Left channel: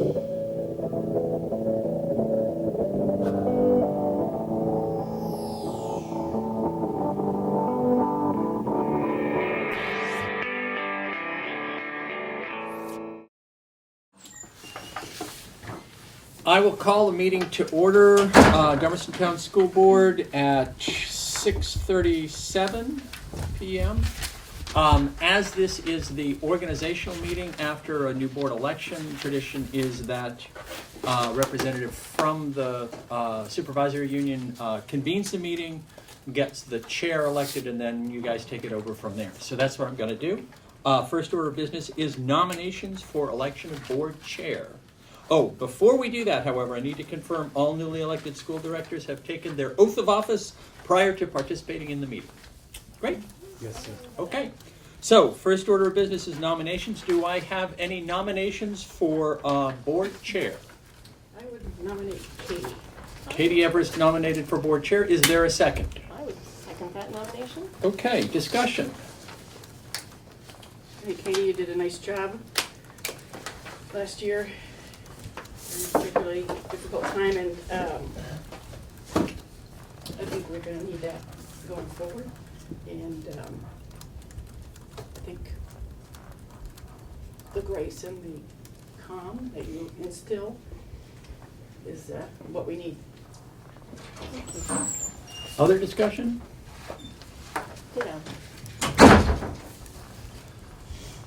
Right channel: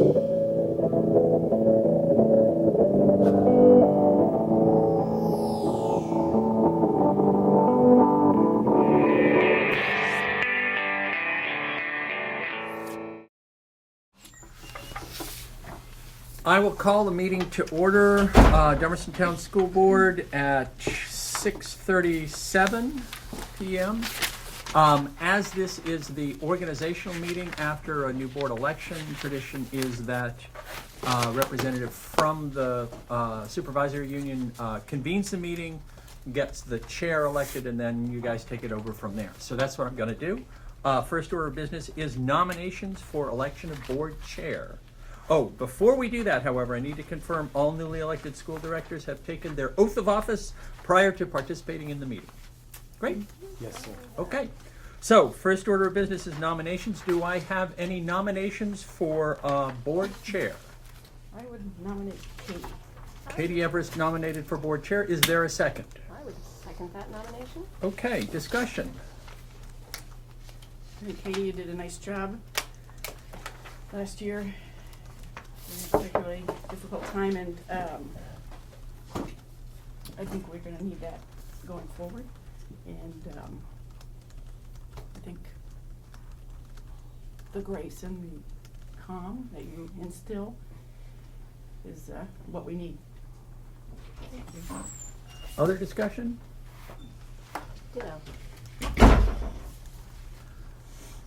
I will call the meeting to order, Dummerston Town School Board at 6:37 p.m. As this is the organizational meeting after a new board election, tradition is that representative from the supervisory union convenes the meeting, gets the chair elected, and then you guys take it over from there. So that's what I'm going to do. First order of business is nominations for election of board chair. Oh, before we do that, however, I need to confirm all newly elected school directors have taken their oath of office prior to participating in the meeting. Great. Yes, sir. Okay. So, first order of business is nominations. Do I have any nominations for board chair? I would nominate Katie. Katie Everest nominated for board chair. Is there a second? I would second that nomination. Okay, discussion. I think Katie, you did a nice job last year. A particularly difficult time, and I think we're going to need that going forward. And I think the grace and the calm that you instill is what we need. Other discussion? Yeah.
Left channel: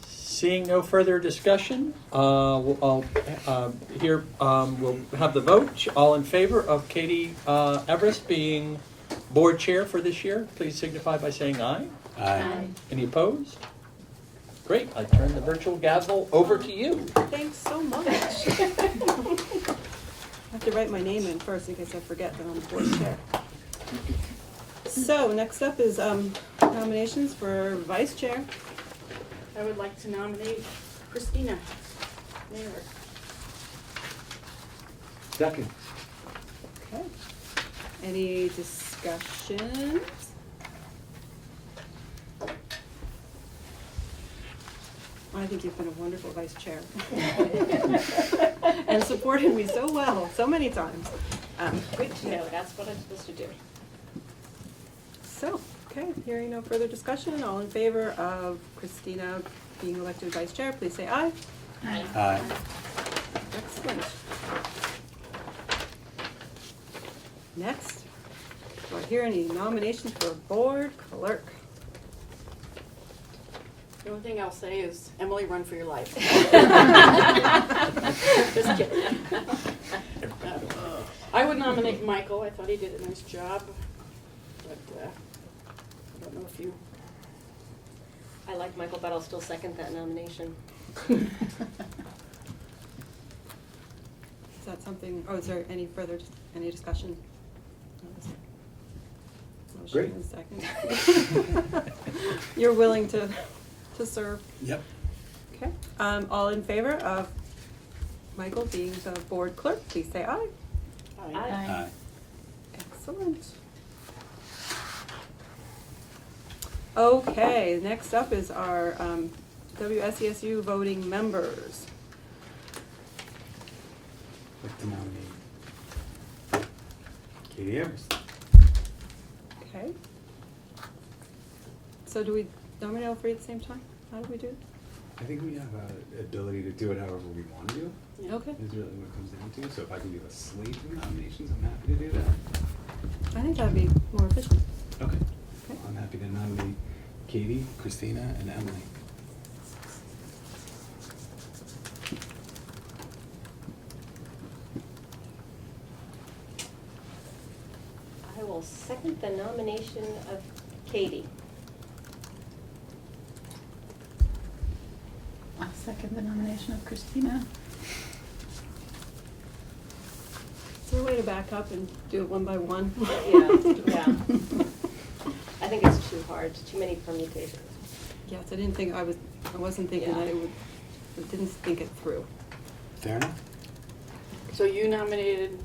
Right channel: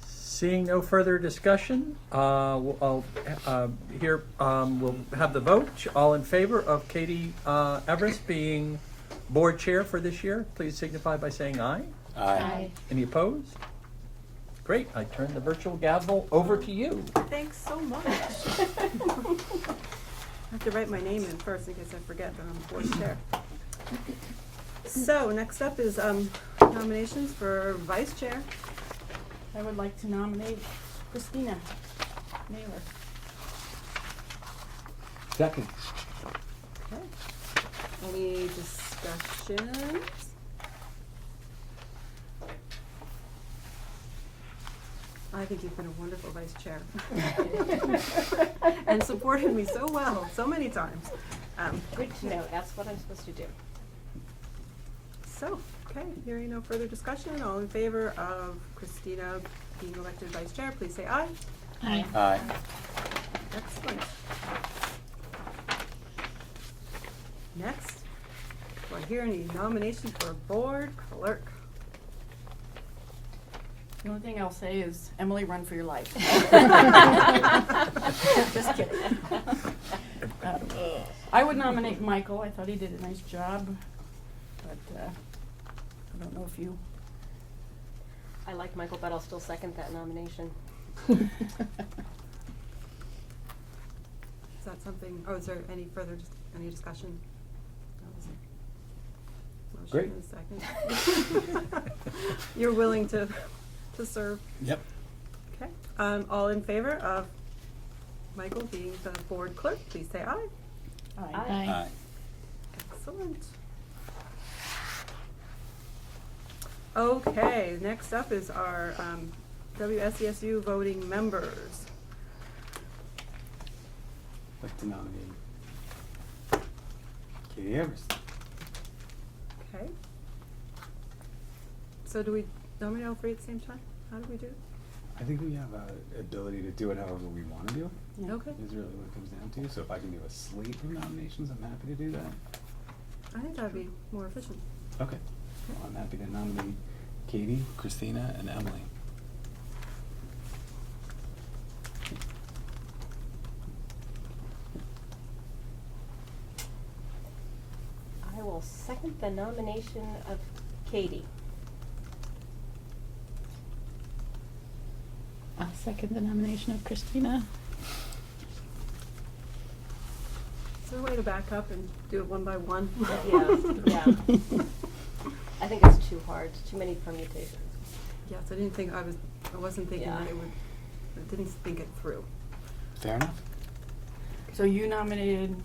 Seeing no further discussion, we'll have the vote. All in favor of Katie Everest being board chair for this year, please signify by saying aye. Aye. Any opposed? Great, I turn the virtual gavel over to you. Thanks so much. I have to write my name in first in case I forget that I'm the board chair. So next up is nominations for vice chair. I would like to nominate Christina Naylor. Second. Okay. Any discussions? I think you've been a wonderful vice chair. And supported me so well, so many times. Good to know. That's what I'm supposed to do. So, okay, hearing no further discussion, all in favor of Christina being elected vice chair, please say aye. Aye. Aye. Excellent. Next, do I hear any nominations for board clerk? The only thing I'll say is, Emily, run for your life. Just kidding. I would nominate Michael. I thought he did a nice job, but I don't know if you. I like Michael, but I'll still second that nomination. Is that something, oh, is there any further, any discussion? Great. Motion and second. You're willing to serve? Yep. Okay. All in favor of Michael being the board clerk, please say aye. Aye. Aye. Excellent. Okay, next up is our WSESU voting members. I'd like to nominate Katie Everest. Okay. So do we nominate all three at the same time? How do we do it? I think we have a ability to do it however we want to do. Yeah. Okay. Is really what it comes down to. So if I can give a slate of nominations, I'm happy to do that. I think that'd be more efficient. Okay. Well, I'm happy to nominate Katie, Christina, and Emily. I will second the nomination of Katie. I'll second the nomination of Christina. Is there a way to back up and do it one by one? Yeah. I think it's too hard, too many permutations. Yes, I wasn't thinking Yeah. that I didn't think it through. Fair enough. So you nominated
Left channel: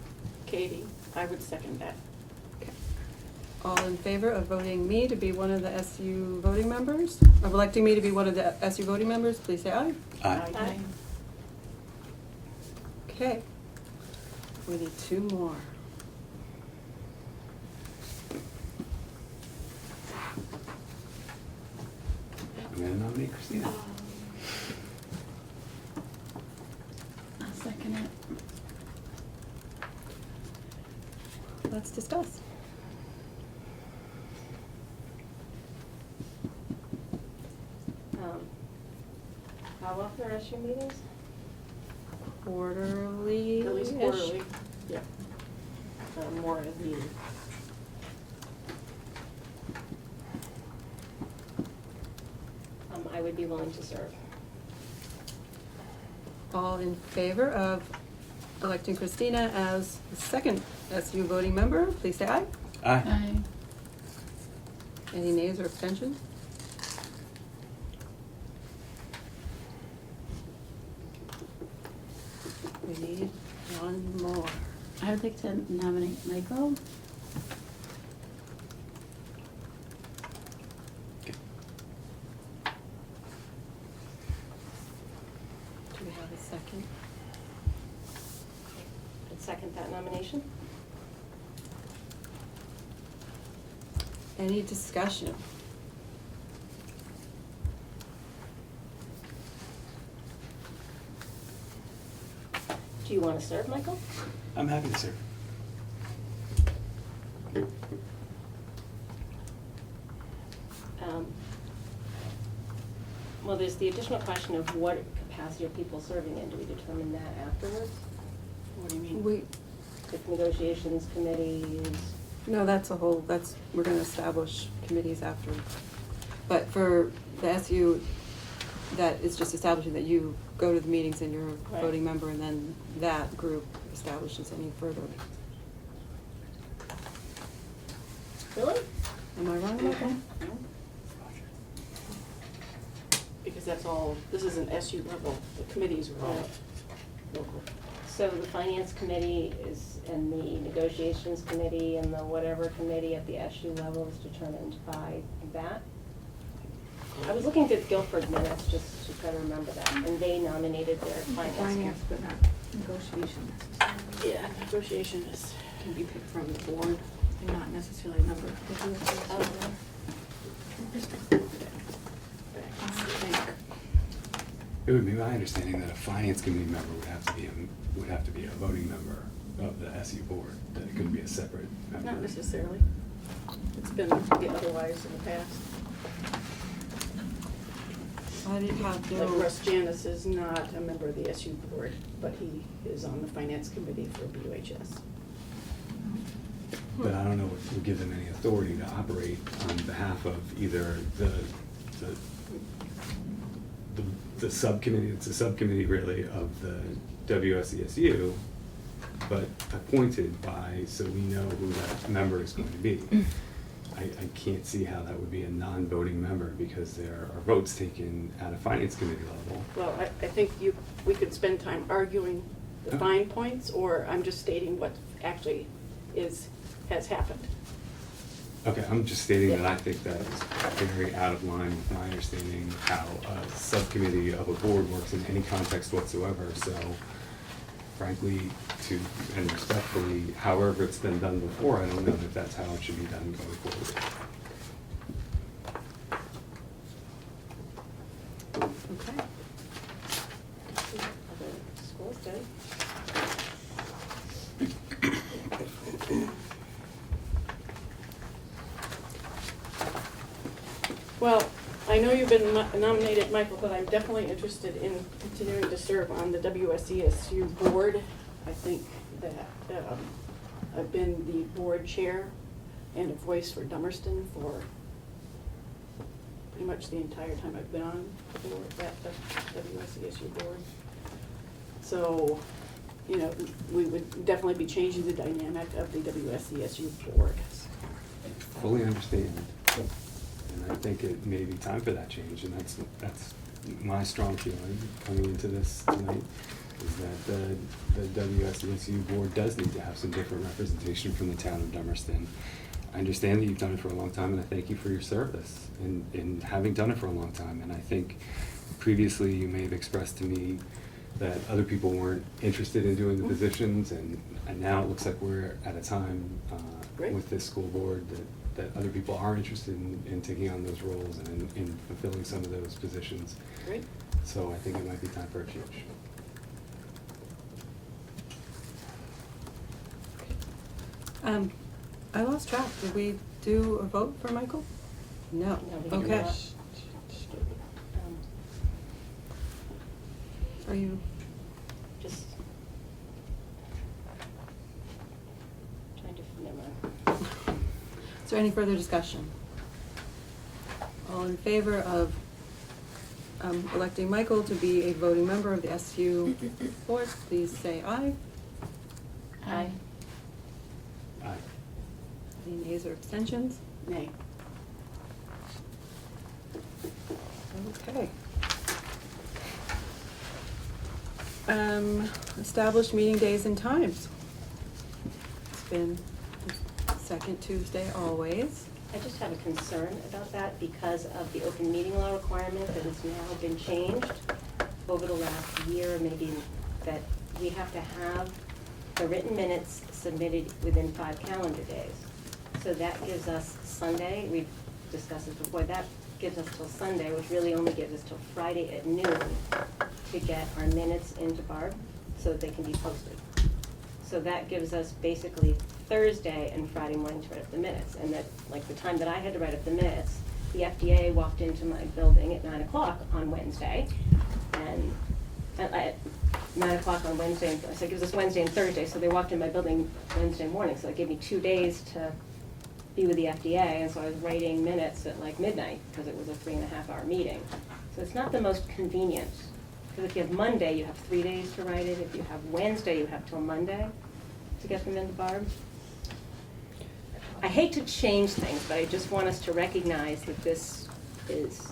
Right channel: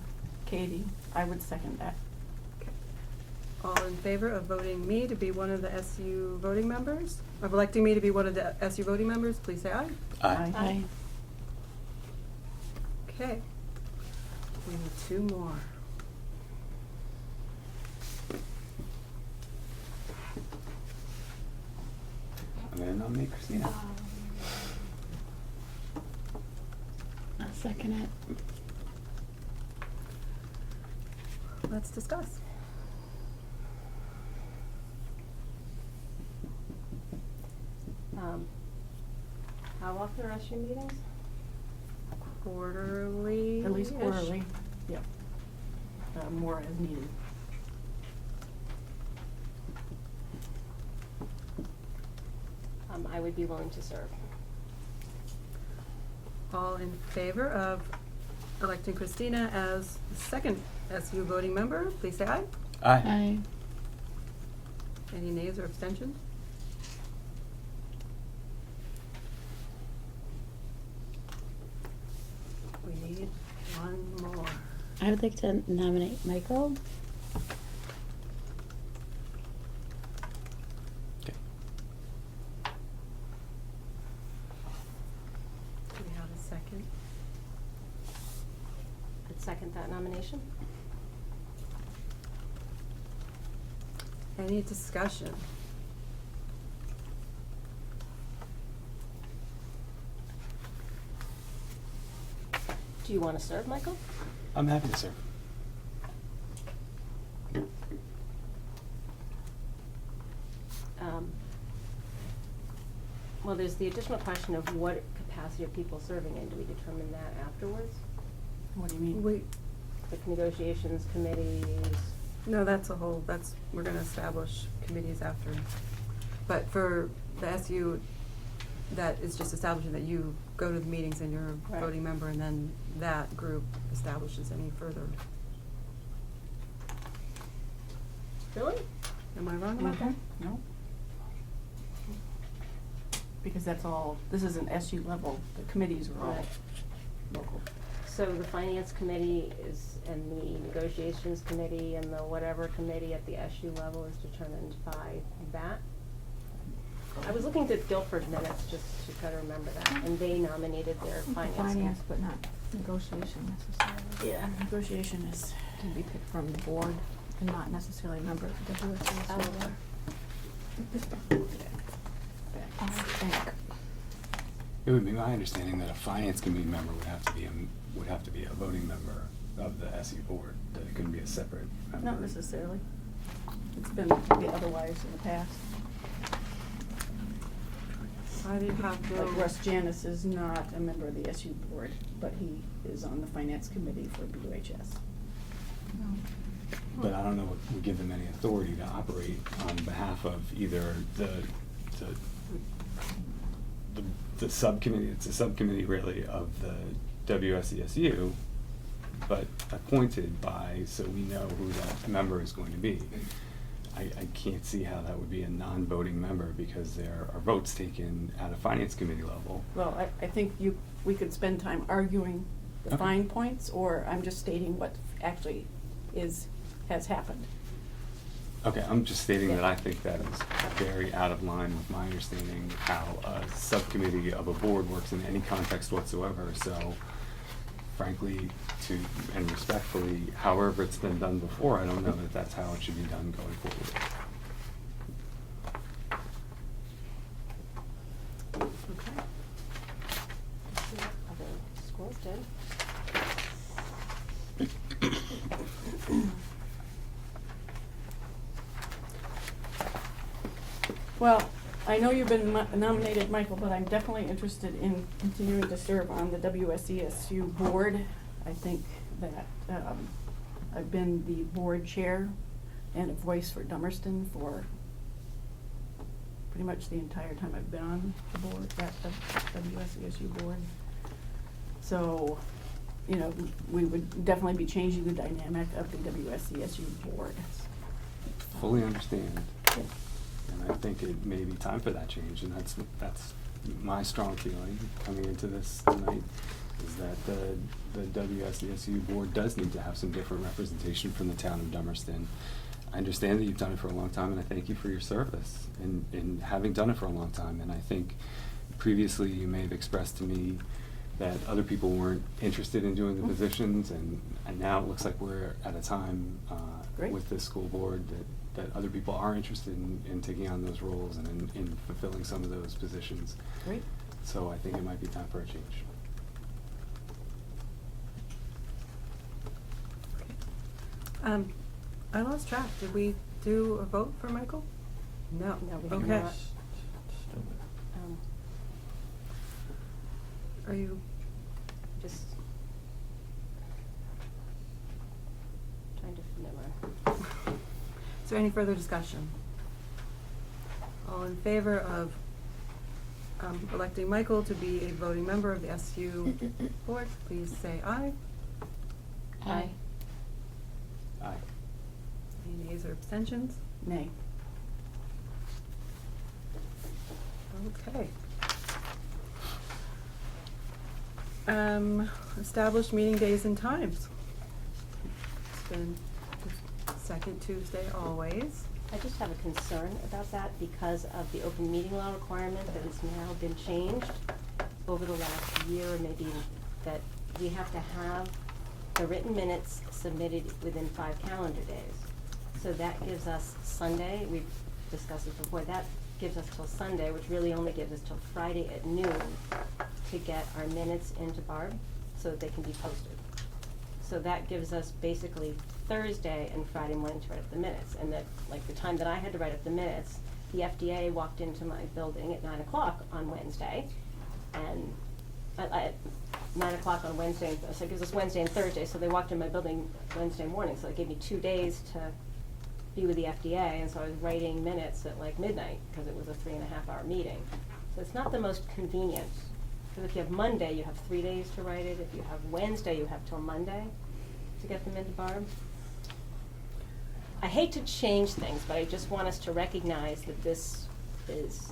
Katie. I would second that. Okay. All in favor of voting me to be one of the SU voting members? Of electing me to be one of the SU voting members, please say aye. Aye. Aye. Okay. We need 2 more. I'm gonna nominate Christina. I'll second it. Let's discuss. How often are SU meetings? Quarterly. At least quarterly, yeah. More as needed. I would be willing to serve. All in favor of electing Christina as the second SU voting member, please say aye. Aye. Aye. Any nays or abstentions? We need 1 more. I would like to nominate Michael. Okay. Do we have a second? I'd second that nomination. Any discussion? Do you want to serve, Michael? I'm happy to serve. Well, there's the additional question of what capacity are people serving in? Do we determine that afterwards? What do you mean? We, With negotiations, committees? no, we're gonna establish committees after. But for the SU, that is just establishing that you go to the meetings and you're a Right. voting member, and then that group establishes any further. Really? Am I wrong about that? No? Because that's all, this is an SU level, the committees are all local. So the finance committee is, and the negotiations committee and the whatever committee at the SU level is determined by that? I was looking at Guilford minutes just to try to remember that, and they nominated their finance. Finance, but not negotiation necessarily. Yeah, negotiation is, can be picked from the board and not necessarily a member of the Oh, I think. It would be my understanding that a finance committee member would have to be a voting member of the SU board, that it couldn't be a separate member. Not necessarily. It's been the otherwise in the past. I did have no. Like Russ Janis is not a member of the SU board, but he is on the finance committee for BUHS. But I don't know what would give them any authority to operate on behalf of either the subcommittee, it's a subcommittee really of the WSESU, but appointed by, so we know who that member is going to be. I can't see how that would be a non-voting member, because there are votes taken at a finance committee level. Well, I think we could spend time arguing the Okay. fine points, or I'm just stating what actually has happened. Okay, I'm just stating that I think that is very out of line with my understanding of how a subcommittee of a board works in any context whatsoever, so frankly, and respectfully, however it's been done before, I don't know that that's how it should be done going forward. Okay. Other schools did. Well, I know you've been nominated, Michael, but I'm definitely interested in continuing to serve on the WSESU board. I think that I've been the board chair and a voice for Dummerston for pretty much the entire time I've been on the board, at the WSESU board. So, you know, we would definitely be changing the dynamic of the WSESU board. Fully understand. And I think it may be time for that change, and that's my strong feeling coming into this tonight, is that the WSESU board does need to have some different representation from the town of Dummerston. I understand that you've done it for a long time, and I thank you for your service in having done it for a long time. And I think previously you may have expressed to me that other people weren't interested in doing the positions, and now it looks like we're at a time Great. with this school board that other people are interested in taking on those roles and in fulfilling some of those positions. Great. So I think it might be time for a change. I lost track. Did we do a vote for Michael? No. No, we did Okay. not. Um, Are you, Just trying to remember. is there any further discussion? All in favor of electing Michael to be a voting member of the SU board, please say aye. Aye. Aye. Any nays or abstentions? Nay. Okay. Established meeting days and times. It's been the second Tuesday always. I just have a concern about that because of the open meeting law requirement that has now been changed over the last year, maybe, that we have to have the written minutes submitted within 5 calendar days. So that gives us Sunday, we've discussed this before, that gives us till Sunday, which really only gives us till Friday at noon to get our minutes into Barb so that they can be posted. So that gives us basically Thursday and Friday morning to write up the minutes. And that, like the time that I had to write up the minutes, the FDA walked into my building at 9 o'clock on Wednesday. And at 9 o'clock on Wednesday, so it gives us Wednesday and Thursday, so they walked in my building Wednesday morning. So it gave me 2 days to be with the FDA, and so I was writing minutes at like midnight, because it was a 3.5-hour meeting. So it's not the most convenient, because if you have Monday, you have 3 days to write it. If you have Wednesday, you have till Monday to get them into Barb. I hate to change things, but I just want us to recognize that this is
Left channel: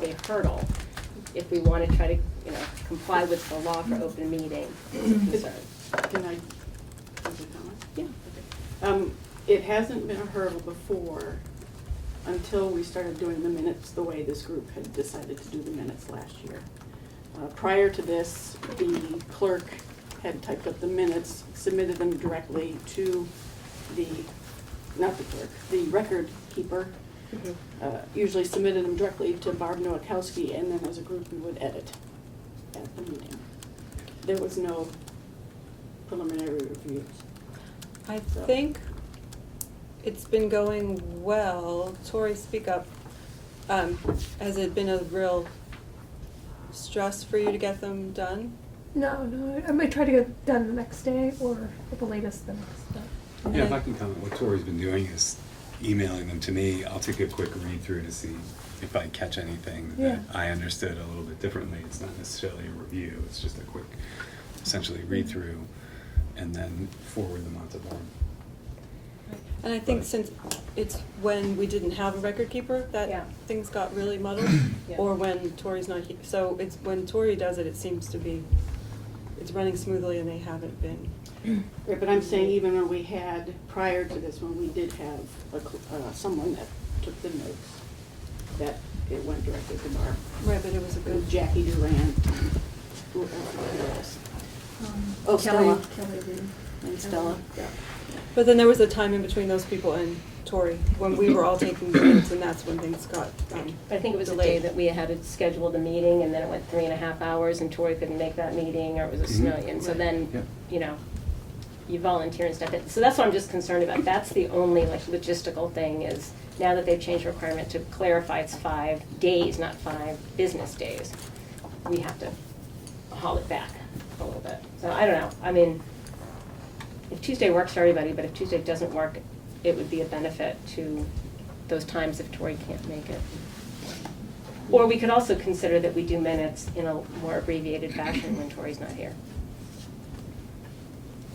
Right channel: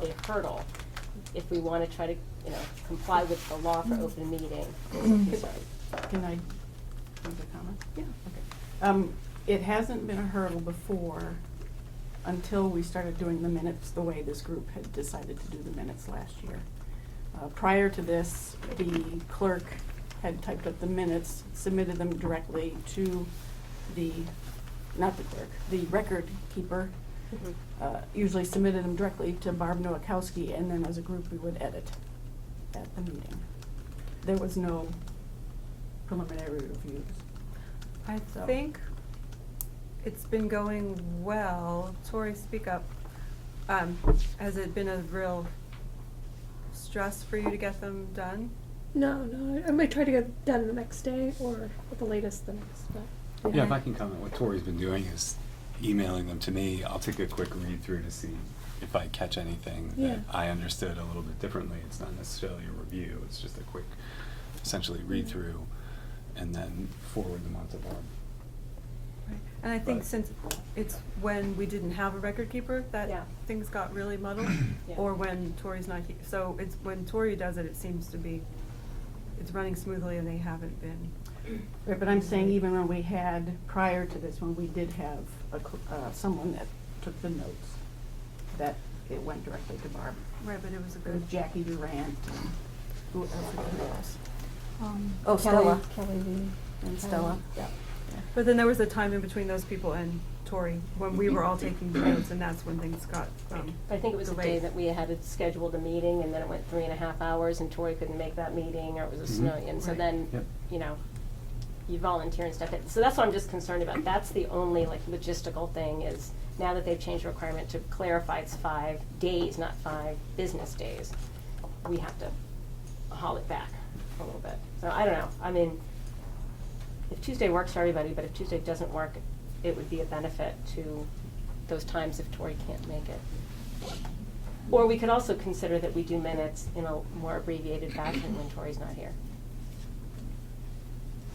a hurdle if we want to try to, comply with the law for open meeting. It's a concern. Can I, is it going? Yeah. Okay. It hasn't been a hurdle before until we started doing the minutes the way this group had decided to do the minutes last year. Prior to this, the clerk had typed up the minutes, submitted them directly to not the clerk, the record keeper, usually submitted them directly to Barb Nowakowski, and then as a group we would edit at the meeting. There was no preliminary reviews. I So- think it's been going well. Tori, speak up. Has it been a real stress for you to get them done? No, I might try to get done the next day or at the latest the next day. Yeah, if I can comment, what Tori's been doing is emailing them to me. I'll take a quick read through to see if I catch anything that I understood a little bit differently. It's not necessarily a review, it's just a quick, essentially read through, and then forward them on to Barb. And I think But- since it's when we didn't have a record keeper that Yeah. things got really muddled, Yeah. or when Tori's not here. So it's when Tori does it, it seems to be, it's running smoothly and they haven't been. Right, but I'm saying even when we had, prior to this, when we did have someone that took the notes, that it went directly to Barb. Right, but it was a It good. was Jackie Durant, who else? Oh, Kelly. Stella. And Stella. But then there was a time in between those people and Tori, when we were all taking minutes, and that's when things got I think it was the delayed. day that we had scheduled a meeting, and then it went 3.5 hours, and Tori couldn't make that meeting, or it was Mhm. snowing, and so Right. then, Yep. you volunteer and stuff. So that's what I'm just concerned about. That's the only logistical thing is, now that they've changed the requirement to clarify it's 5 days, not 5 business days, we have to haul it back a little bit. So I don't know. I mean, if Tuesday works for everybody, but if Tuesday doesn't work, it would be a benefit to those times if Tori can't make it. Or we could also consider that we do minutes in a more abbreviated fashion when Tori's not here.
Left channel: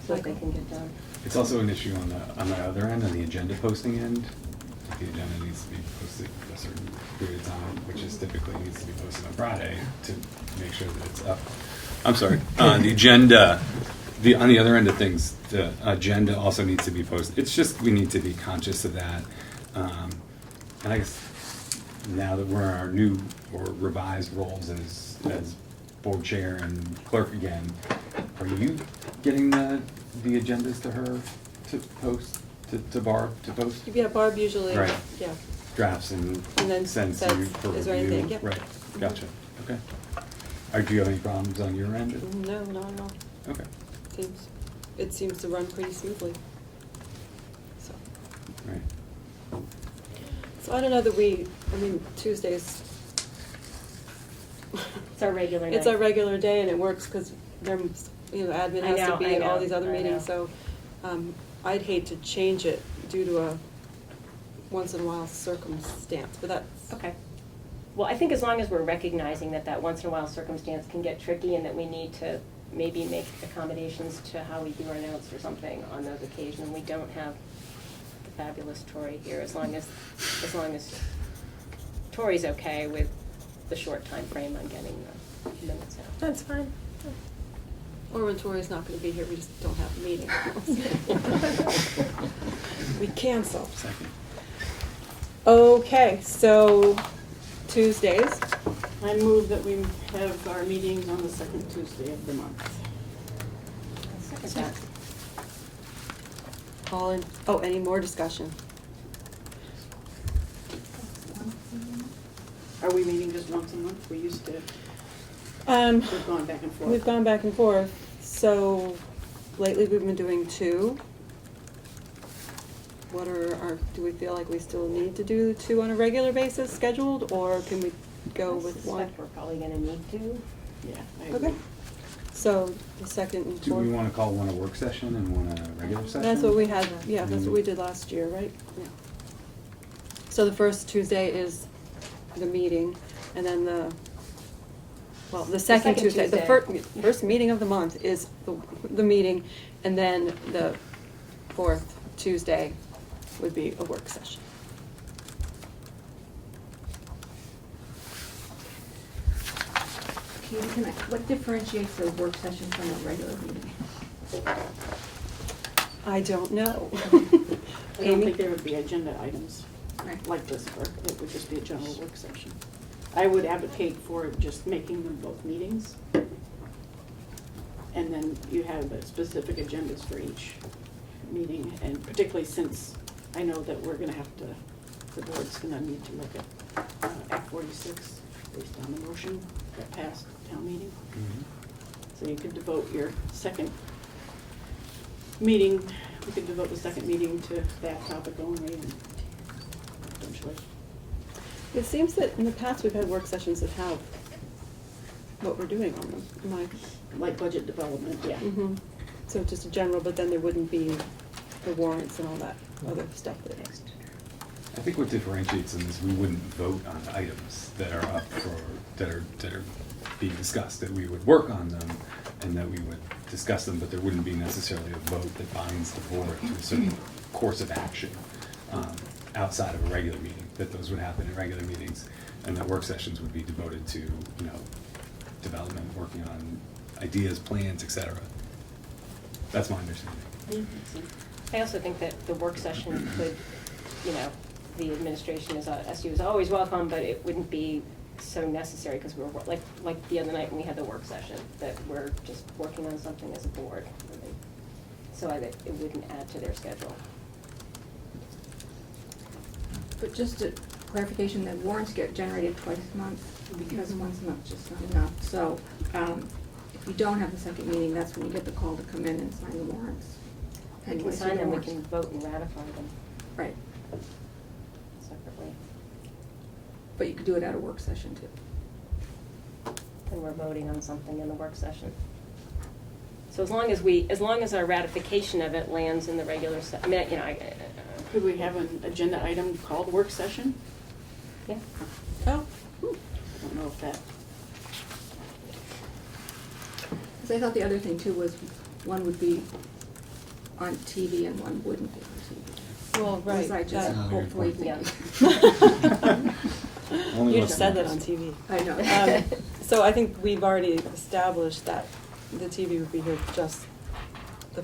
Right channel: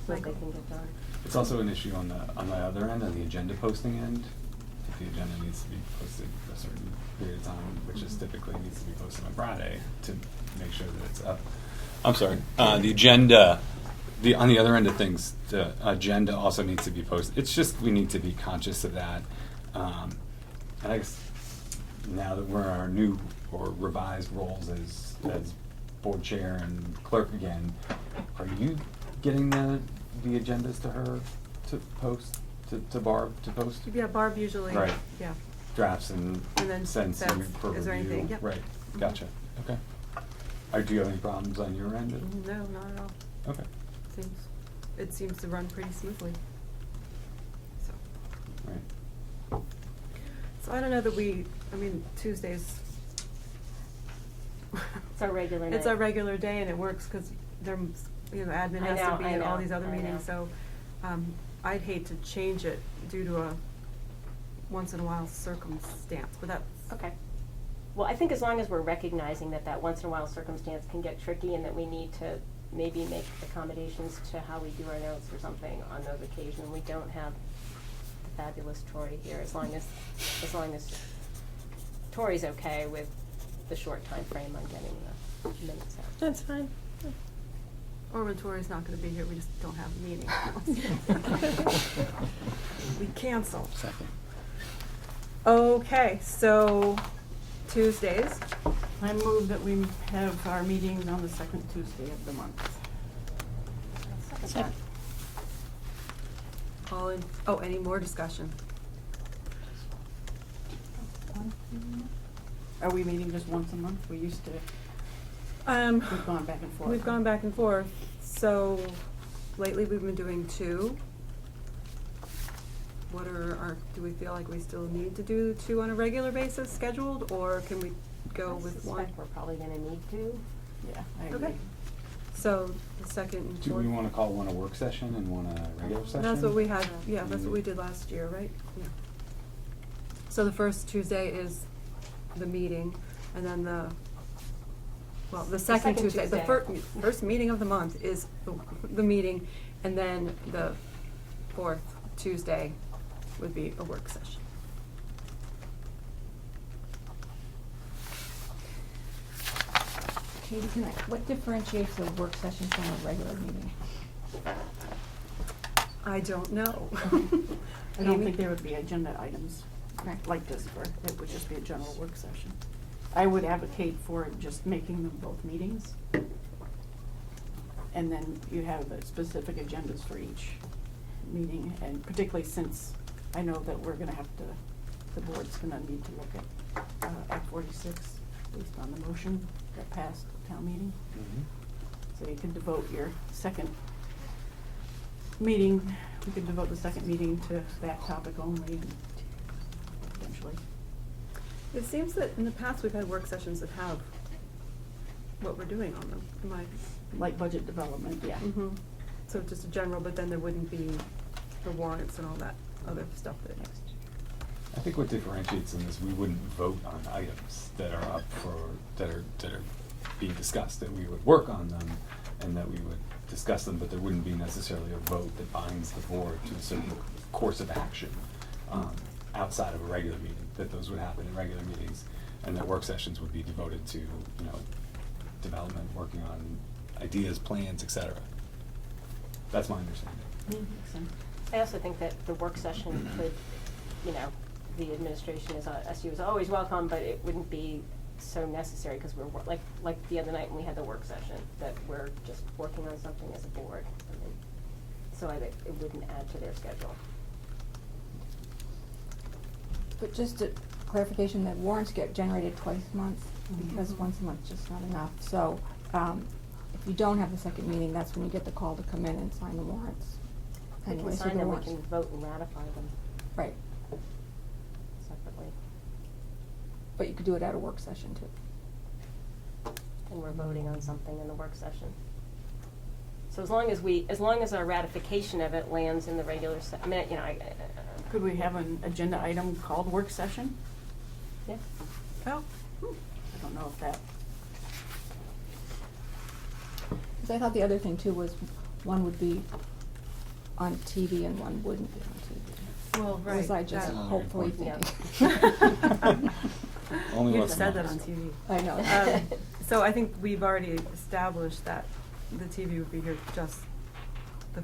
So that they can get done. It's also an issue on the other end, on the agenda posting end. If the agenda needs to be posted a certain period of time, which is typically needs to be posted on Friday to make sure that it's up. I'm sorry, the agenda, on the other end of things, the agenda also needs to be posted. It's just, we need to be conscious of that. And I guess now that we're in our new or revised roles as board chair and clerk again, are you getting the agendas to her to post, to Barb to post? Yeah, Barb usually, Right. yeah. Drafts and then sends says, you for review? is there anything? Yep. Right, gotcha, okay. Do you have any problems on your end? No, not at all. Okay. It seems to run pretty smoothly. So, Right. so I don't know that Tuesdays. It's our regular night. It's our regular day and it works because admin I has to know, be I at all know, these other I meetings, know. so, I'd hate to change it due to a once in a while circumstance, but that's. Okay. Well, I think as long as we're recognizing that once in a while circumstance can get tricky and that we need to maybe make accommodations to how we do our notes or something on those occasions, we don't have the fabulous Tori here, as long as Tori's okay with the short time frame on getting the minutes out. That's fine. Or when Tori's not gonna be here, we just don't have a meeting. We cancel. Second. Okay, so Tuesdays, I move that we have our meeting on the second Tuesday of the month. Second that. any more discussion? Are we meeting just once a month? We used to, we've gone back and forth. We've gone back and forth, so lately we've been doing 2. Do we feel like we still need to do 2 on a regular basis scheduled, or can we go with I 1? suspect we're probably gonna need to. Yeah, I agree. Okay, so the second and Do fourth. we wanna call one a work session and one a regular session? That's what we had, yeah, that's what we Mhm. did last year, right? Yeah. So the first Tuesday is the meeting, and then the second second Tuesday, the Tuesday. first meeting of the month is the meeting, and then the fourth Tuesday would be a work session. What differentiates a work session from a regular meeting? I don't know. I don't Amy? think there would be agenda items Right. like this were. It would just be a general work session. I would advocate for just making them both meetings. And then you have the specific agendas for each meeting, and particularly since I know that we're gonna have to, the board's gonna need to look at Act 46 based on the motion that passed town meeting. Mhm. So you could devote your second meeting, you could devote the second meeting to that topic only, and eventually. It seems that in the past, we've had work sessions that have what we're doing on them. Am I? Like budget development, yeah. Mhm. So just a general, but then there wouldn't be the warrants and all that other stuff that next. I think what differentiates them is we wouldn't vote on items that are up for, that are being discussed, that we would work on them and that we would discuss them, but there wouldn't be necessarily a vote that binds the board to a certain course of action outside of a regular meeting, that those would happen in regular meetings, and that work sessions would be devoted to, development, working on ideas, plans, et cetera. That's my understanding. I also think that the work session could, the administration is, SU is always welcome, but it wouldn't be so necessary, because we're, like the other night when we had the work session, that we're just working on something as a board, really. So it wouldn't add to their schedule. But just a clarification, that warrants get generated twice a month, because once a month is just not enough. So, if you don't have the second meeting, that's when you get the call to come in and sign the warrants. We can Anyways, sign the them, we warrants. can vote and ratify them Right, separately, but you could do it at a work session too. and we're voting on something in the work session. So as long as our ratification of it lands in the regular Could we have an agenda item called work session? yeah. Oh, I don't know if that, Because I thought the other thing too was, one would be on TV and one wouldn't be on TV. well, Or was right. I just that- hopefully Yeah. thinking? Only You once just a said that month. on TV. I know. So I think we've already established that the TV would be here just the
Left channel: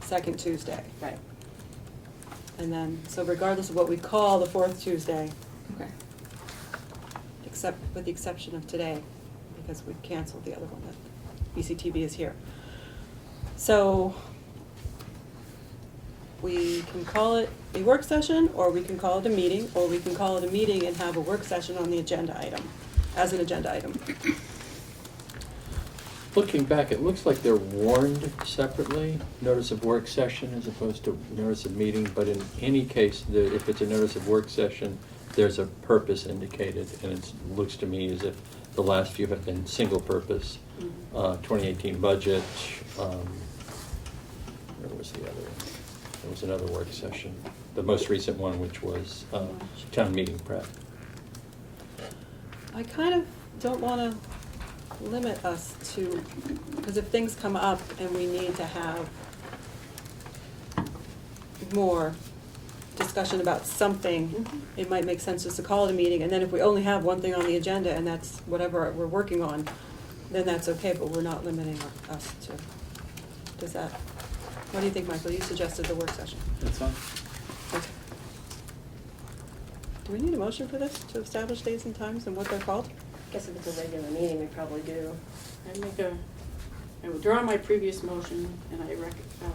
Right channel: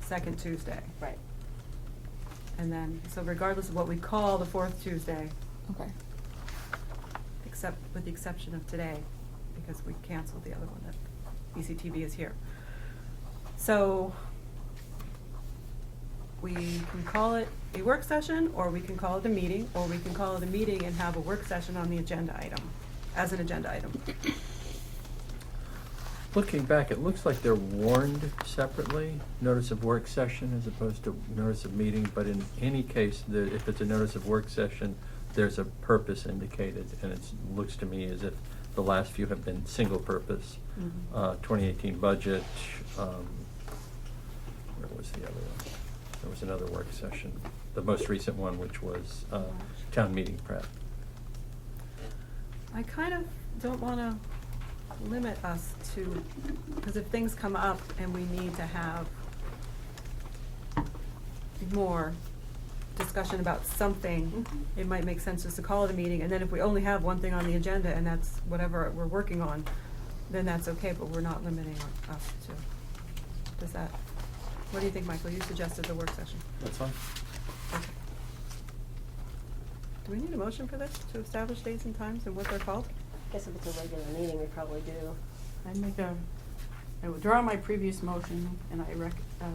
second Tuesday. Right. And then, so regardless of what we call the fourth Tuesday, Okay. except, with the exception of today, because we canceled the other one that ECTV is here. So we can call it a work session, or we can call it a meeting, or we can call it a meeting and have a work session on the agenda item, as an agenda item. Looking back, it looks like they're warned separately, notice of work session as opposed to notice of meeting, but in any case, if it's a notice of work session, there's a purpose indicated, and it looks to me as if the last few have been single purpose. 2018 budget, where was the other one? There was another work session, the most recent one, which was town meeting prep. I kind of don't wanna limit us to, because if things come up and we need to have more discussion about something, it might make sense just to call it a meeting, and then if we only have one thing on the agenda and that's whatever we're working on, then that's okay, but we're not limiting us to, does that, what do you think, Michael? You suggested the work session. That's fine. Okay. Do we need a motion for this, to establish dates and times and what they're called? Guess if it's a regular meeting, we probably do. I withdraw my previous motion, and I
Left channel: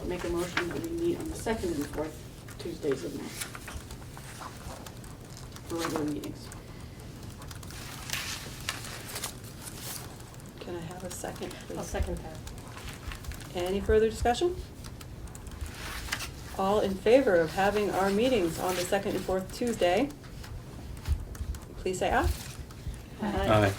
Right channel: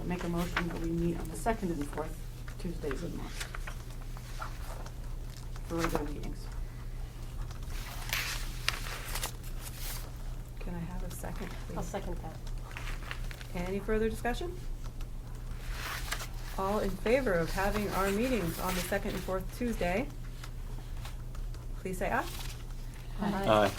make a motion that we meet on the second and fourth Tuesdays of the month for regular meetings. Can I have a second, please? I'll second that. Any further discussion? All in favor of having our meetings on the second and fourth Tuesday, please say aye. Aye.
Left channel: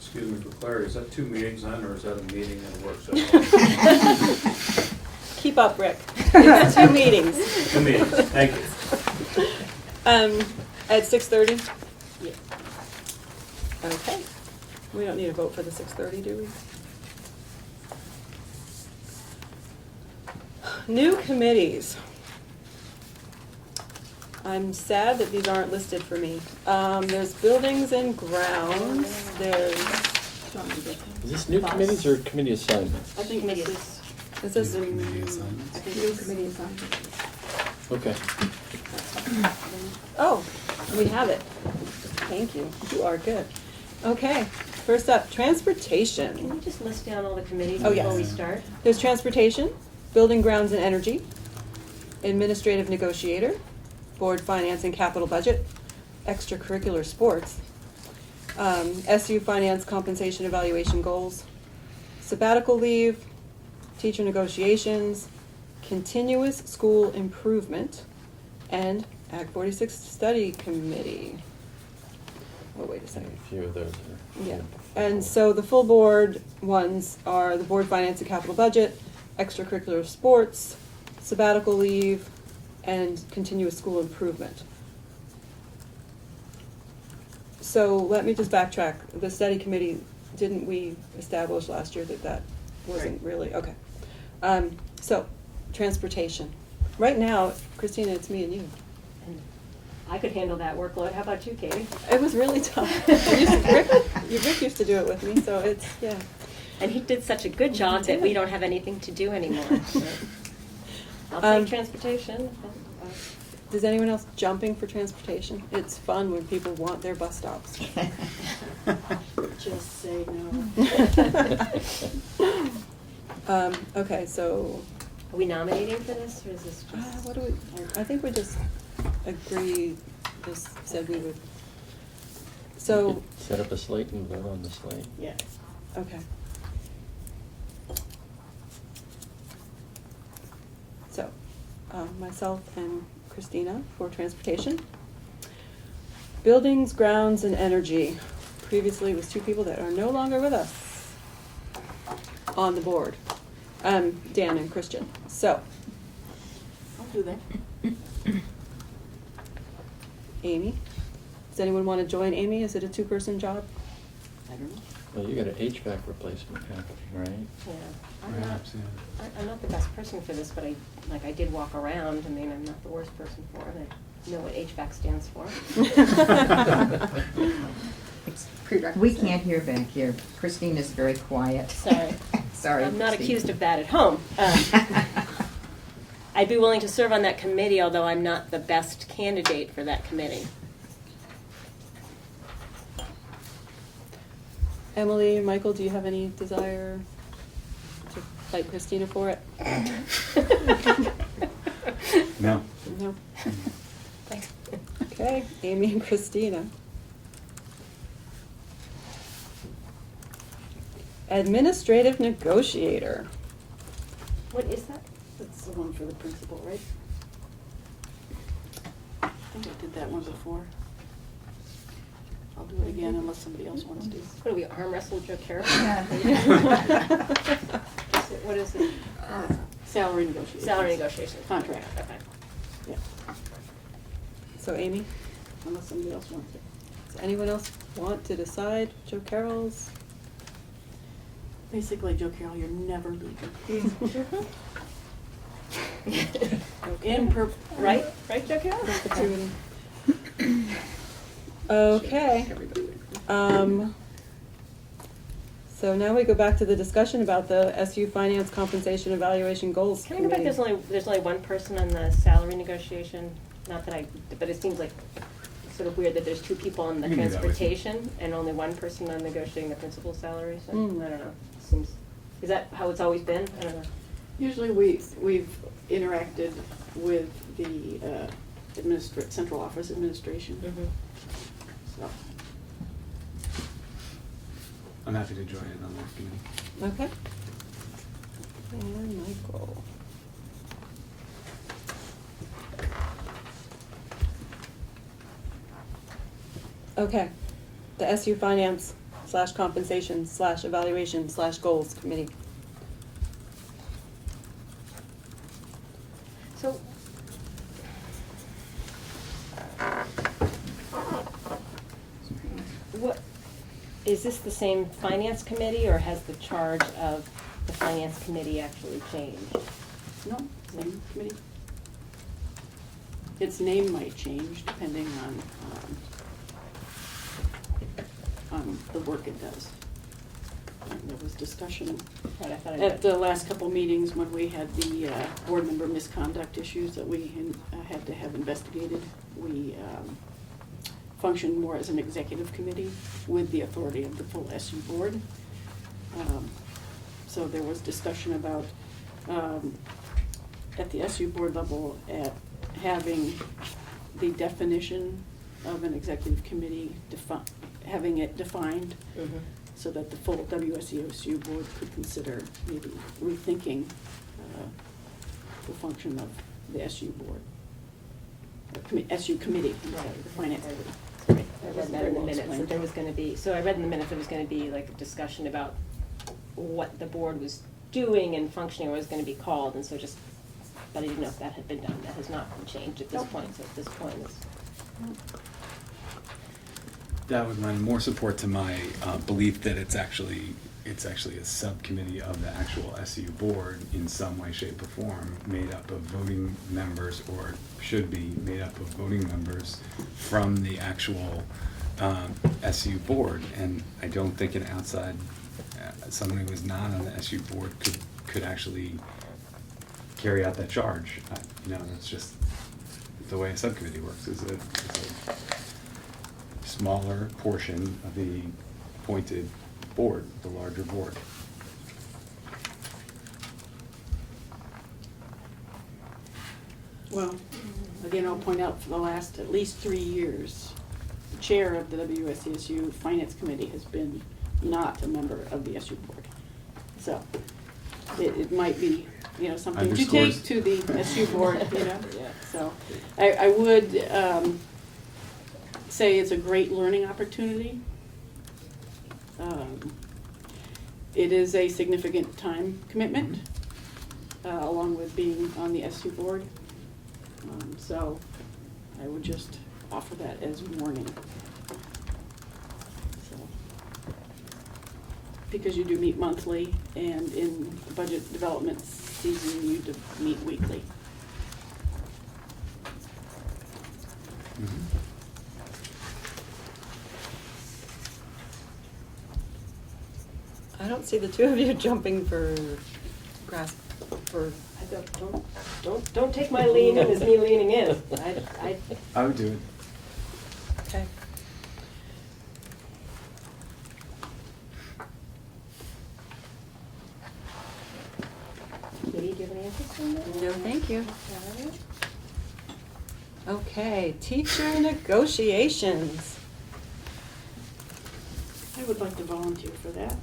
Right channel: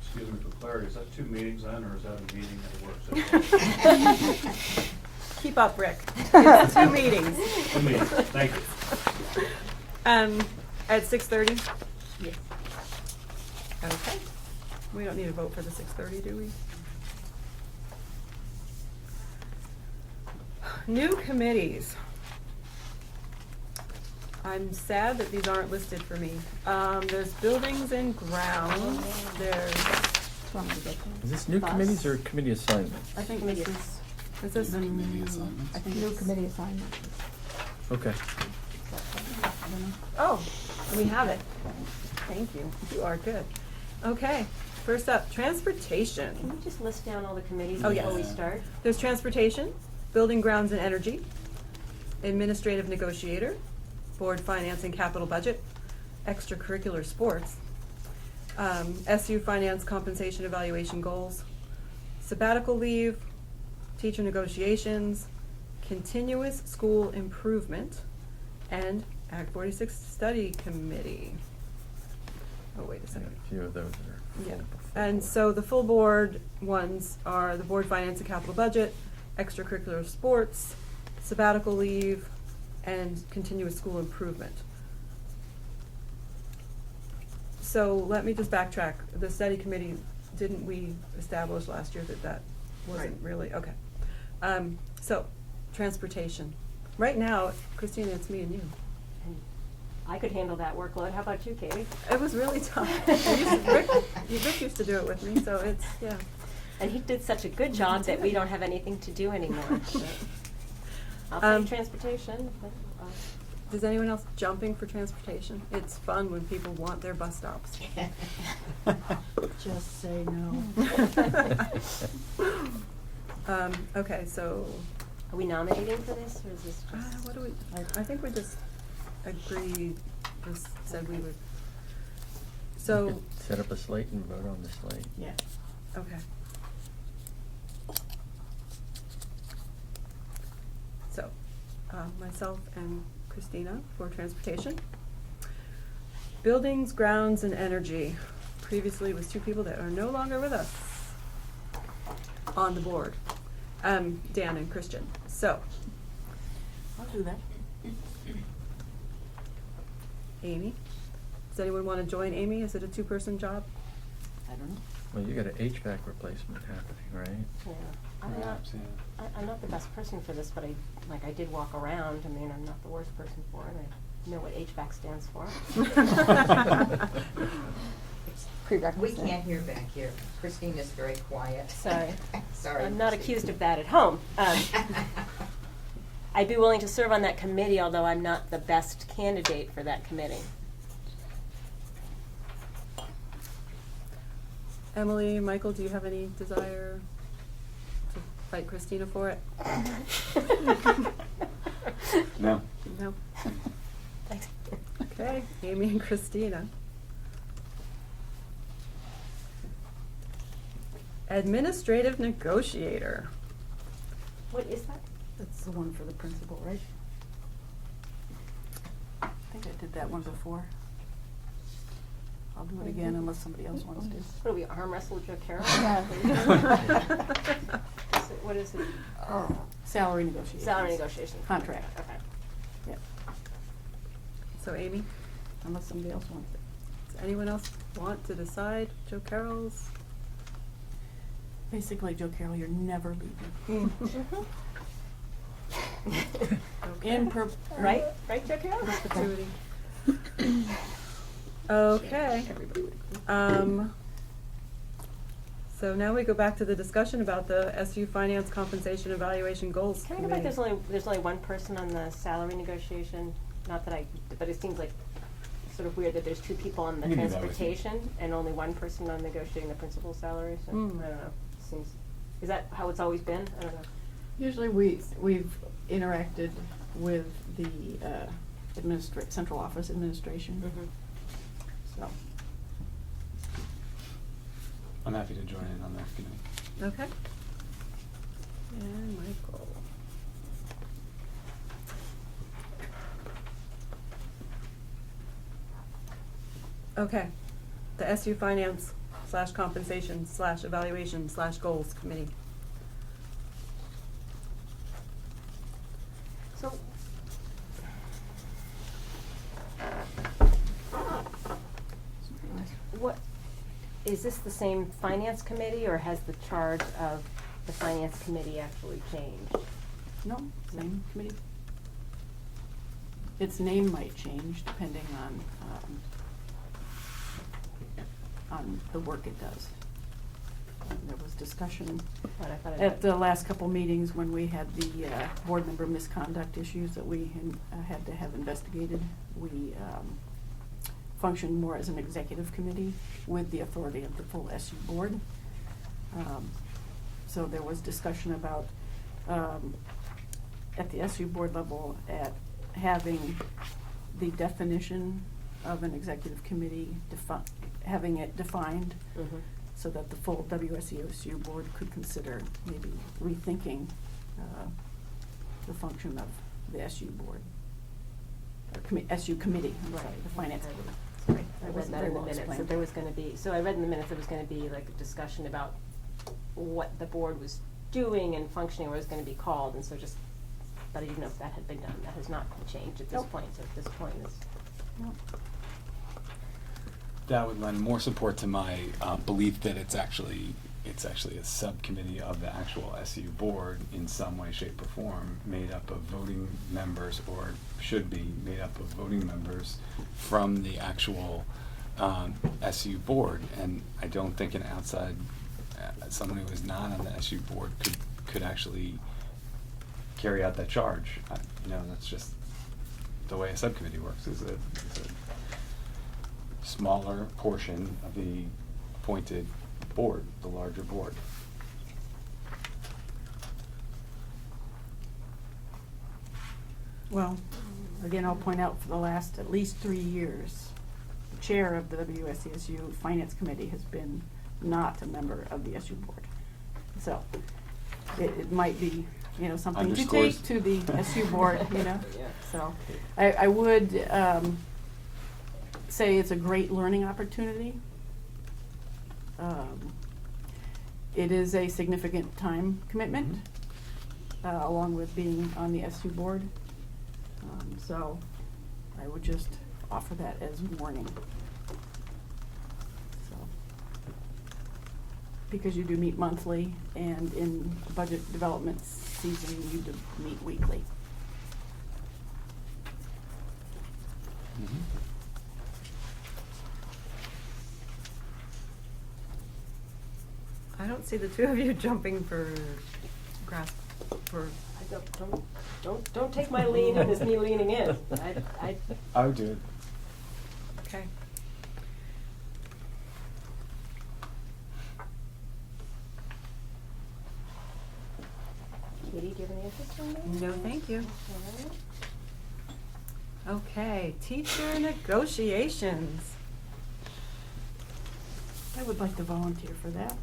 Excuse me for clarity, is that 2 meetings then, or is that a meeting and a work session? Keep up, Rick. It's 2 meetings. 2 meetings, thank you. At 6:30? Yeah. Okay. We don't need a vote for the 6:30, do we? New committees. I'm sad that these aren't listed for me. There's buildings and grounds, there's, Is this new committees or committee assignments? I think Committee. this is, Committee assignments. I think New it's committee assignment. Okay. oh, we have it. Thank you, you are good. Okay, first up, transportation. Can you just list down all the committees Oh, before yes. we start? There's transportation, building, grounds, and energy, administrative negotiator, board, finance, and capital budget, extracurricular sports, SU finance, compensation, evaluation goals, sabbatical leave, teacher negotiations, continuous school improvement, and Act 46 study committee. Oh, wait a A second. few of those are. Yeah, and so the full board ones are the board, finance, and capital budget, extracurricular sports, sabbatical leave, and continuous school improvement. So let me just backtrack. The study committee, didn't we establish last year that that wasn't really, okay. So, transportation. Right now, Christina, it's me and you. And I could handle that workload. How about you, Katie? It was really tough. Rick used to do it with me, so it's, yeah. And he did such a good job that we don't have anything to do anymore. So I'll take transportation. Is anyone else jumping for transportation? It's fun when people want their bus stops. just say no. Okay, so, Are we nominating for this, or is this just? what do we, I think we just agreed, just said we would. We So, could set up a slate and vote on the slate. Yeah. okay. So, myself and Christina for transportation. Buildings, grounds, and energy. Previously it was 2 people that are no longer with us on the board. Dan and Christian. So, I'll do that. Amy. Does anyone want to join Amy? Is it a 2-person job? I don't know. Well, you got an HVAC replacement happening, right? Yeah. Perhaps, yeah. I'm not the best person for this, but I did walk around. I mean, I'm not the worst person for it. I know what HVAC stands for. Prerequisite. We can't hear back here. Christine is very quiet. Sorry. Sorry. I'm not Christine. accused of that at home. I'd be willing to serve on that committee, although I'm not the best candidate for that committee. Emily, Michael, do you have any desire to fight Christina for it? No. No? Okay, Amy and Christina. Administrative negotiator. What is that? That's the one for the principal, right? I think I did that one before. I'll do it again unless somebody else wants to. What do we arm wrestle Joe Carroll? What is it? Salary negotiations. Salary negotiations. Contract. Okay. Yeah, So Amy, unless somebody else wants it. does anyone else want to decide? Joe Carroll's? Basically, Joe Carroll, you're never leaving. In Right? Right, Joe Carroll? Perpetuity. Okay. Everybody would agree. So now we go back to the discussion about the SU Finance Compensation Evaluation Goals Can we go back, Committee. there's only one person on the salary negotiation, not that but it seems like sort of weird that there's two people on the We can do that with you. transportation and only one person on negotiating the principal salary, so, Mm. I don't know, seems, is that how it's always been? I don't know. Usually we've interacted with the central office administration, so. I'm happy to join in on that committee. Okay. And Michael. Okay, the SU Finance / Compensation / Evaluation / Goals Committee. So, what, is this the same finance committee, or has the charge of the finance committee actually changed? No, same committee. Its name might change depending on the work it does. And there was discussion But I thought I at the last couple meetings when we had the board member misconduct issues that we had to have investigated. We functioned more as an executive committee with the authority of the full SU board. So there was discussion about, at the SU board level, at having the definition of an executive committee, having it defined Mhm. so that the full WSEOSU board could consider maybe rethinking the function of the SU board. SU committee, I'm sorry, the finance committee. Right, I That read wasn't that very in the well minutes, that explained. there was gonna be, so I read in the minutes there was gonna be like a discussion about what the board was doing and functioning, or was gonna be called, and so just, but I didn't know if that had been done, that has not been changed at this Nope. point, so at this point it's. That would lend more support to my belief that it's actually a subcommittee of the actual SU board in some way, shape, or form, made up of voting members, or should be made up of voting members from the actual SU board. And I don't think an outside, someone who is not on the SU board could actually carry out that charge. That's just the way a subcommittee works, is a smaller portion of the appointed board, the larger board. Well, again, I'll point out for the last at least 3 years, the chair of the WSESU Finance Committee has been not a member of the SU board. So it might be, something to Underscores. take to the SU board, Yeah. So I would say it's a great learning opportunity. It is a significant time commitment, along with being on the SU board. So I would just offer that as warning. So, because you do meet monthly, and in budget development season, you do meet weekly. I don't see the two of you jumping for grasp, for, Don't take my lean in as me leaning in. I would do it. okay. interest in that? No, thank you. Okay. Okay, teacher negotiations. I would like to volunteer for that.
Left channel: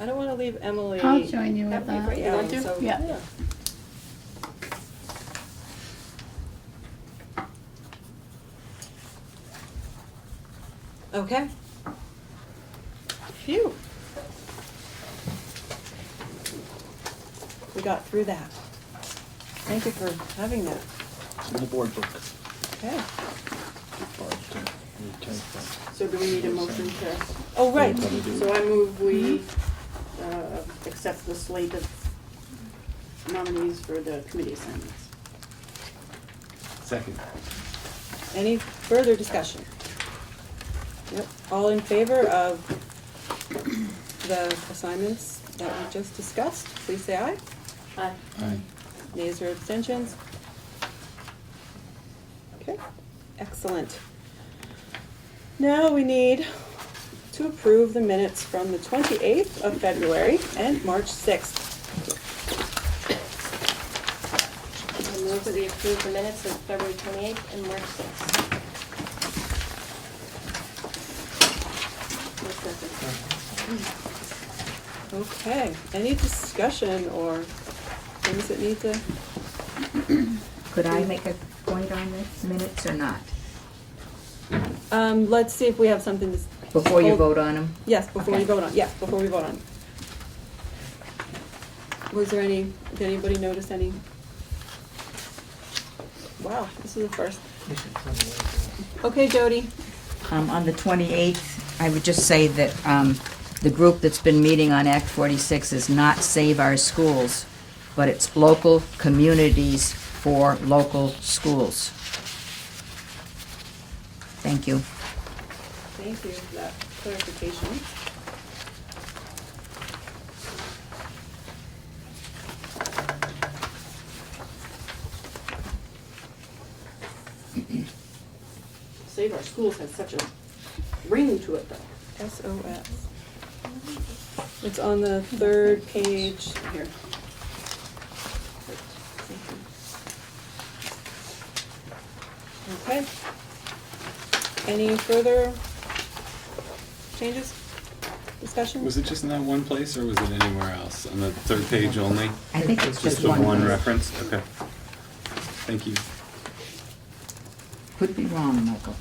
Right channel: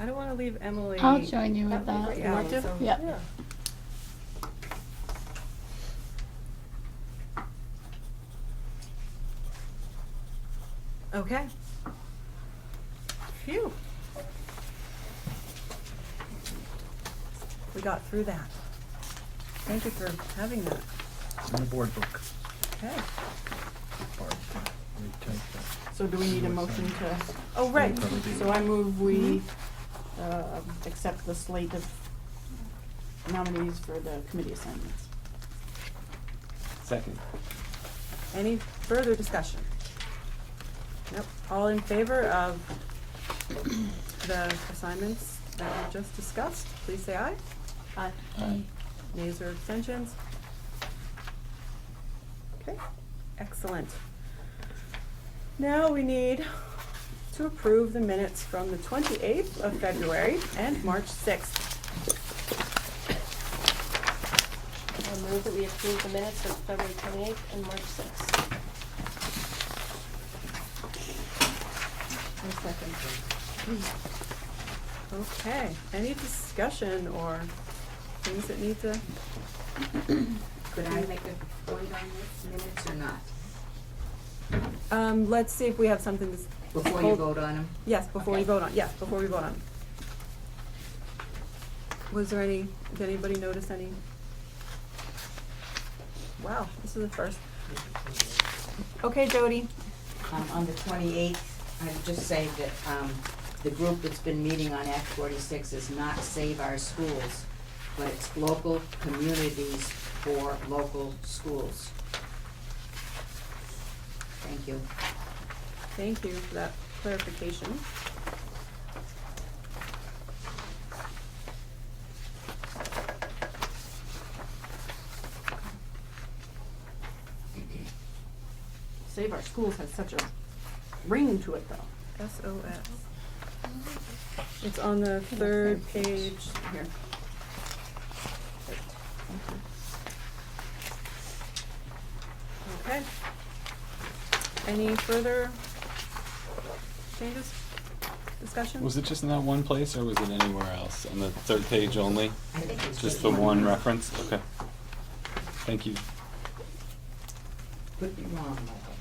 I don't wanna leave Emily. I'll join you with That'd be that. great. Yeah, You want to? so- Yeah. Okay. Phew. We got through that. Thank you for having that. In the board book. Okay. So do we need a motion to, Oh, right. so I move we accept the slate of nominees for the committee assignments. Second. Any further discussion? Nope. All in favor of the assignments that we just discussed, please say aye. Aye. Nays or abstentions? Okay, excellent. Now we need to approve the minutes from the 28th of February and March 6th. I move that we approve the minutes of February 28th and March 6th. Okay, any discussion or things that need to? Could I make a point on this minutes or not? Let's see if we have something to. Before you Oh, vote on them? Yes, before Okay. you vote on, yeah, before we vote on. Was there any, did anybody notice any? Wow, this is the first. Okay, Jody. On the 28th, I would just say that the group that's been meeting on Act 46 is not Save Our Schools, but it's local communities for local schools. Thank you. Thank you for that clarification. Save Our Schools has such a ring to it though. SOS. It's on the third page. Here. Okay. Any further changes, discussion? Was it just in that one place, or was it anywhere else? On the third page only? I think it's just the one. one reference? Okay. Thank you. Could be wrong, Michael.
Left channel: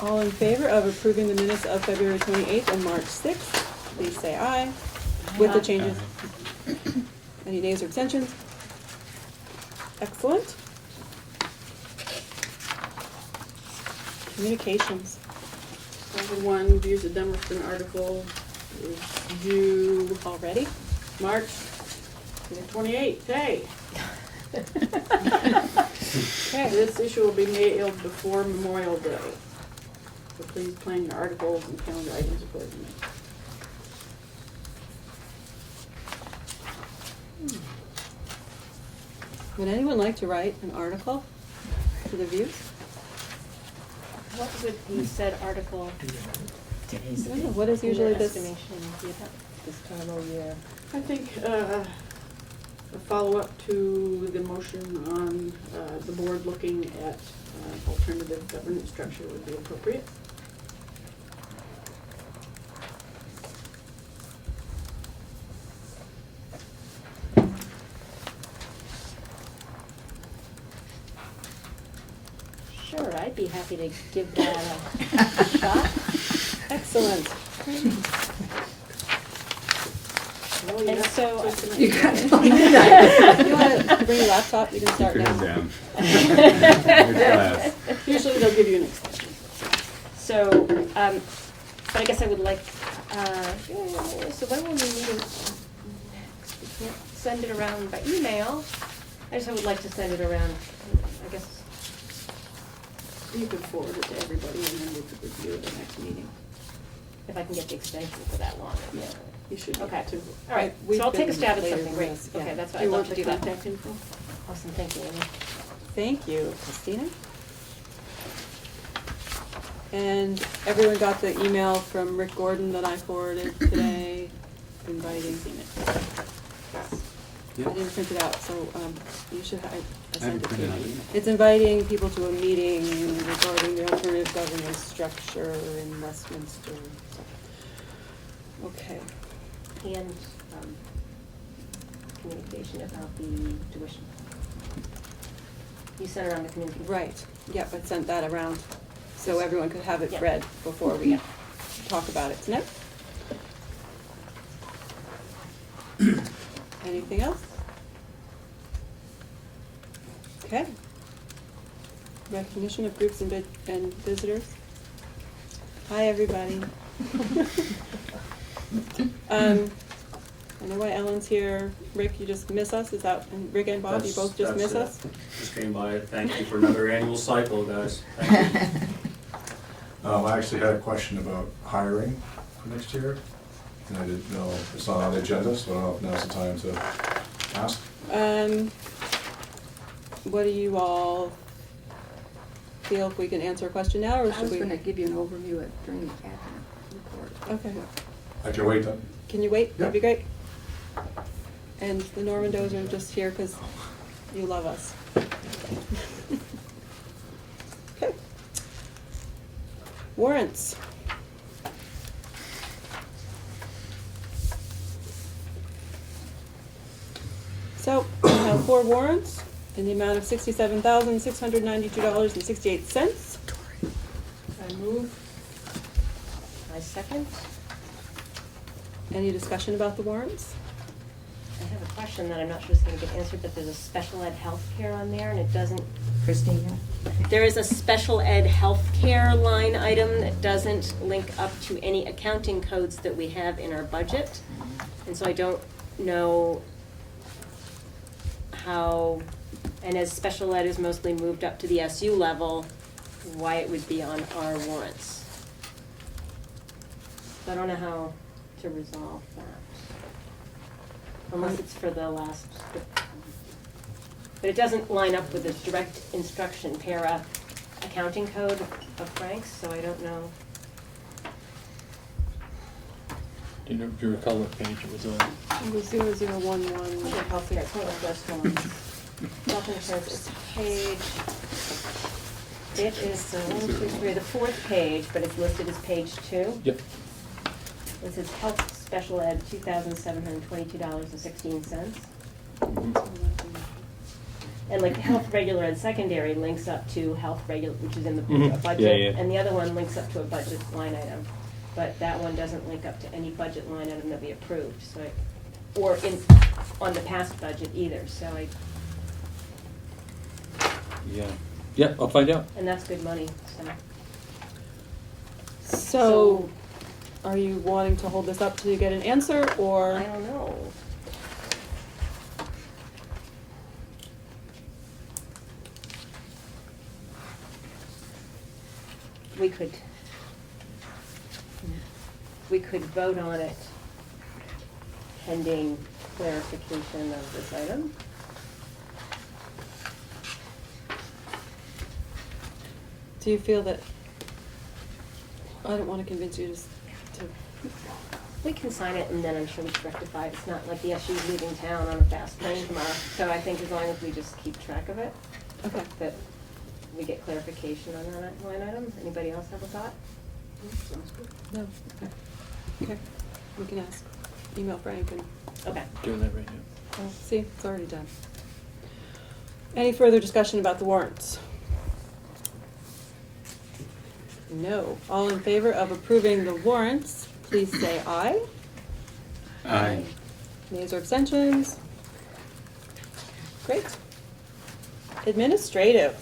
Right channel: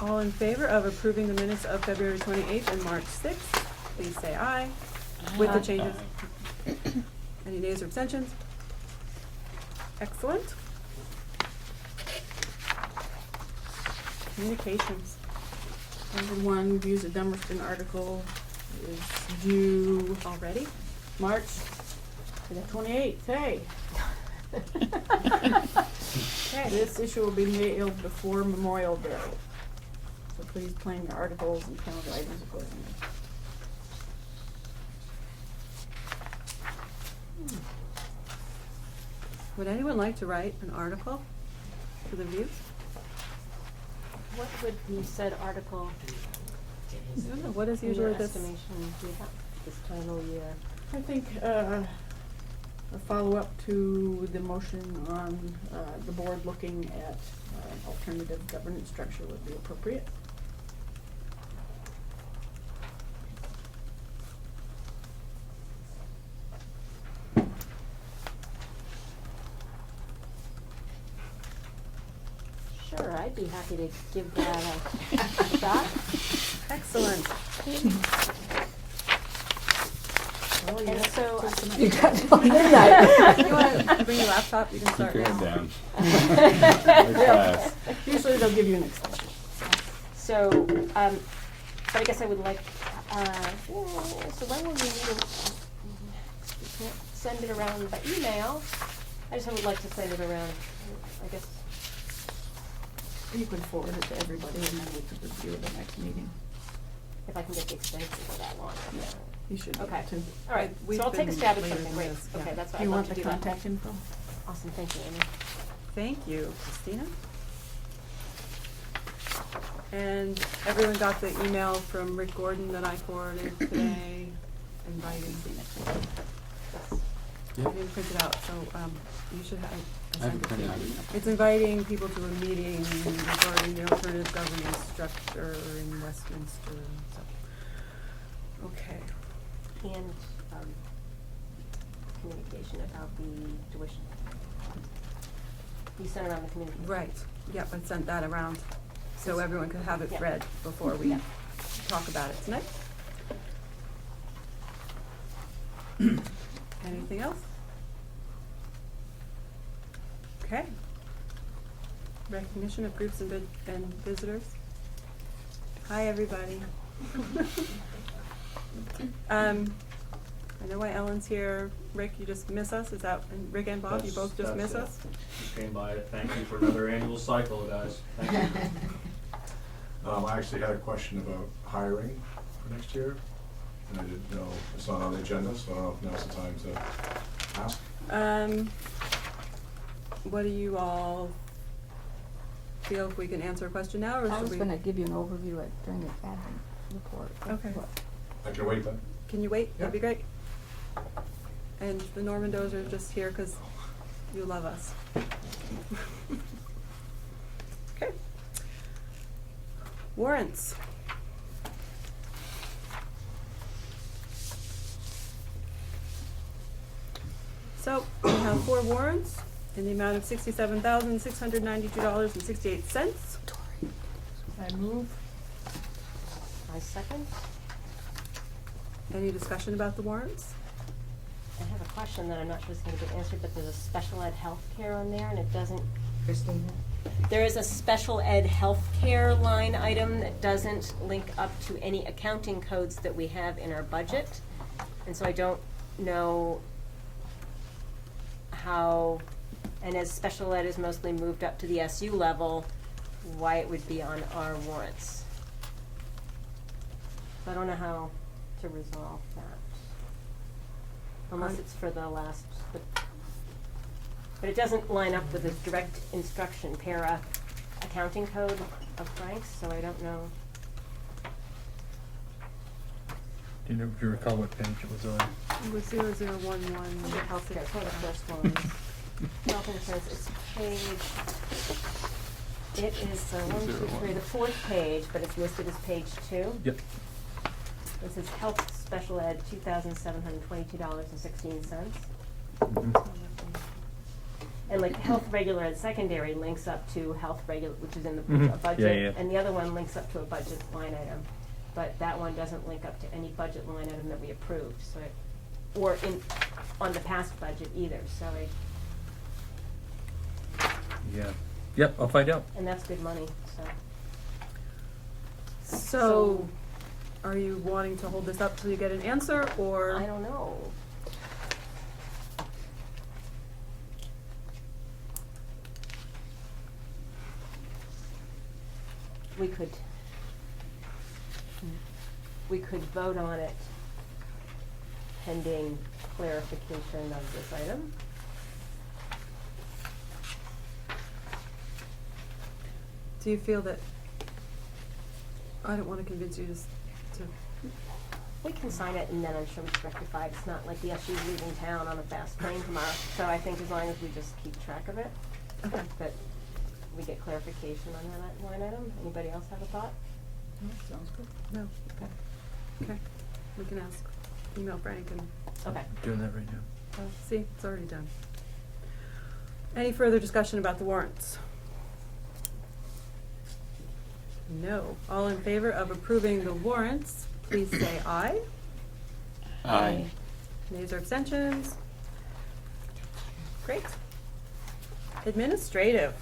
All in favor of approving the minutes of February 28th and March 6th, please say aye. With the changes. Any nays or abstentions? Excellent. Communications. Number one, views the Dummerston article is due Already? March 28th, today. Okay. This issue will be mailed before Memorial Day. So please plan your articles and calendar items accordingly. Would anyone like to write an article for the Views? What would you said article? I don't know, what is usually your this? estimation do you have this total year? I think a follow-up to the motion on the board looking at alternative governance structure would be appropriate. Sure, I'd be happy to give that a shot. Excellent. Oh, And yeah. so, You got If you want to bring your laptop, you can start Keep your now. head down. Good class. Usually they'll give you an extension. so, but I guess I would like, so when will we meet? We can't send it around by email. I just would like to send it around, I guess. You could forward it to everybody and then we could review it at the next meeting. If I can get the extension for that long. Yeah, you should be Okay. able to. All right, We've so I'll take a been stab at later something, than great. this, yeah. Okay, that's what Do you I'd love want to the do that. contact info? Awesome, thank you, Amy. Thank you, Christina. And everyone got the email from Rick Gordon that I forwarded today, inviting. I didn't print it out, so, you should, I sent it to you. It's inviting people to a meeting regarding the alternative governance structure in Westminster. Okay. And, communication about the tuition. You sent it on the communication. Right, yep, I sent that around, so everyone could have it Yeah. read before we talk about it tonight. Anything else? Okay. Recognition of groups and visitors. Hi, everybody. I know why Ellen's here. Rick, you just miss us? Is that, and Rick and Bob, you both just miss us? Just came by it. Thank you for another annual cycle, guys. Thank you. I actually had a question about hiring for next year, and I didn't know, it's not on the agenda, so I don't know if now's the time to ask. What do you all feel, if we can answer a question now, or I should was we? gonna give you an overview during the admin report. Okay. I can wait then? Can you wait? That'd be great. And the Normandos are just here because you love us. Okay. Warrants. So, we have 4 warrants in the amount of $67,692.68. I move. I second. Any discussion about the warrants? I have a question that I'm not sure is gonna get answered, but there's a special ed healthcare on there and it doesn't, Christina? there is a special ed healthcare line item that doesn't link up to any accounting codes that we have in our budget. And so I don't know how, and as special ed is mostly moved up to the SU level, why it would be on our warrants. So I don't know how to resolve that. Unless it's for the last, but it doesn't line up with the direct instruction para accounting code of Frank's, so I don't know. Do you recall what page it was on? It was 0011. Health care, it's one of the first ones. Health insurance is page, it is the 1, 2, 3, the 4th page, but it's listed as page 2. Yep. It says health special ed, $2,722.16. And like health regular and secondary links up to health regular, which is in the Mhm. budget. Yeah, yeah. And the other one links up to a budget line item. But that one doesn't link up to any budget line item that we approved, so or on the past budget either, so Yeah. Yep, I'll find out. and that's good money, so. So, are you wanting to hold this up till you get an answer, or? I don't know. We could vote on it pending clarification of this item. Do you feel that, I don't wanna convince you to We can sign it and then I'm sure it's rectified. It's not like the SU's leaving town on a fast train tomorrow. So I think as long as we just keep track of it, okay. that we get clarification on that line item. Anybody else have a thought? Sounds good. No, okay. Okay, we can ask, email Frank and, Okay. Doing that right now. well, see, it's already done. Any further discussion about the warrants? No. All in favor of approving the warrants, please say aye. Aye. Nays or abstentions? Great. Administrative.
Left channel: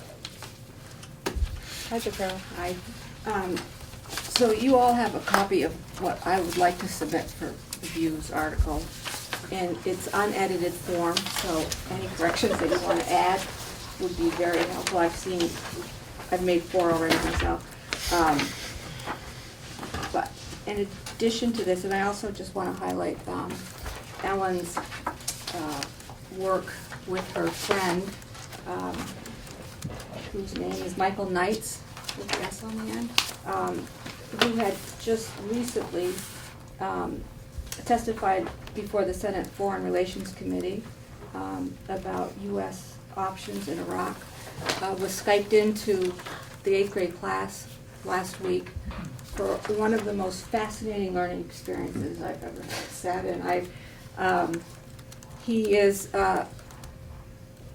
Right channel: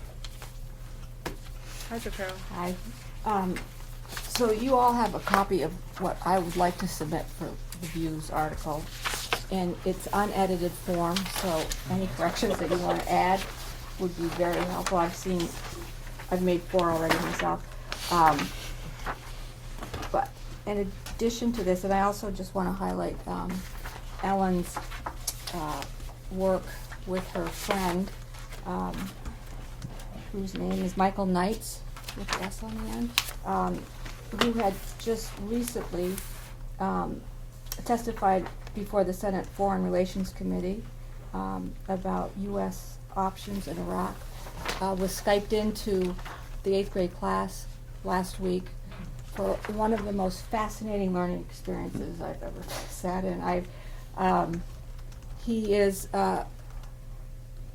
Hi, Jafar. So you all have a copy of what I would like to submit for the Views article. And it's unedited form, so any corrections that you want to add would be very helpful. I've made 4 already myself. But in addition to this, and I also just want to highlight Ellen's work with her friend, whose name is Michael Knights, with the S on the end. He had just recently testified before the Senate Foreign Relations Committee about U.S. options in Iraq. Was Skyped into the 8th grade class last week for one of the most fascinating learning experiences I've ever sat in. He is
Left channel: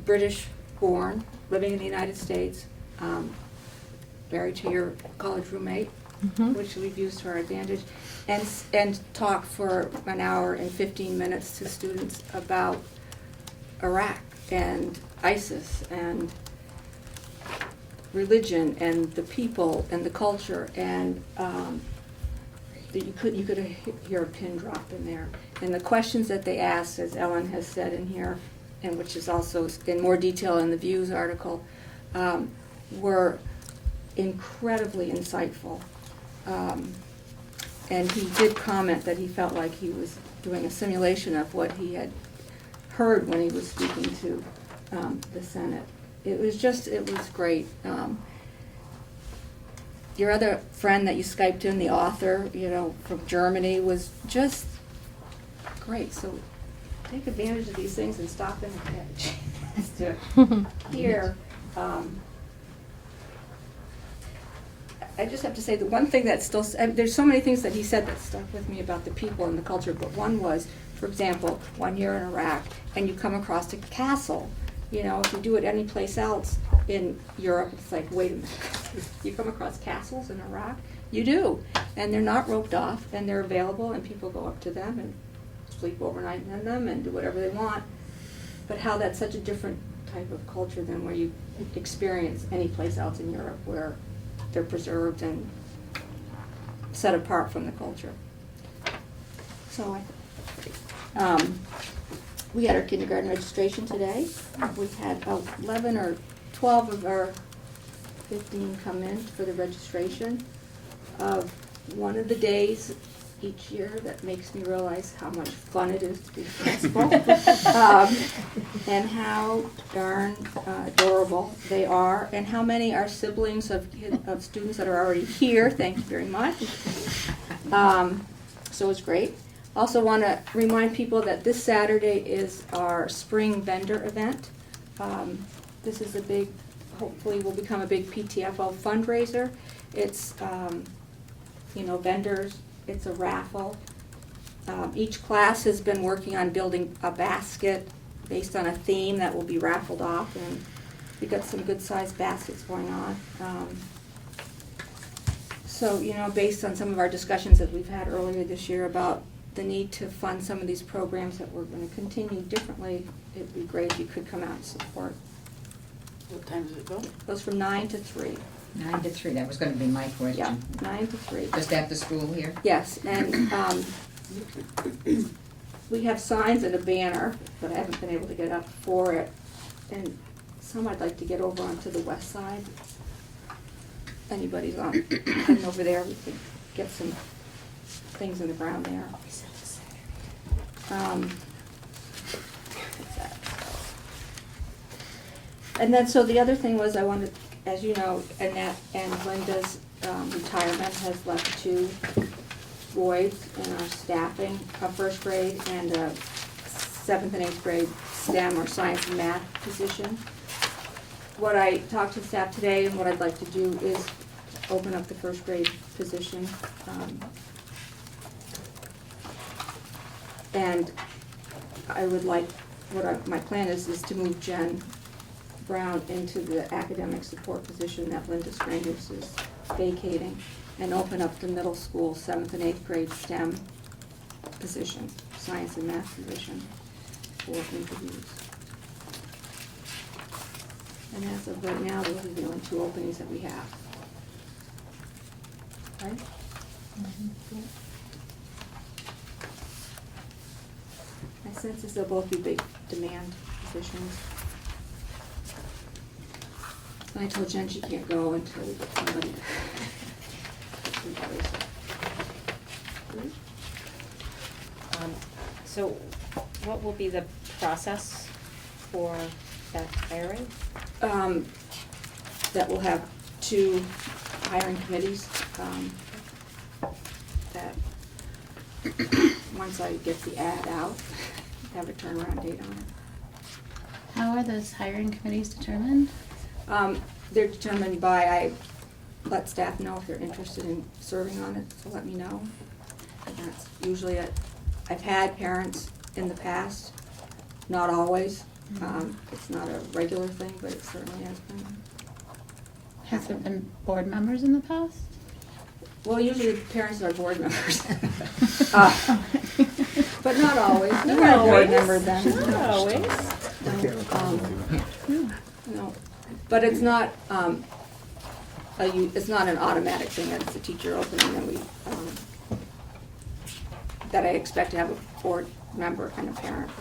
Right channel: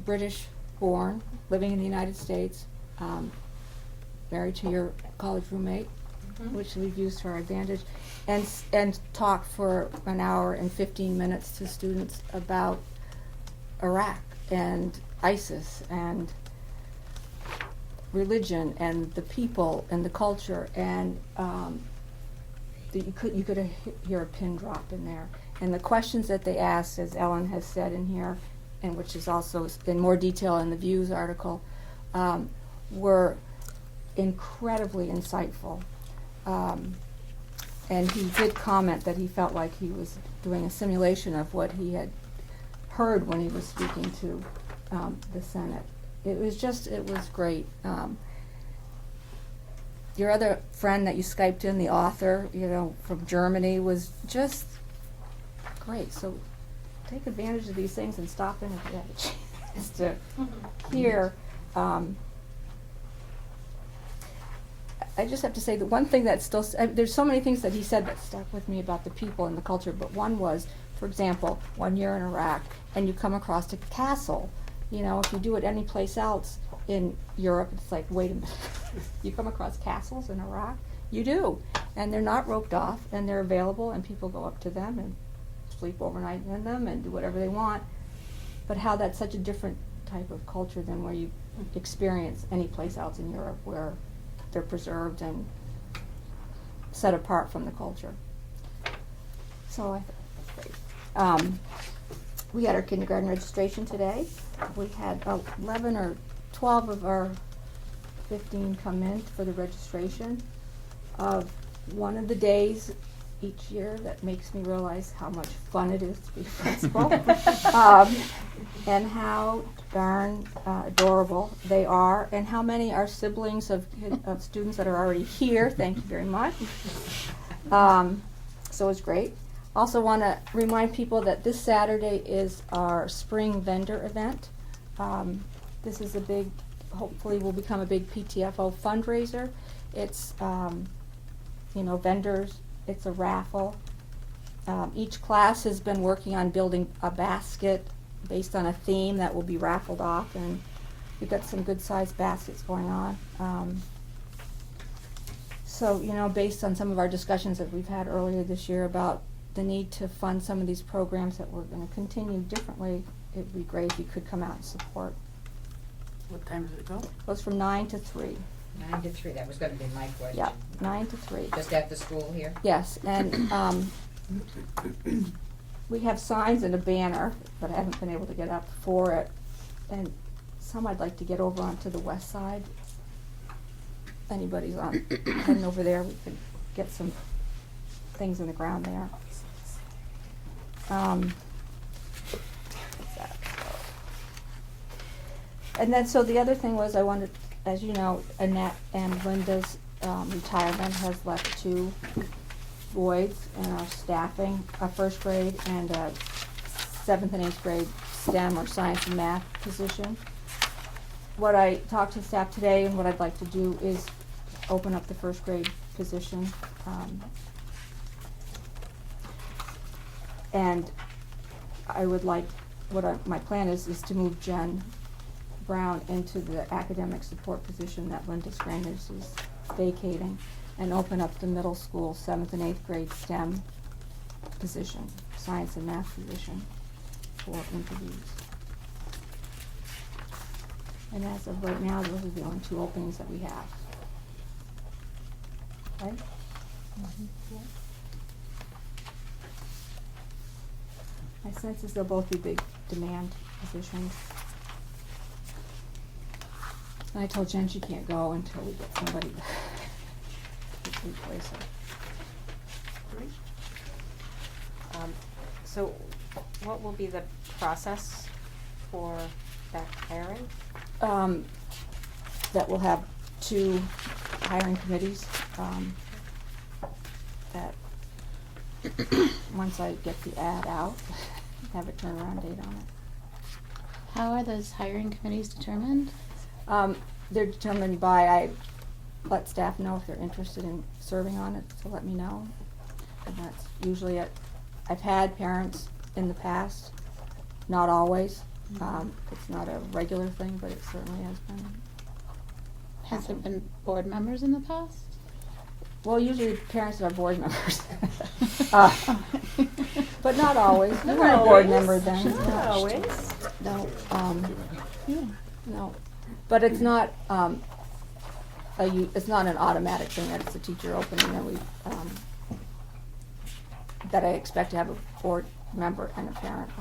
British born, living in the United States, married to your college roommate, which we've used to our advantage, and talked for an hour and 15 minutes to students about Iraq and ISIS and religion and the people and the culture, and you could hear a pin drop in there. And the questions that they asked, as Ellen has said in here, and which is also in more detail in the Views article, were incredibly insightful. And he did comment that he felt like he was doing a simulation of what he had heard when he was speaking to the Senate. It was great. Your other friend that you Skyped in, the author, from Germany, was just great. So take advantage of these things and stop in if you have a chance to hear. I just have to say the one thing that still, there's so many things that he said that stuck with me about the people and the culture, but one was, for example, 1 year in Iraq, and you come across a castle. If you do it any place else in Europe, it's like, wait a minute, you come across castles in Iraq? You do, and they're not roped off, and they're available, and people go up to them and sleep overnight in them and do whatever they want. But how that's such a different type of culture than where you experience any place else in Europe, where they're preserved and set apart from the culture. So I think that's great. We had our kindergarten registration today. We had about 11 or 12 of our 15 come in for the registration of one of the days each year that makes me realize how much fun it is to be a principal, and how darn adorable they are, and how many are siblings of students that are already here. Thank you very much. So it's great. Also want to remind people that this Saturday is our spring vendor event. This is hopefully will become a big PTFO fundraiser. It's, vendors. It's a raffle. Each class has been working on building a basket based on a theme that will be raffled off, and we've got some good-sized baskets going on. So, based on some of our discussions that we've had earlier this year about the need to fund some of these programs that we're going to continue differently, it'd be great if you could come out and support. What time does it go? It goes from 9 to 3. 9 to 3, that was gonna be my question. Yeah, 9 to 3. Just at the school here? Yes, and we have signs and a banner, but I haven't been able to get up for it. And some I'd like to get over onto the west side. Anybody's heading over there, we could get some things in the ground there. And then, so the other thing was I wanted, as you know, Annette and Linda's retirement has left 2 voids in our staffing, a first grade and a 7th and 8th grade STEM or science and math position. What I talked to staff today and what I'd like to do is open up the first grade position. And I would like, my plan is to move Jen Brown into the academic support position that Linda Strangers is vacating, and open up the middle school 7th and 8th grade STEM position, science and math position, for interviews. And as of right now, those are the only 2 openings that we have. Right? My sense is they'll both be big demand positions. And I told Jen she can't go until we get somebody to replace her. So what will be the process for that hiring? That will have 2 hiring committees, that once I get the ad out, have a turnaround date on it. How are those hiring committees determined? They're determined by, I let staff know if they're interested in serving on it, so let me know. And that's usually it. I've had parents in the past, not always. It's not a regular thing, but it certainly has been. Has there been board members in the past? Well, usually the parents are board members. But not always. You Not were a board always. member then. Not always. No, but it's not, it's not an automatic thing that it's a teacher opening and we, that I expect to have a board member and a parent.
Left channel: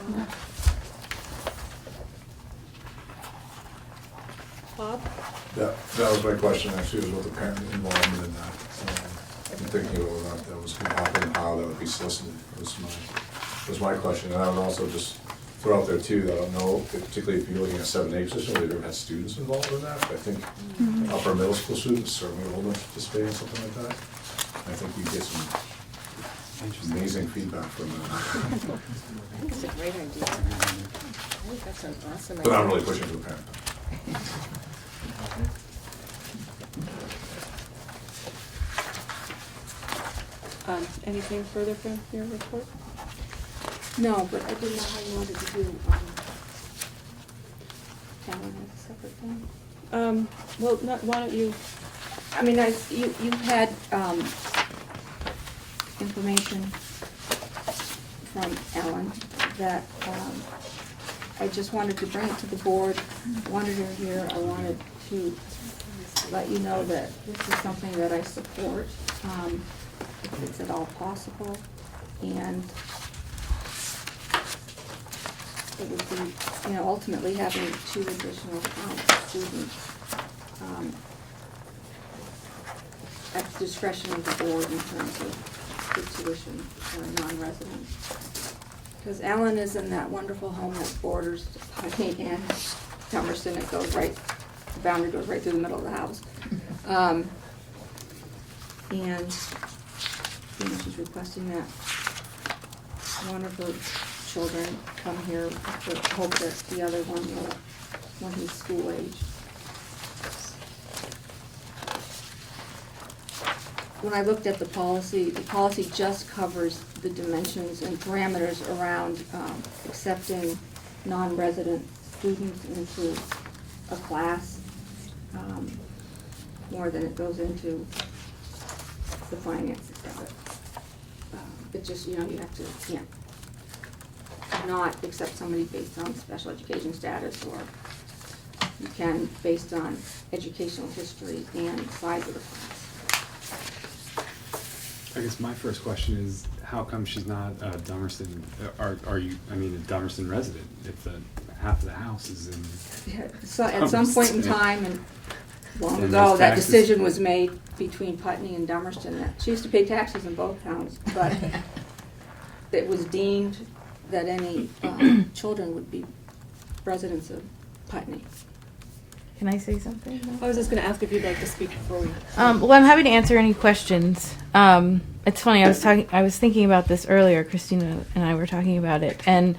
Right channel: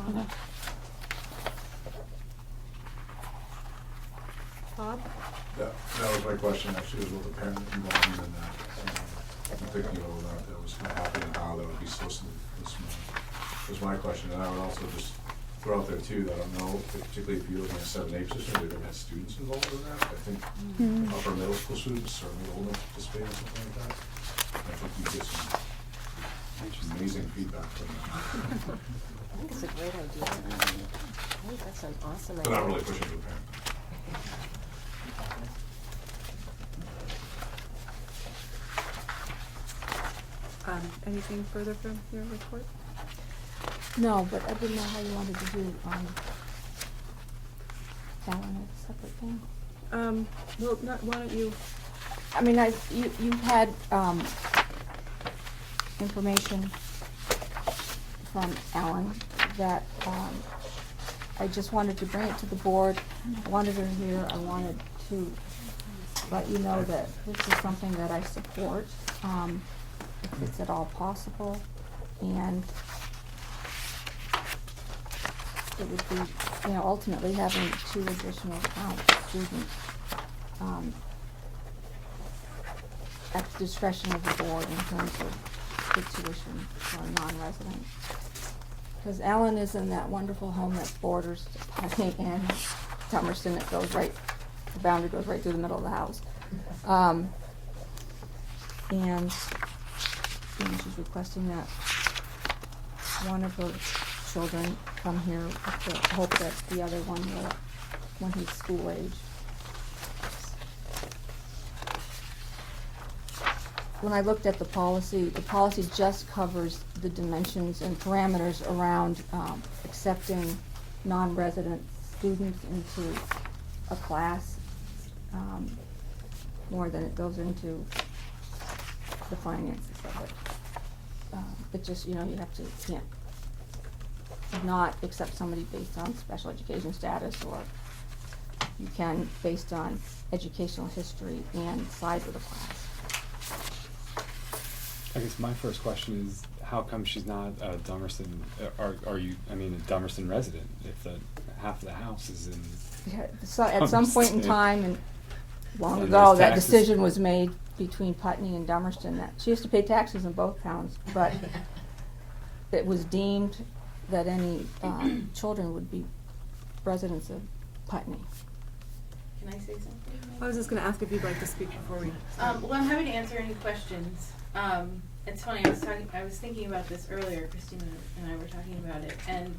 Bob? Yeah, that was my question, actually, was with the parent involvement in that. I'm thinking about that, that was gonna happen, and how that would be solicited, was my question. And I would also just throw out there too, that I don't know, particularly if you're looking at 7-8 position, whether you've ever had students involved in that. But I think upper middle school students, certainly older, participate in something like that. I think you get some amazing feedback from them. I think it's a great idea. I think that's an awesome idea. But I'm really pushing to the parent. Anything further from your report? No, but I didn't know how you wanted to do, Alan has a separate thing. Well, why don't you, I mean, you've had, information from Alan that, I just wanted to bring it to the board. I wanted him here, I wanted to let you know that this is something that I support, if it's at all possible, and it would be, ultimately having 2 additional students, at the discretion of the board in terms of the tuition for a non-resident. Because Alan is in that wonderful home that borders Putney and Dummerston. It goes right, the boundary goes right through the middle of the house. And she's requesting that one of her children come here with the hope that the other one will, when he's school age. When I looked at the policy just covers the dimensions and parameters around accepting non-resident students into a class, more than it goes into the finances of it. It just, you can't not accept somebody based on special education status, or you can based on educational history and size of the class. I guess my first question is, how come she's not a Dummerston, are you, a Dummerston resident, if half of the house is in? Yeah, so at some point in time, and long And ago, those that taxes- decision was made between Putney and Dummerston. That she used to pay taxes in both towns, but it was deemed that any children would be residents of Putney. Can I say something? I was just gonna ask if you'd like to speak before we. Well, I'm happy to answer any questions. It's funny, I was thinking about this earlier, Christina and I were talking about it, and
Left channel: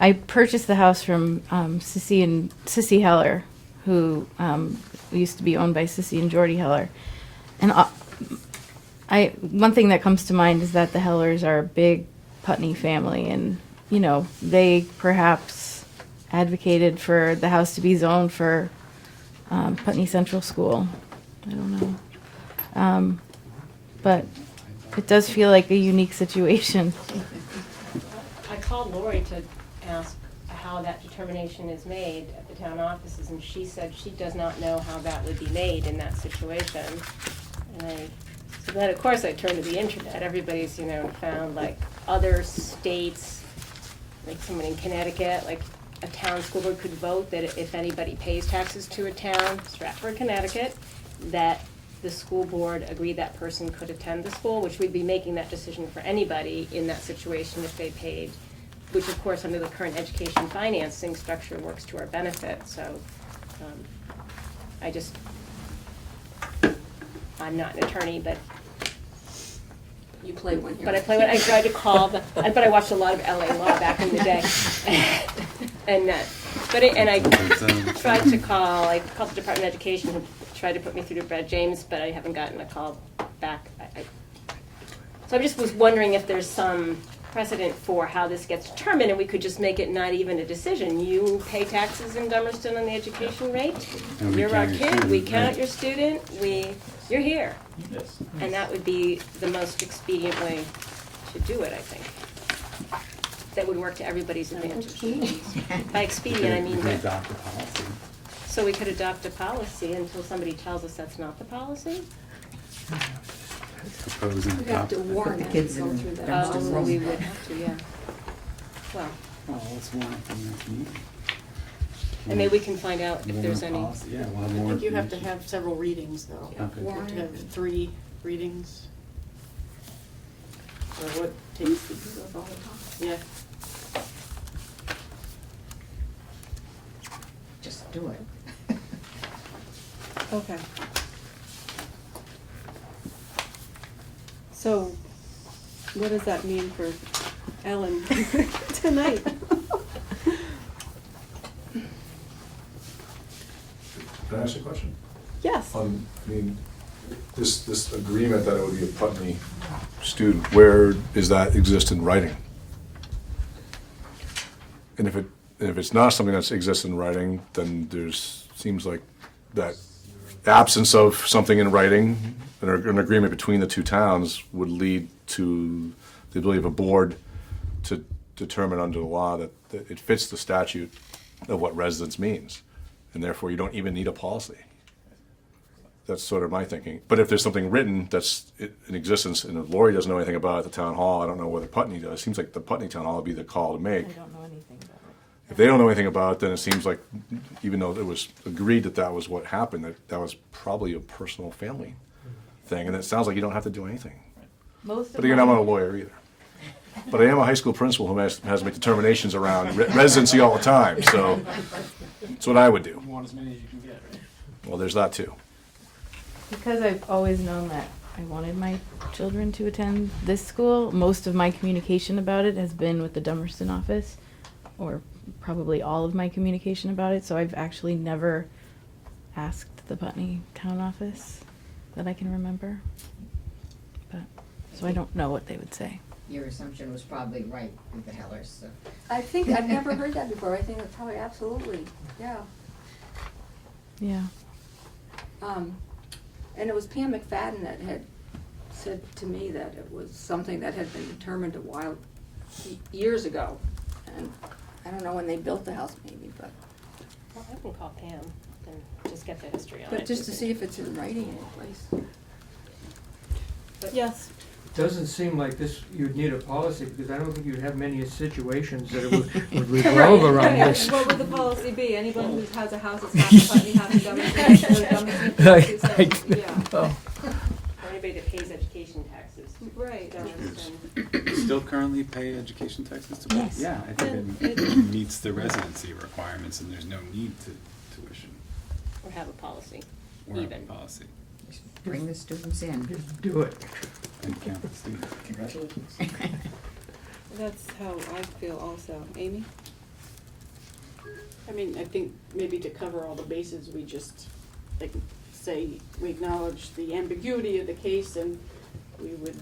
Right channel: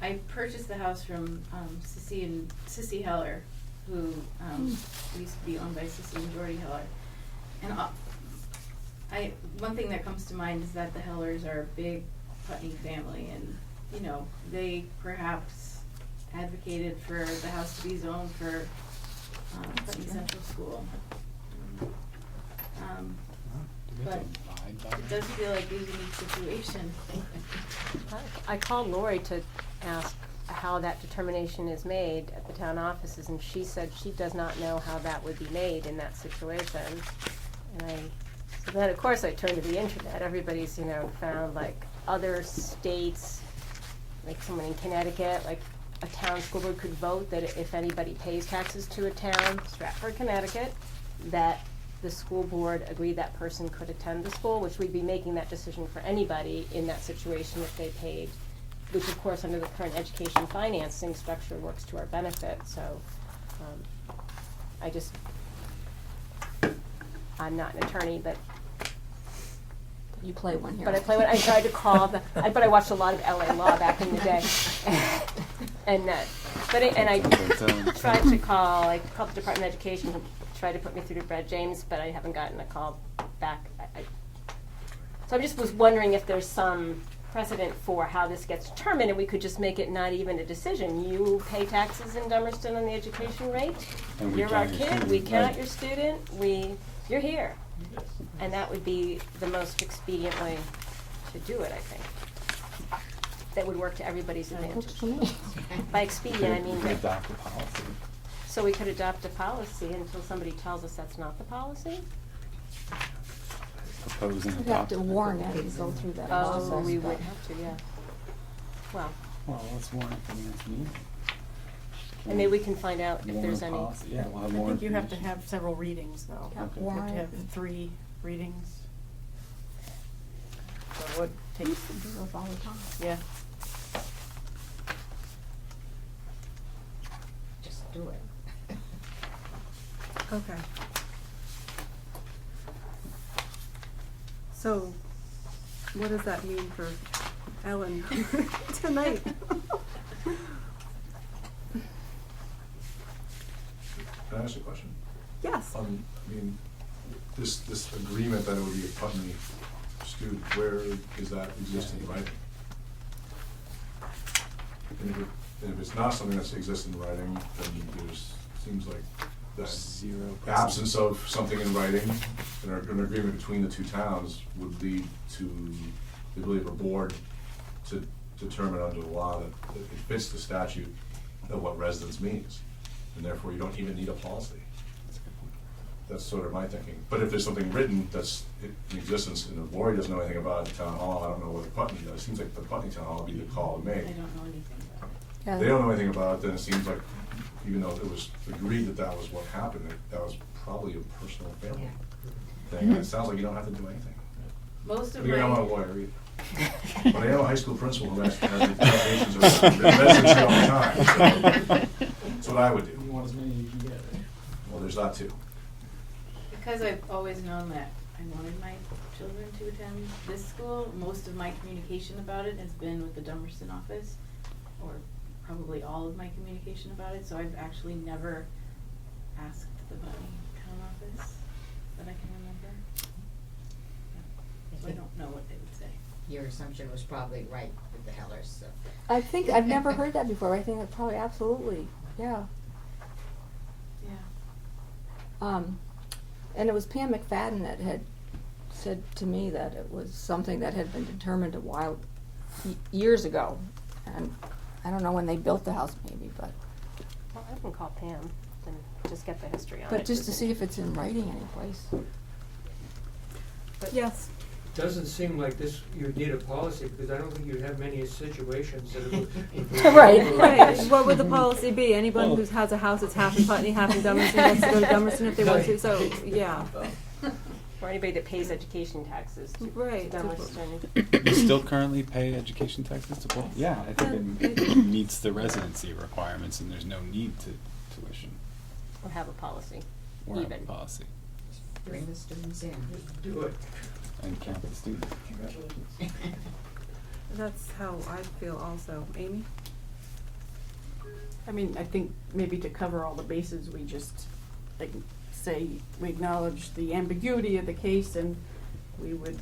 I purchased the house from Sissy Heller, who used to be owned by Sissy and Jordy Heller. And one thing that comes to mind is that the Hellers are a big Putney family, and they perhaps advocated for the house to be zoned for Putney Central School. I don't know. But it does feel like a unique situation. I called Lori to ask how that determination is made at the town offices, and she said she does not know how that would be made in that situation. And so then, of course, I turned to the internet. Everybody's, found like other states, like someone in Connecticut, like a town school board could vote that if anybody pays taxes to a town, Stratford, Connecticut, that the school board agreed that person could attend the school, which we'd be making that decision for anybody in that situation if they paid, which of course under the current education financing structure works to our benefit. So I just I'm not an attorney, but You play one here. But I tried to call, but I watched a lot of LA Law back in the day. And I tried to call, I called the Department of Education to try to put me through to Brad James, but I haven't gotten a call back. So I just was wondering if there's some precedent for how this gets determined, and we could just make it not even a decision. You pay taxes in Dummerston on the education rate, And we you're our count your kid, we student, count right. your student, you're here. Yes. And that would be the most expedient way to do it, I think. That would work to everybody's advantage. By expedient, I mean, We could adopt a policy. so we could adopt a policy until somebody tells us that's not the policy? Propose and You have adopt. to warn the it, kids go in through that. Dummerston Oh, School. we would have to, yeah. Well, Well, let's warn it for the next meeting. and maybe we can find out if Warn there's a any. policy. Yeah, we'll have I more think you have to information. have several readings, though. Okay. You have to have 3 readings. Or what takes, yeah. Just do it. Okay. So, what does that mean for Ellen tonight? Can I ask a question? Yes. I mean, this agreement that it would be a Putney student, where does that exist in writing? And if it's not something that exists in writing, then seems like that absence of something in writing, an agreement between the two towns would lead to the ability of a board to determine under the law that it fits the statute of what residence means, and therefore you don't even need a policy. That's sort of my thinking. But if there's something written that's in existence, and if Lori doesn't know anything about it at the town hall, I don't know whether Putney does. It seems like the Putney town hall would be the call to make. I don't know anything about it. If they don't know anything about it, then it seems like, even though it was agreed that that was what happened, that was probably a personal family thing, and it sounds like you don't have to do anything. Most But again, I'm not a lawyer either. But I am a high school principal who has to make determinations around residency all the time, so that's what I would do. You want as many as you can get, right? Well, there's that too. Because I've always known that I wanted my children to attend this school, most of my communication about it has been with the Dummerston office, or probably all of my communication about it, so I've actually never asked the Putney town office that I can remember. But, so I don't know what they would say. Your assumption was probably right with the Hellers, so. I think, I've never heard that before, I think it's probably absolutely, yeah. Yeah. And it was Pam McFadden that had said to me that it was something that had been determined a while, years ago. And I don't know when they built the house maybe, but, Well, I can call Pam and just get the history on it. but just to see if it's in writing anyplace. Yes. Doesn't seem like this, you'd need a policy, because I don't think you'd have many situations that it would Right, revolve around right. this. What would the policy be? Anyone who has a house that's half in Putney, half in Dummerston, has to go to Dummerston if they want to, so, yeah. Oh. Or anybody that pays education taxes to Right. Dummerston. You still currently pay education taxes to Yes. Yeah, I think it meets the residency requirements, and there's no need to tuition Or have a policy, or have a even. policy. Bring the students in. Do it. And count the students. That's how I feel also. Amy? I mean, I think maybe to cover all the bases, we just, like, say, we acknowledge the ambiguity of the case, and we would,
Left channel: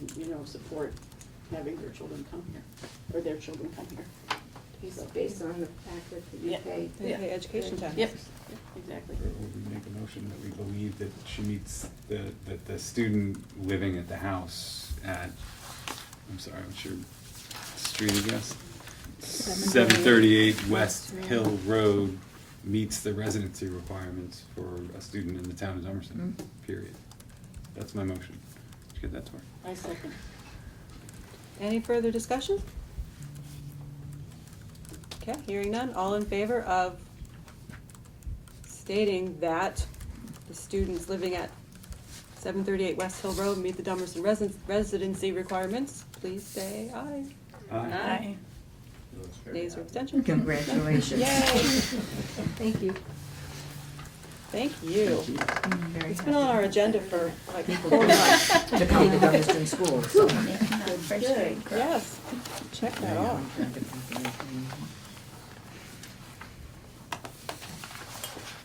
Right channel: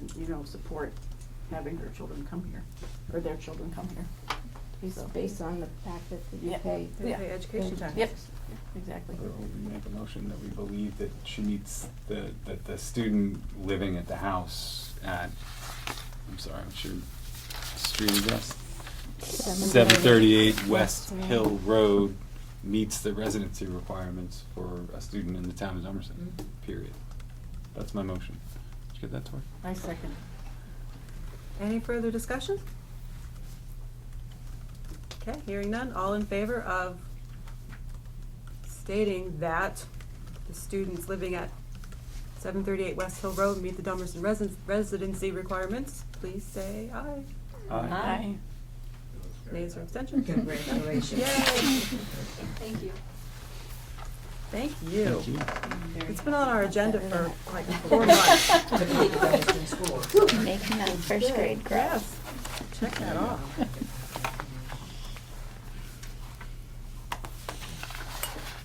support having her children come here, or their children come here. It's based on the fact that you Yeah. pay. They pay education taxes. Yep, exactly. Or we make a motion that we believe that she meets that the student living at the house at, I'm sorry, what's your street address? 738 West Hill Road meets the residency requirements for a student in the town of Dummerston, period. That's my motion. Did you get that, Tori? I second. Any further discussion? Okay, hearing none, all in favor of stating that the students living at 738 West Hill Road meet the Dummerston residency requirements, please say aye. Aye. Nays or abstentions? Congratulations. Yay! Thank you. Thank you. Thank you. It's been on our agenda for like People 4 months. to come to Dummerston School, so. Making that first grade grow. Yes, check that off.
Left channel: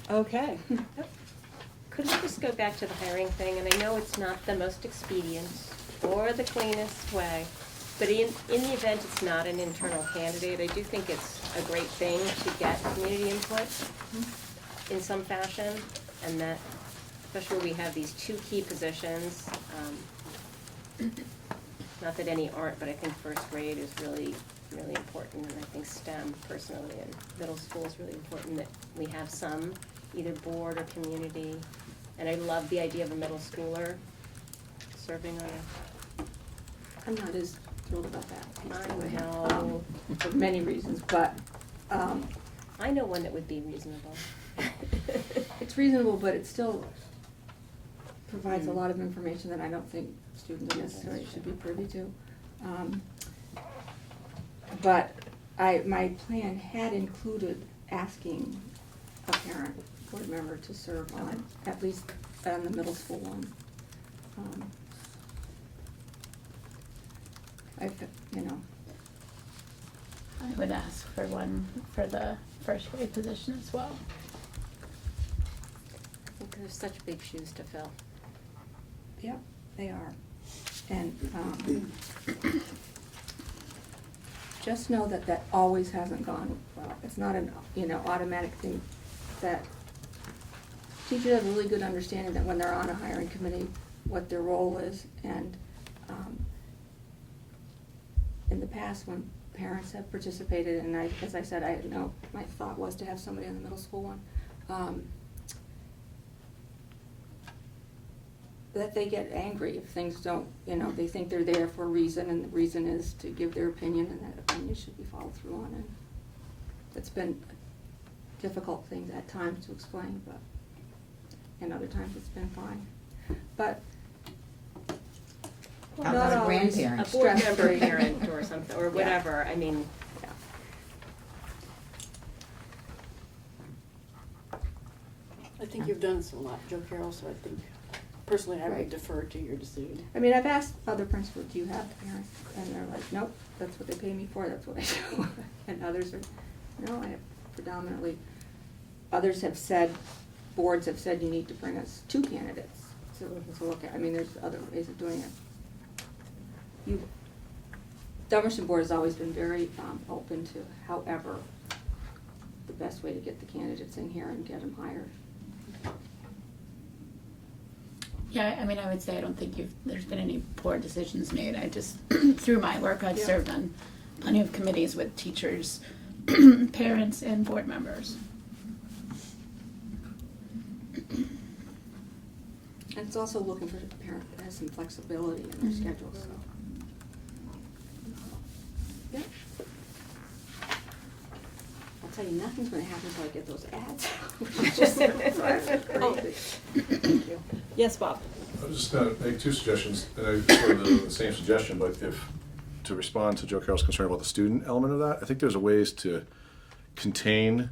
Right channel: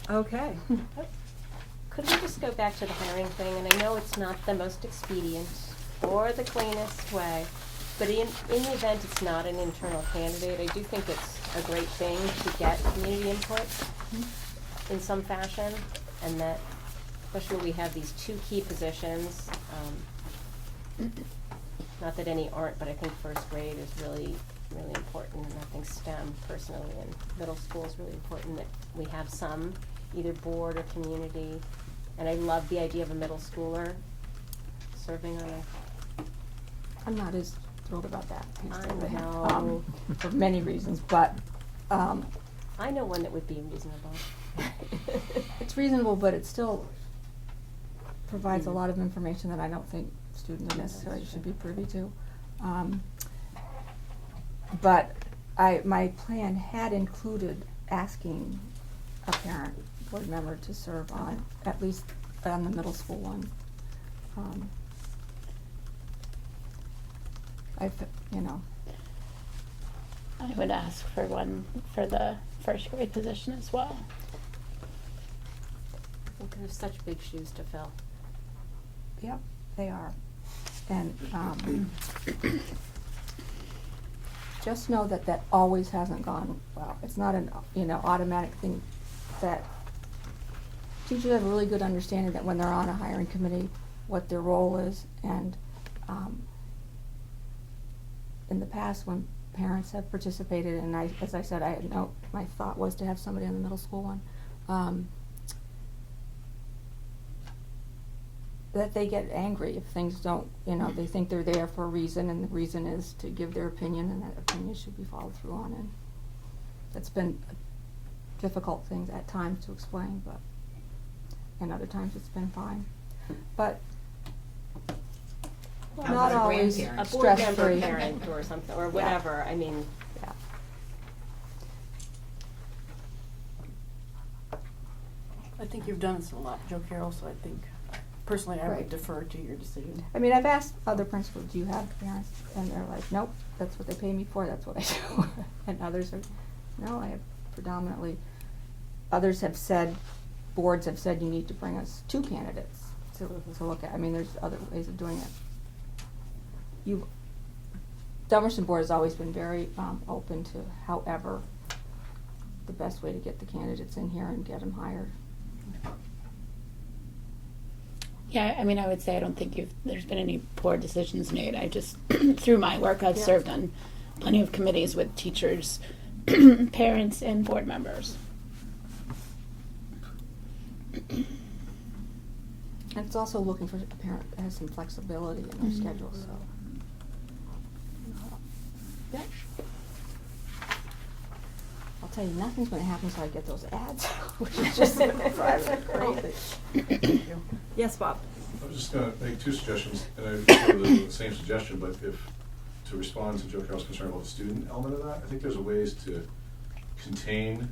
Okay. Could we just go back to the hiring thing, and I know it's not the most expedient or the cleanest way, but in the event it's not an internal candidate, I do think it's a great thing to get community input in some fashion, and that, especially when we have these 2 key positions, not that any aren't, but I think first grade is really, really important, and I think STEM personally in middle school is really important that we have some, either board or community, and I love the idea of a middle schooler serving on a, I'm not as thrilled about that. I know. For many reasons, but, I know one that would be reasonable. it's reasonable, but it still provides a lot of information that I don't think students necessarily should be privy to. But my plan had included asking a parent board member to serve on, at least on the middle school one. I would ask for one for the first grade position as well. There's such big shoes to fill. Yep, they are. And, just know that that always hasn't gone well. It's not an, automatic thing that teachers have a really good understanding that when they're on a hiring committee, what their role is, and, in the past, when parents have participated, and as I said, my thought was to have somebody on the middle school one, that they get angry if things don't, they think they're there for a reason, and the reason is to give their opinion, and that opinion should be followed through on, and it's been a difficult thing at times to explain, but, and other times it's been fine. But How not about always grandparents? A board member, stress-free. parent, or something, or whatever, I mean, Yeah. I think you've done this a lot, Joe Carroll, so I think, personally, I Right. would defer to your decision. I mean, I've asked other principals, do you have parents? And they're like, nope, that's what they pay me for, that's what I do. And others are, no, I have predominantly, others have said, boards have said you need to bring us 2 candidates to look at. I mean, there's other ways of doing it. Dummerston Board has always been very open to however the best way to get the candidates in here and get them hired. Yeah, I mean, I would say I don't think there's been any poor decisions made. I just, through my work, I've served on plenty of committees with teachers, parents, and board members. And it's also looking for a parent that has some flexibility in their schedule, so. I'll tell you, nothing's gonna happen until I get those ads, which is just crazy. Yes, Bob? I was just gonna make 2 suggestions, and I sort of the same suggestion, but to respond to Joe Carroll's concern about the student element of that, I think there's a ways to contain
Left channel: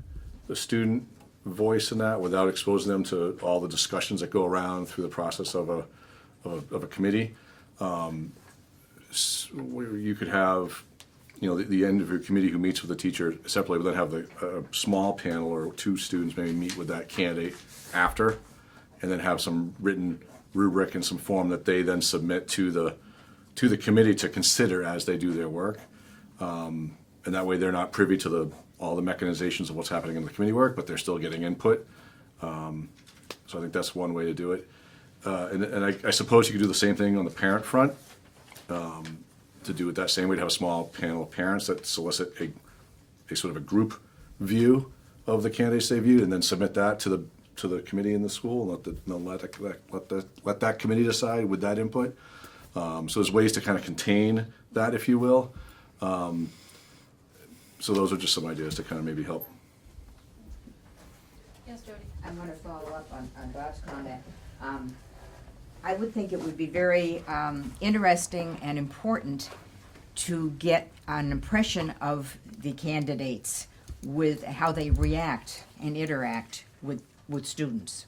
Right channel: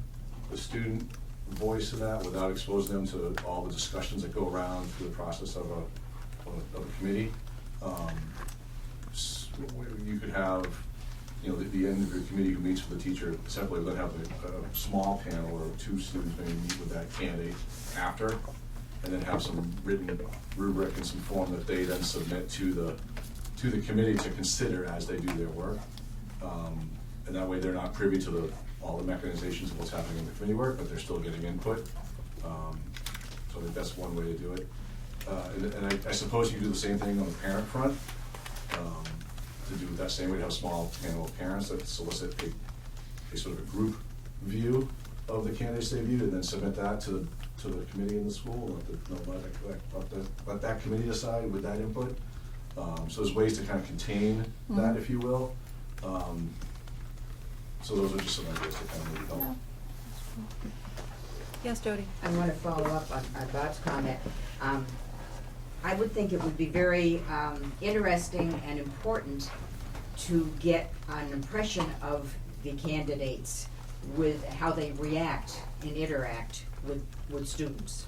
the student voice in that without exposing them to all the discussions that go around through the process of a committee. Where you could have, the end of your committee who meets with the teacher separately, but then have a small panel or 2 students maybe meet with that candidate after, and then have some written rubric and some form that they then submit to the committee to consider as they do their work. And that way they're not privy to all the mechanizations of what's happening in the committee work, but they're still getting input. So I think that's one way to do it. And I suppose you could do the same thing on the parent front. To do it that same way, to have a small panel of parents that solicit a sort of a group view of the candidates they viewed, and then submit that to the committee in the school. Let that committee decide with that input. So there's ways to kind of contain that, if you will. So those are just some ideas to kind of maybe help. Yes, Jody? I want to follow up on Bob's comment. I would think it would be very interesting and important to get an impression of the candidates with how they react and interact with students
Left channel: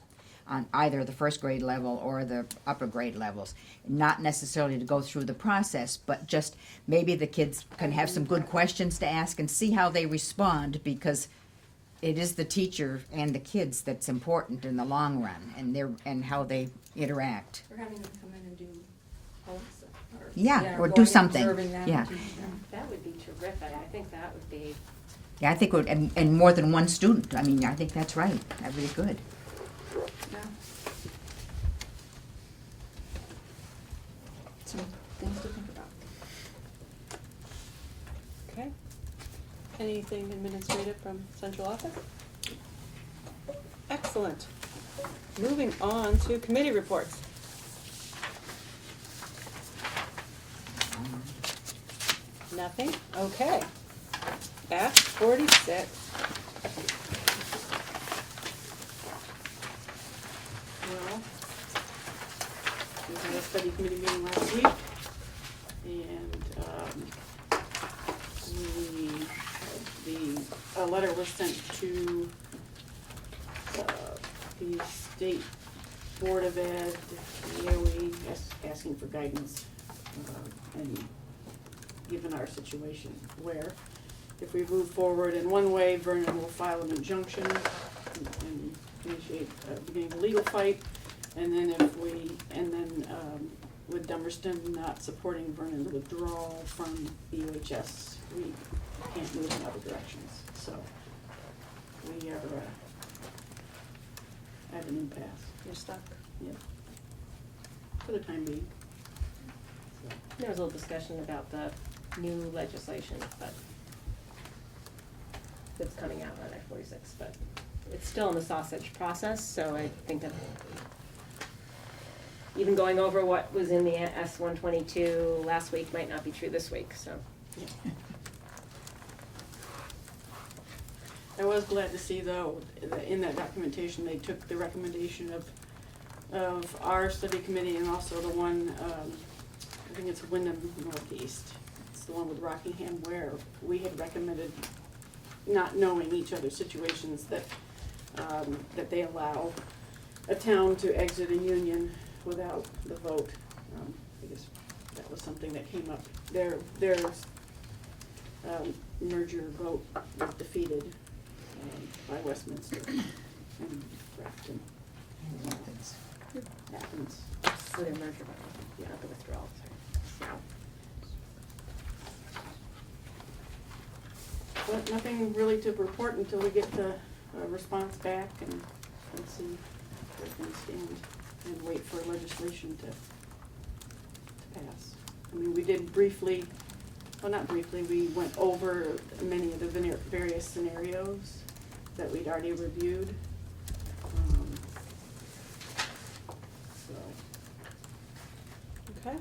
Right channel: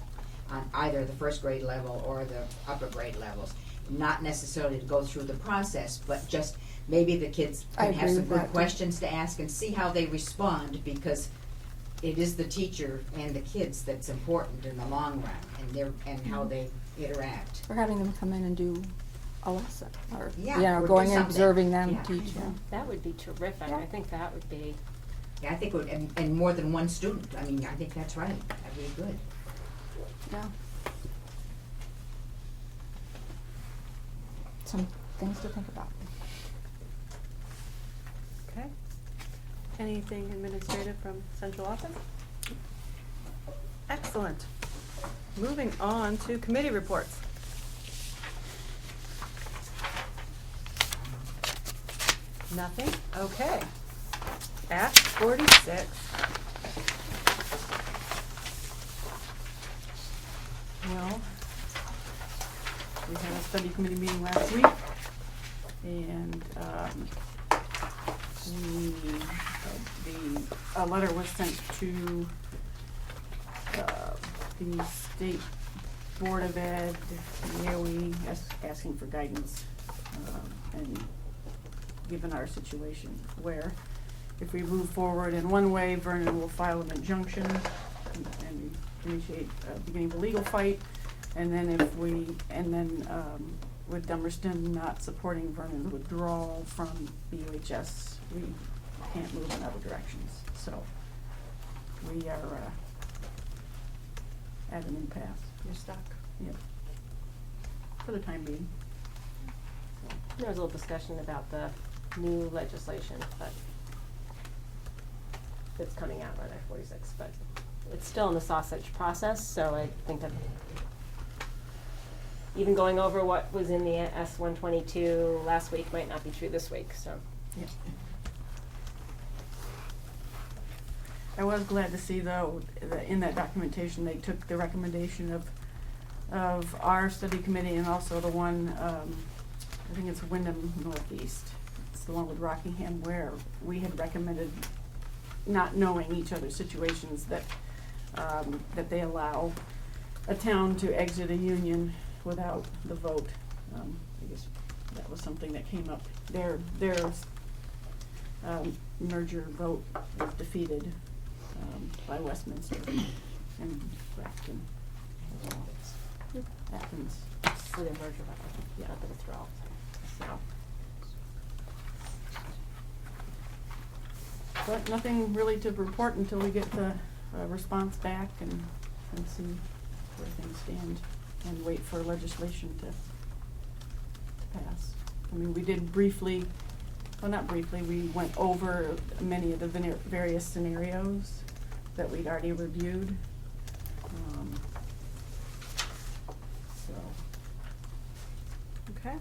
on either the first grade level or the upper grade levels. Not necessarily to go through the process, but just maybe the kids I can have agree some with good that. questions to ask and see how they respond, because it is the teacher and the kids that's important in the long run, and how they interact. Or having them come in and do a lesson, or, Yeah, you know, or do going and something. observing them, Yeah. teaching them. That would be terrific. I think that would be, Yeah, I think, and more than one student, I mean, I think that's right, that'd be good. Yeah. Some things to think about. Okay. Anything administrative from central office? Excellent. Moving on to committee reports. Nothing? Okay. Act 46. Well, we had a study committee meeting last week, and, a letter was sent to, the State Board of Ed, DOE, asking for guidance, and given our situation, where if we move forward in one way, Vernon will file an injunction and initiate, beginning of a legal fight. And then with Dummerston not supporting Vernon's withdrawal from the UHS, we can't move in other directions. So we are, at an impasse. You're stuck. Yep. For the time being. there was a little discussion about the new legislation, but it's coming out on Act 46, but it's still in the sausage process, so I think that even going over what was in the S-122 last week might not be true this week, so. Yeah. I was glad to see, though, that in that documentation, they took the recommendation of our study committee and also the one, I think it's Wyndham Northeast. It's the one with Rockingham, where we had recommended, not knowing each other's situations, that they allow a town to exit a union without the vote. I guess that was something that came up. Their merger vote was defeated by Westminster and Grafton. Athens. For the merger, not the withdrawal, sorry. But nothing really to report until we get the response back and see where things stand and wait for legislation to pass. I mean, we did briefly, well, not briefly, we went over many of the various scenarios that we'd already reviewed. So, Okay.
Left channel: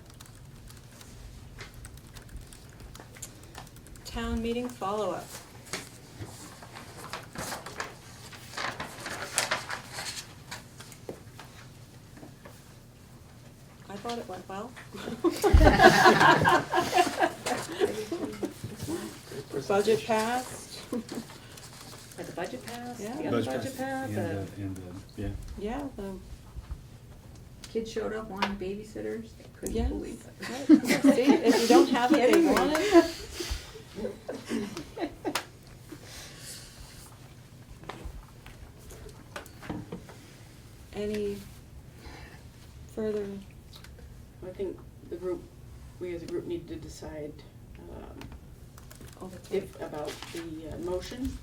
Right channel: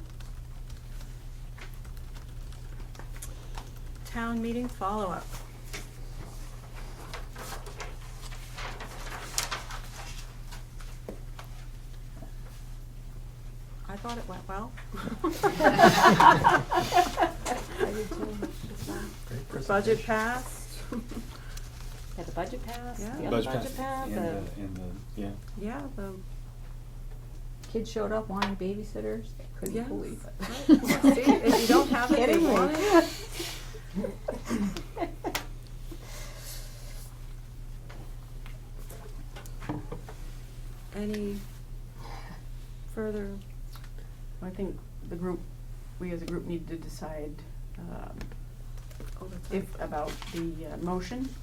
Town meeting follow-up. I thought it went well. Budget passed. Like the budget passed, Yeah. the other budget passed, Yeah. Yeah, Kids showed up wanting babysitters, they couldn't Yes. believe it. See, if you don't have it, you want it. Any further? I think we as a group need to decide, Oh, that's right. about the motion.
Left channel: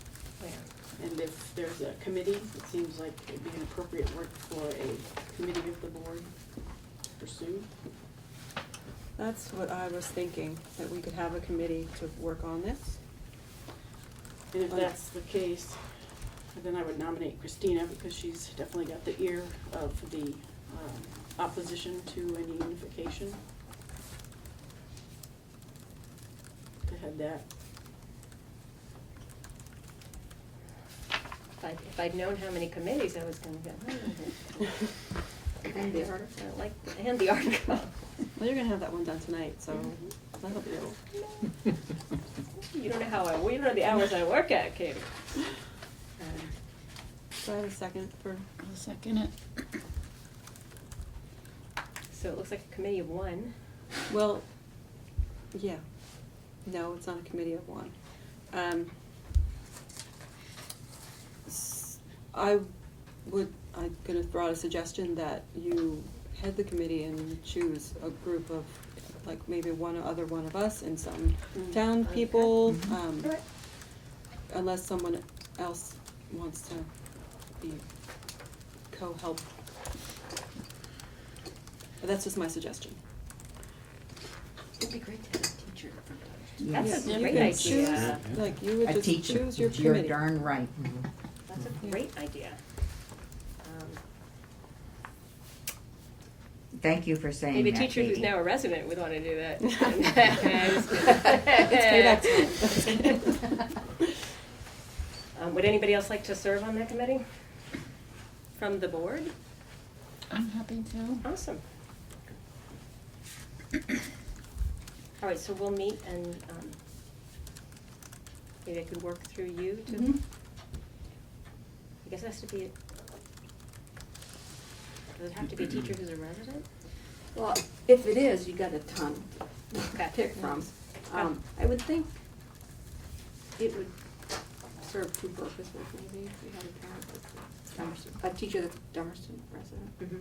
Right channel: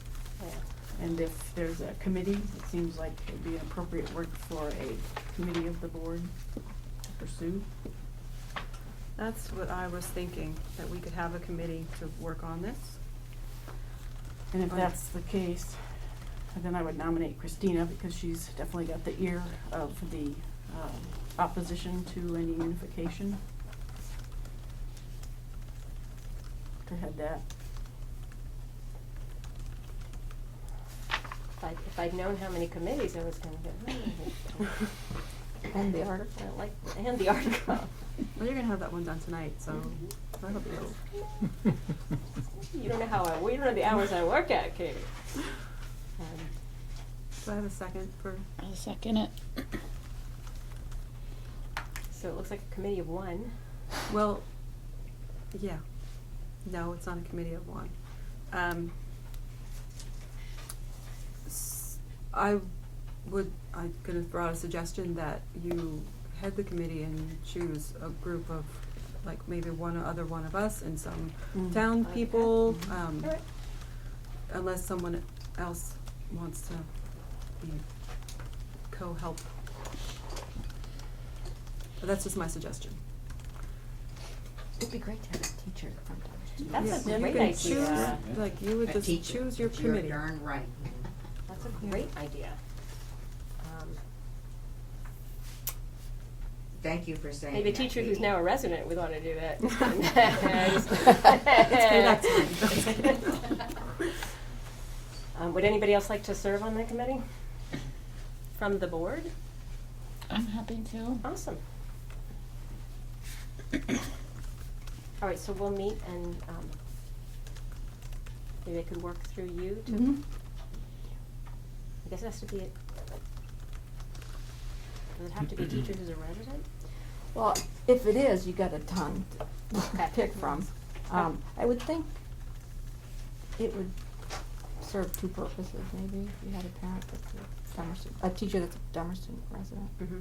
And if there's a committee, it seems like it'd be an appropriate work for a committee of the board to pursue. That's what I was thinking, that we could have a committee to work on this. And if that's the case, then I would nominate Christina, because she's definitely got the ear of the opposition to any unification to head that. if I'd known how many committees I was gonna get. And the article. And the article. Well, you're gonna have that one done tonight, so that'll be You don't know well, you don't know the hours I work at, Katie. Do I have a second for, I'll second it. So it looks like a committee of one. well, yeah. No, it's not a committee of one. I could have thrown out a suggestion that you head the committee and you choose a group of, like, maybe one of us and some town people, unless someone else wants to be co-help. But that's just my suggestion. It'd be great to have a teacher from That's Yes. a Yeah, great You idea. could choose, like, you would A just teacher. choose your You're committee. darn right. That's a great idea. Thank you for saying Maybe a that, teacher who's Katie. now a resident would want to do that. It's payback time. Would anybody else like to serve on that committee? From the board? I'm happy to. Awesome. All right, so we'll meet and maybe I could work through you to, Mhm. I guess it has to be, does it have to be a teacher who's a resident? Well, if it is, you got a ton to Okay. pick from. I would think it would serve two purposes, maybe, if you had a parent that's a Dummerston, a teacher that's a Dummerston resident. Mm-hmm.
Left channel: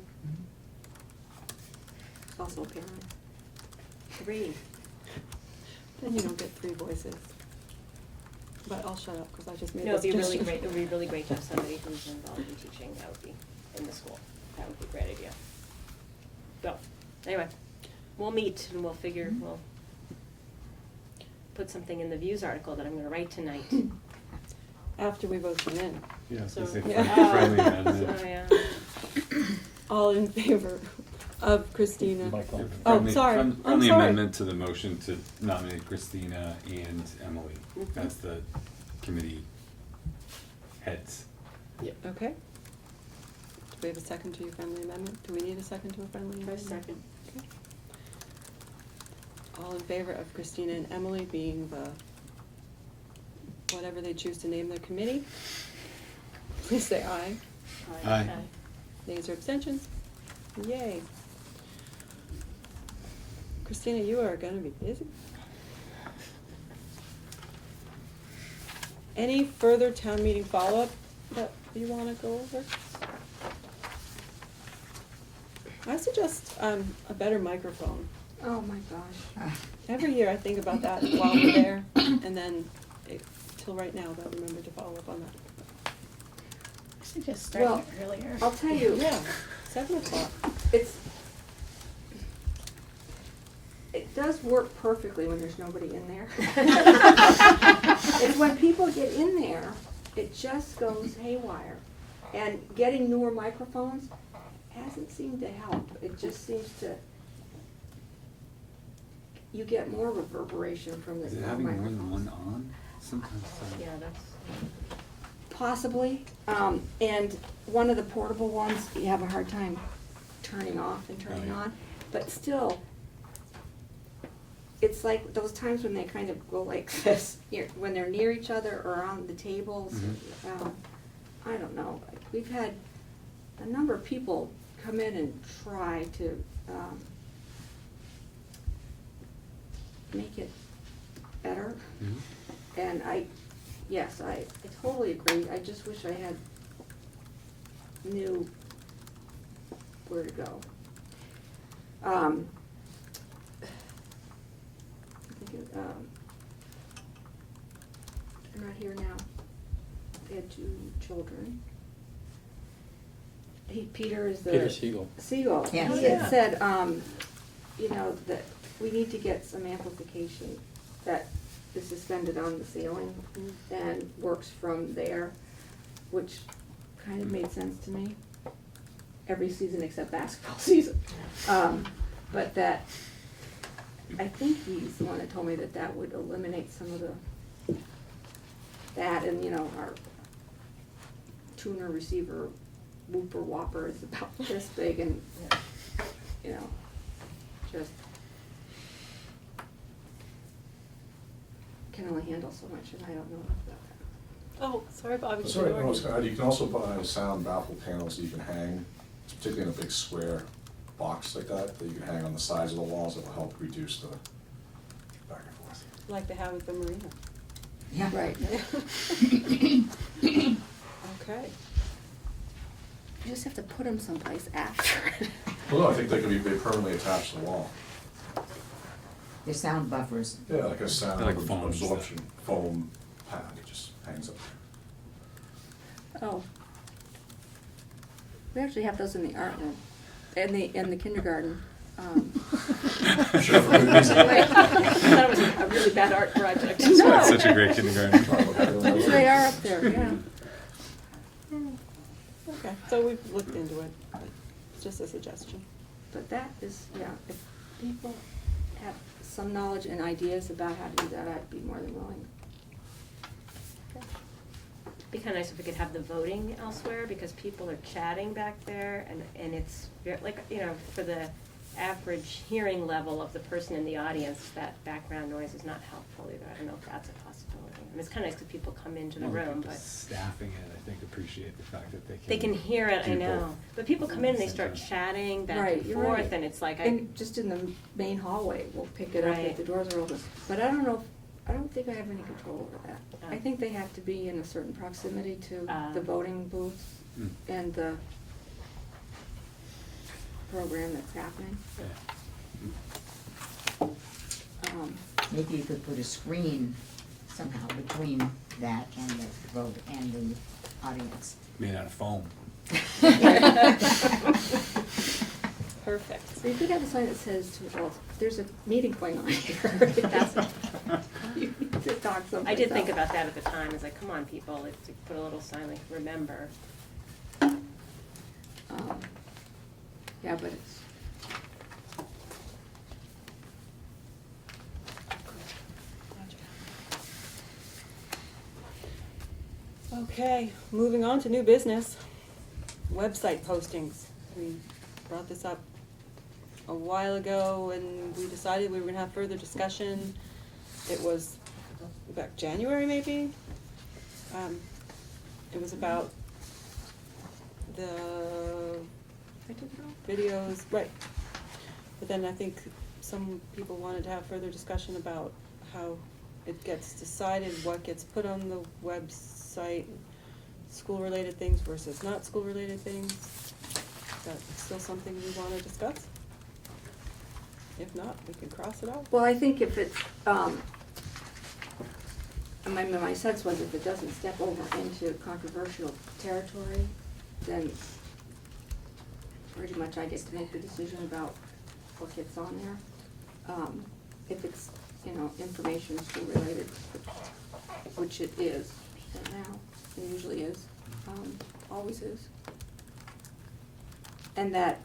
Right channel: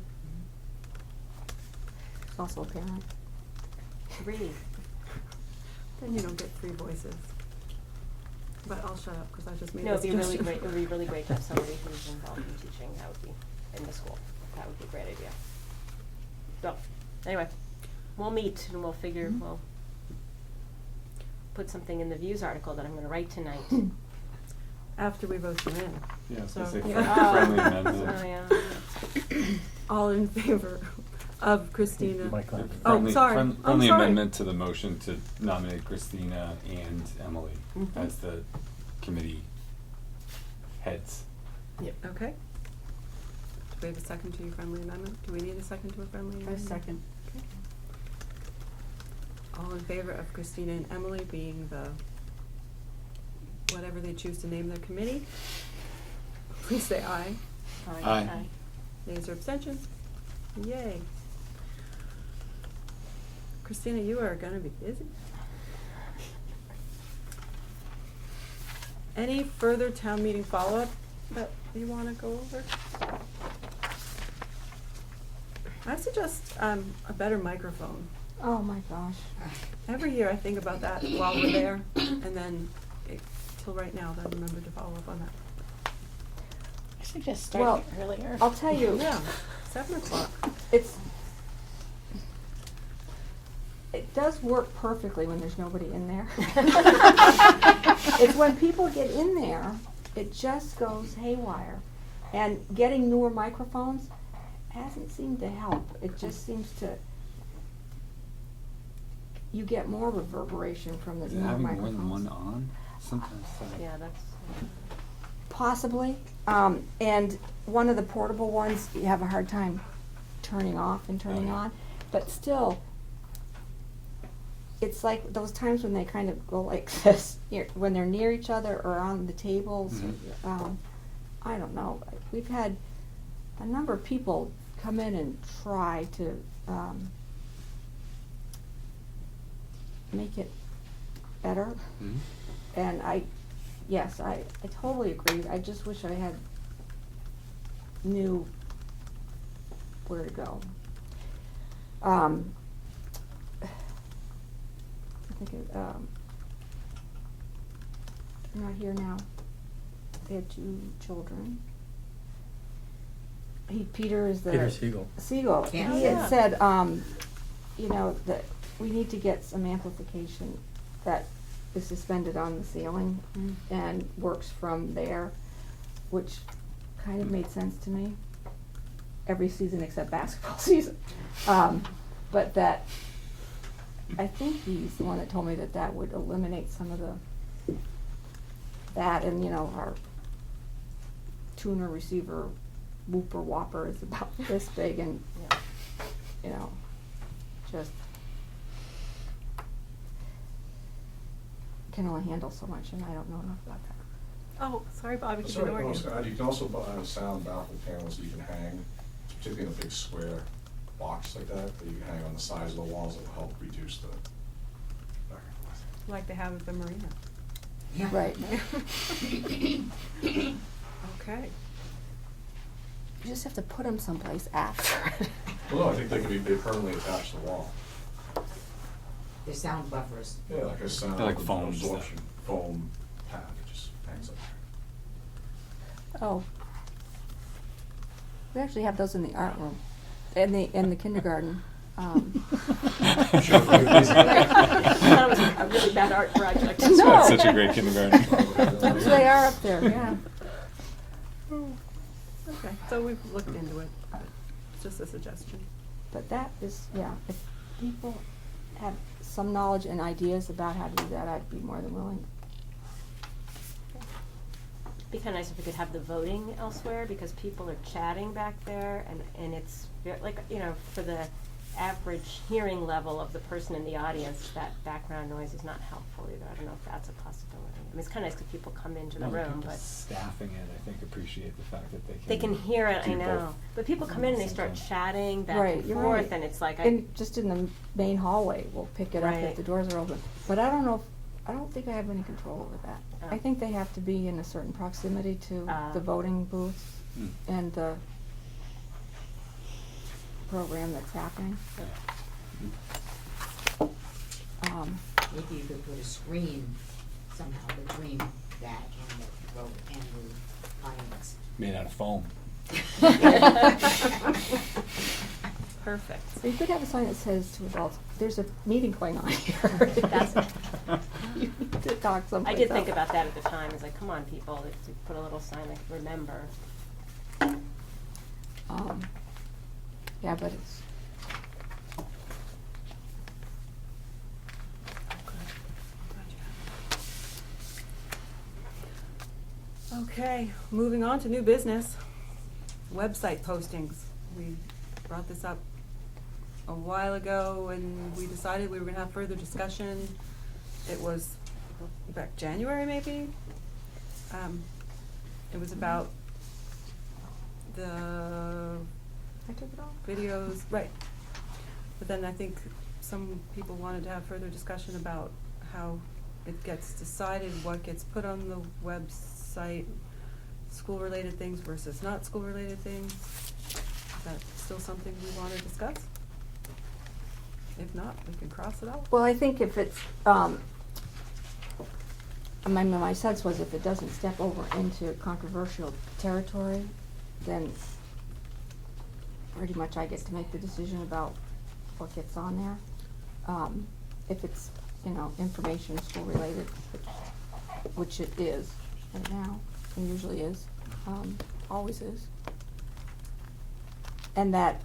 It's also a parent. Three. Then you don't get three voices. But I'll shut up, because I just made No, this it'd be really suggestion. great, it would be really great to have somebody who's involved in teaching, that would be, in the school. That would be a great idea. So, anyway, we'll meet and we'll figure, we'll put something in the views article that I'm gonna write tonight. After we vote you in. Yeah, I was So, gonna say yeah. friendly So, amendment. yeah. All in favor of Christina? Friendly- Oh, sorry. I'm Friendly sorry. amendment to the motion to nominate Christina and Emily as the committee heads. Okay. Do we have a second to your friendly amendment? Do we need a second to a friendly amendment? second. Okay. All in favor of Christina and Emily being the, whatever they choose to name their committee? Please say aye. Aye. Nays or abstentions? Yay. Christina, you are gonna be busy. Any further town meeting follow-up that you wanna go over? I suggest a better microphone. Oh my gosh. Every year I think about that while we're there, and then till right now, I remember to follow up on that. I suggest starting earlier. I'll tell you. Yeah, 7:00. It does work perfectly when there's nobody in there. It's when people get in there, it just goes haywire. And getting newer microphones hasn't seemed to help. It just seems to, you get more reverberation from the Is it newer having more microphones. than one on? Sometimes. Yeah, that's, Possibly, and one of the portable ones, you have a hard time turning off and turning on, but still, it's like those times when they kind of go like this, when they're near each other or on the tables. I don't know, we've had a number of people come in and try to, make it better. And yes, I totally agree. I just wish I knew where to go. I think they're not here now. They had 2 children. Peter is the. Peter Siegel. Siegel. Yes. He had said, you know, that we need to get some amplification that is suspended on the ceiling and works from there, which kind of made sense to me. Every season except basketball season. But that, I think he's the one that told me that would eliminate some of that, and you know, our tuner receiver whooper whopper is about this big, and you know, just can only handle so much, and I don't know enough about that. Oh, sorry, Bobby. Sorry, no, it's gonna add, you can also buy sound baffle panels that you can hang, particularly in a big square box like that you can hang on the sides of the walls that will help reduce the back and forth. Like they have at the marina. Yeah. Right. Okay. You just have to put them someplace after. Well, no, I think they can be permanently attached to the wall. They're sound buffers. Yeah, like a sound Like foam absorption foam pad, it just hangs up there. Oh. We actually have those in the art room, in the kindergarten. I'm sure for good reason. That was a really bad art project. No. Such a great kindergarten. They are up there, yeah. Okay, so we've looked into it, but it's just a suggestion. But that is, yeah, if people have some knowledge and ideas about how to do that, I'd be more than willing. Be kinda nice if we could have the voting elsewhere, because people are chatting back there, and it's like, you know, for the average hearing level of the person in the audience, that background noise is not helpful either. I don't know if that's a possibility. I mean, it's kinda nice if people come into the room, but Staffing it, I think, appreciate the fact that they can hear it, I know. But people come in and they start chatting back Right, and you're forth, right. and it's like, And just in the main hallway, we'll pick it up Right. if the doors are open. But I don't know, I don't think I have any control over that. Oh. I think they have to be in a certain proximity to the voting booths Mm. and the program that's happening. Maybe you could put a screen somehow between that and the vote and the audience. Made out of foam. perfect. You could have a sign that says to adults, there's a meeting going on here. That's, You need to talk someplace I did think else. about that at the time, it's like, come on, people, let's put a little sign like, remember. Yeah, but it's, Okay, moving on to new business. Website postings. We brought this up a while ago and we decided we were gonna have further discussion. It was back January maybe? It was about the I took it off. videos, right. But then I think some people wanted to have further discussion about how it gets decided, what gets put on the website, school-related things versus not school-related things. Is that still something we wanna discuss? If not, we can cross it off. Well, I think if it's, my sense was if it doesn't step over into controversial territory, then pretty much I get to make the decision about what gets on there. If it's, information school related, which it is right now, and usually is, always is. And that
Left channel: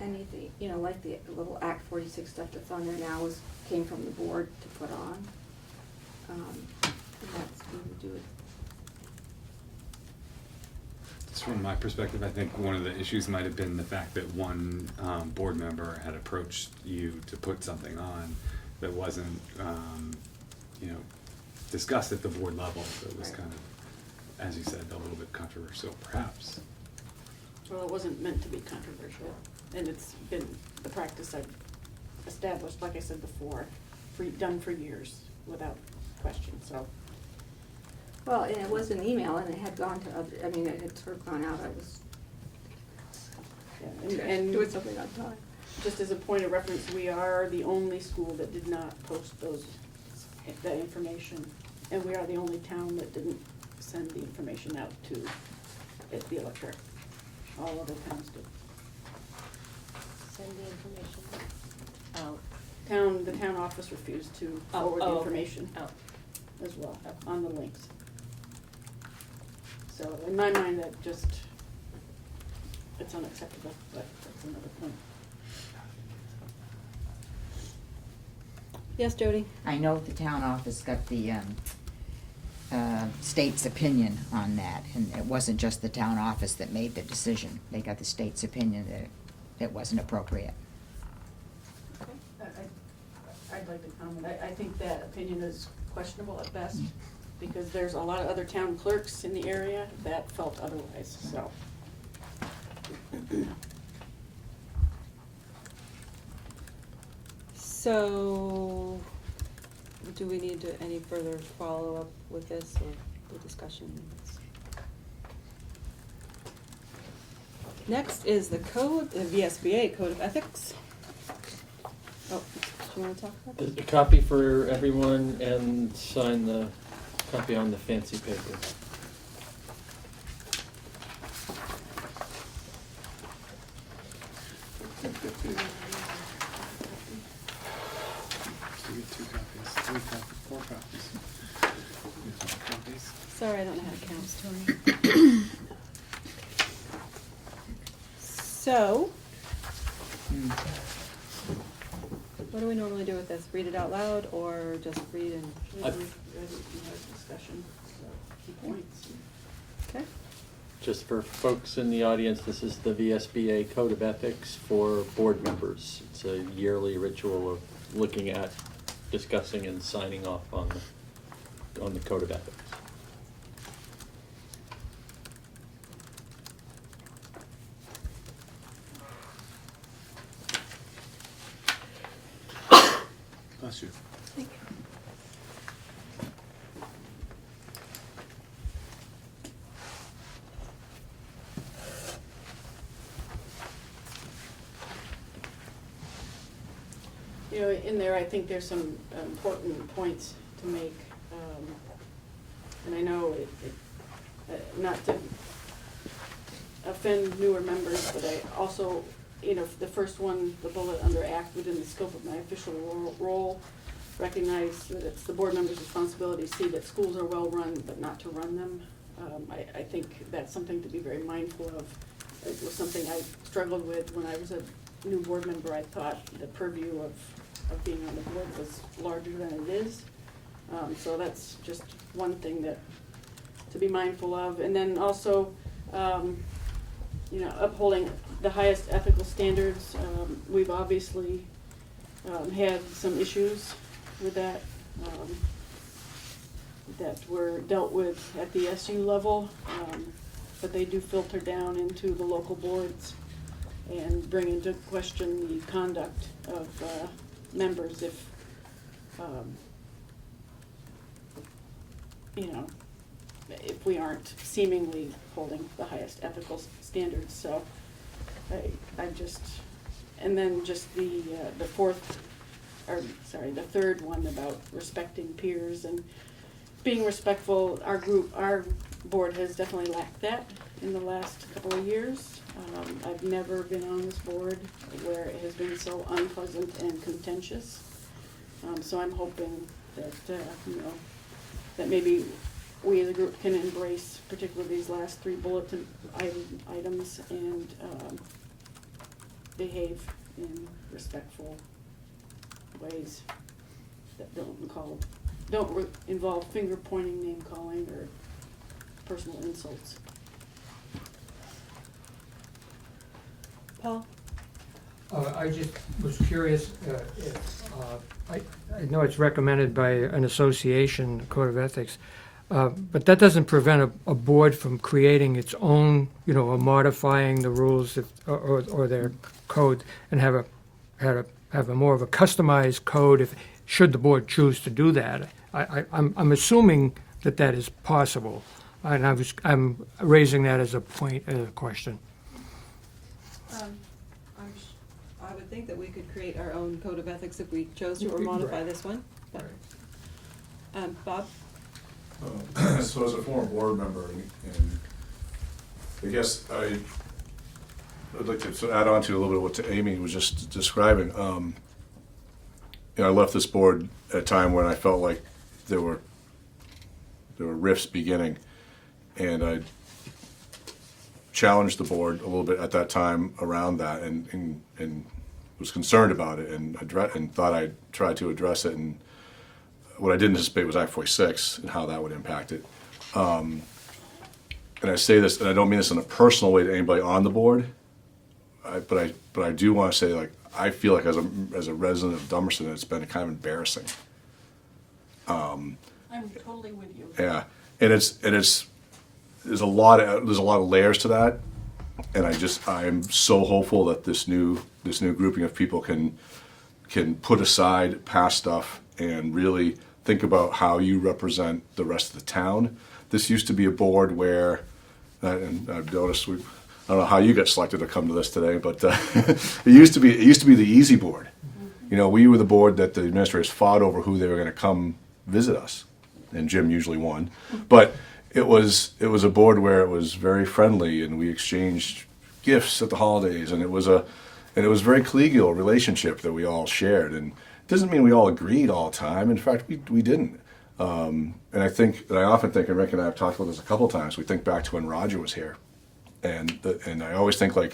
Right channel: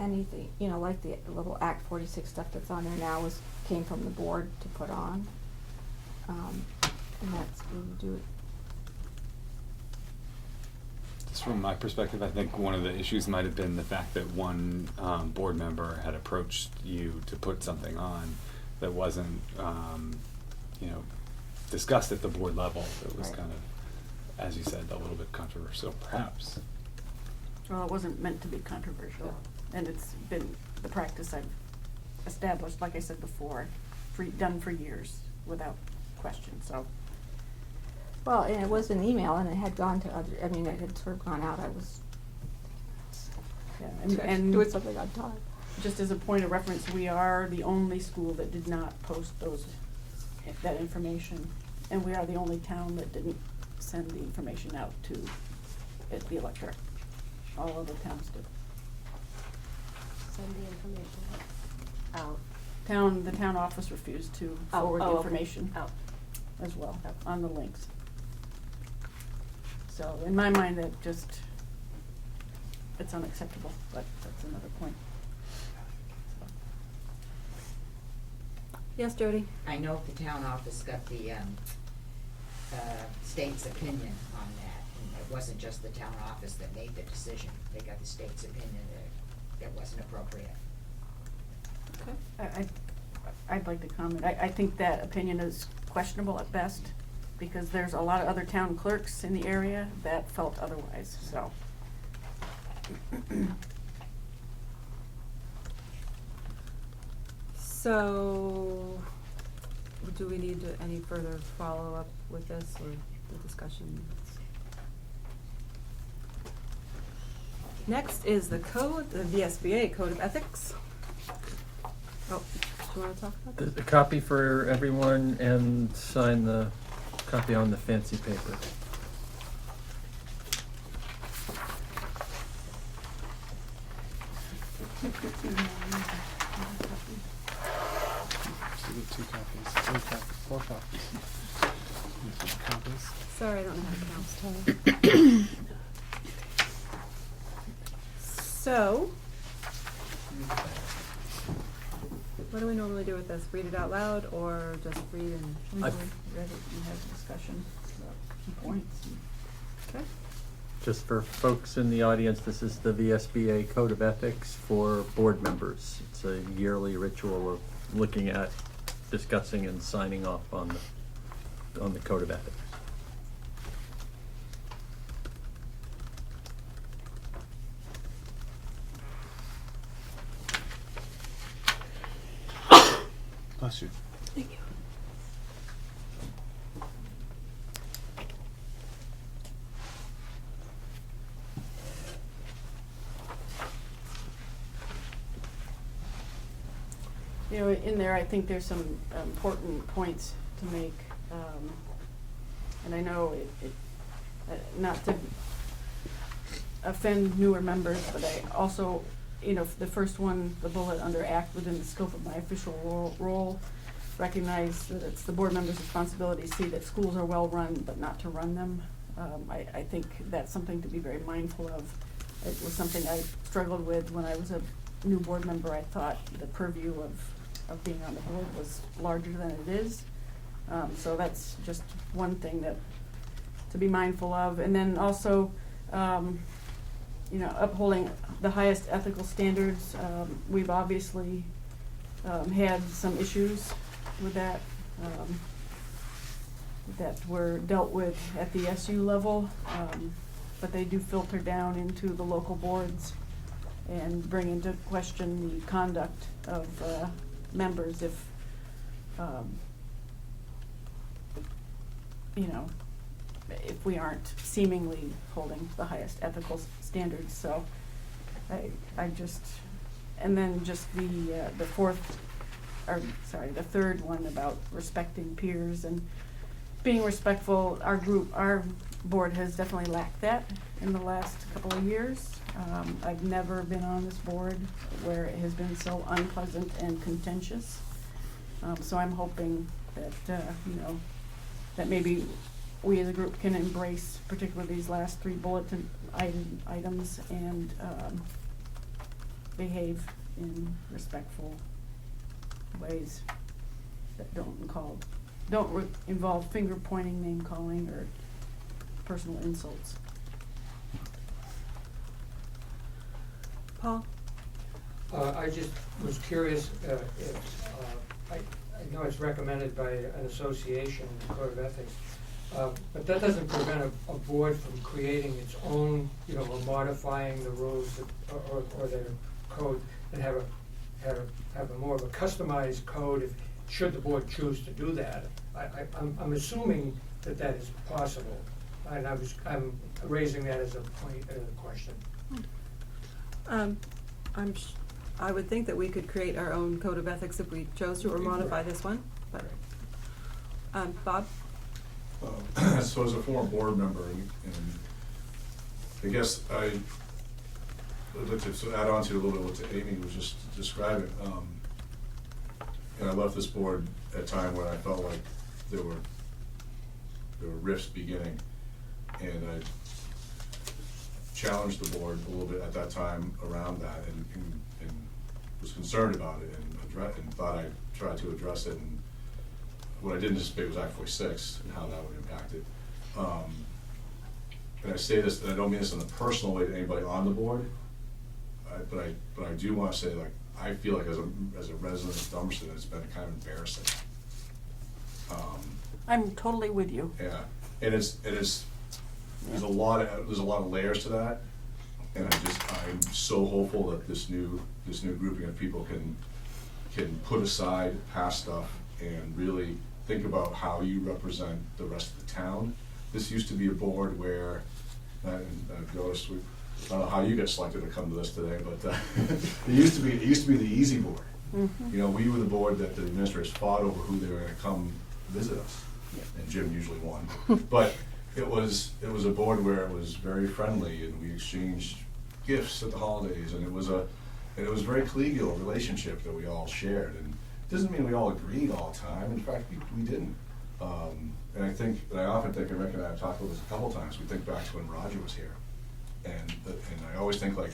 anything, like the little Act 46 stuff that's on there now came from the board to put on. And that's when you do it. Just from my perspective, I think one of the issues might have been the fact that one board member had approached you to put something on that wasn't, discussed at the board level. It was Right. kind of, as you said, a little bit controversial, perhaps. Well, it wasn't meant to be controversial, and it's been the practice I've established, like I said before, done for years without question, so. Well, and it was an email, and it had gone to other, it had sort of gone out, I was And doing something on time. just as a point of reference, we are the only school that did not post that information, and we are the only town that didn't send the information out to the electorate. All other towns did. Send the information out. The town office refused to Oh, forward the oh, information oh. as well, on the links. So in my mind, it's unacceptable, but that's another point. Yes, Jody? I know the town office got the state's opinion on that, and it wasn't just the town office that made the decision. They got the state's opinion that it wasn't appropriate. Okay. I'd like to comment. I think that opinion is questionable at best, because there's a lot of other town clerks in the area that felt otherwise, so. So, do we need to, any further follow-up with this, or the discussion? Next is the code, the VSBA Code of Ethics. Oh, do you wanna talk about this? A copy for everyone and sign the copy on the fancy paper. Sorry, I don't know how to count, Tony. So, what do we normally do with this? Read it out loud, or just read and? I- Usually read it and have discussion about key points. Okay. Just for folks in the audience, this is the VSBA Code of Ethics for board members. It's a yearly ritual of looking at, discussing, and signing off on the Code of Ethics. Bless you. You know, in there, I think there's some important points to make, and I know not to offend newer members, but I also, you know, the first one, the bullet under act within the scope of my official role, recognize that it's the board member's responsibility to see that schools are well run, but not to run them. I think that's something to be very mindful of. It was something I struggled with when I was a new board member. I thought the purview of being on the board was larger than it is. So that's just one thing that to be mindful of. And then also, you know, upholding the highest ethical standards. We've obviously had some issues with that that were dealt with at the SU level, but they do filter down into the local boards and bring into question the conduct of members if, you know, if we aren't seemingly holding the highest ethical standards. So I just, and then just the third one about respecting peers and being respectful. Our board has definitely lacked that in the last couple of years. I've never been on this board where it has been so unpleasant and contentious. So I'm hoping that, you know, that maybe we as a group can embrace particularly these last three bulletin items and behave in respectful ways that don't involve finger pointing, name calling, or personal insults. Paul? I just was curious, I know it's recommended by an association, Code of Ethics, but that doesn't prevent a board from creating its own, you know, or modifying the rules that, or their code, and have a more of a customized code should the board choose to do that. I'm assuming that is possible, and I'm raising that as a point, as a question. I would think that we could create our own code of ethics if we chose to, or modify this one. But, Bob? So as a former board member, and I guess I'd like to add on to a little bit what Amy was just describing. You know, I left this board at a time when I felt like there were rifts beginning, and I challenged the board a little bit at that time around that, and was concerned about it, and thought I'd try to address it. And what I didn't anticipate was Act 46 and how that would impact it. And I say this, and I don't mean this in a personal way to anybody on the board, but I do want to say, like, I feel like as a resident of Dummerston, it's been kind of embarrassing. I'm totally with you. Yeah, and there's a lot of layers to that, and I am so hopeful that this new grouping of people can put aside past stuff and really think about how you represent the rest of the town. This used to be a board where, and I've noticed I don't know how you got selected to come to this today, but it used to be the easy board. Mm-hmm. You know, we were the board that the administrators fought over who they were going to come visit us, and Jim usually won. But it was a board where it was very friendly, and we exchanged gifts at the holidays, and it was a very collegial relationship that we all shared. And it doesn't mean we all agreed all the time. In fact, we didn't. And I often think, and Rick and I have talked about this a couple of times, we think back to when Roger was here. And I always think, like,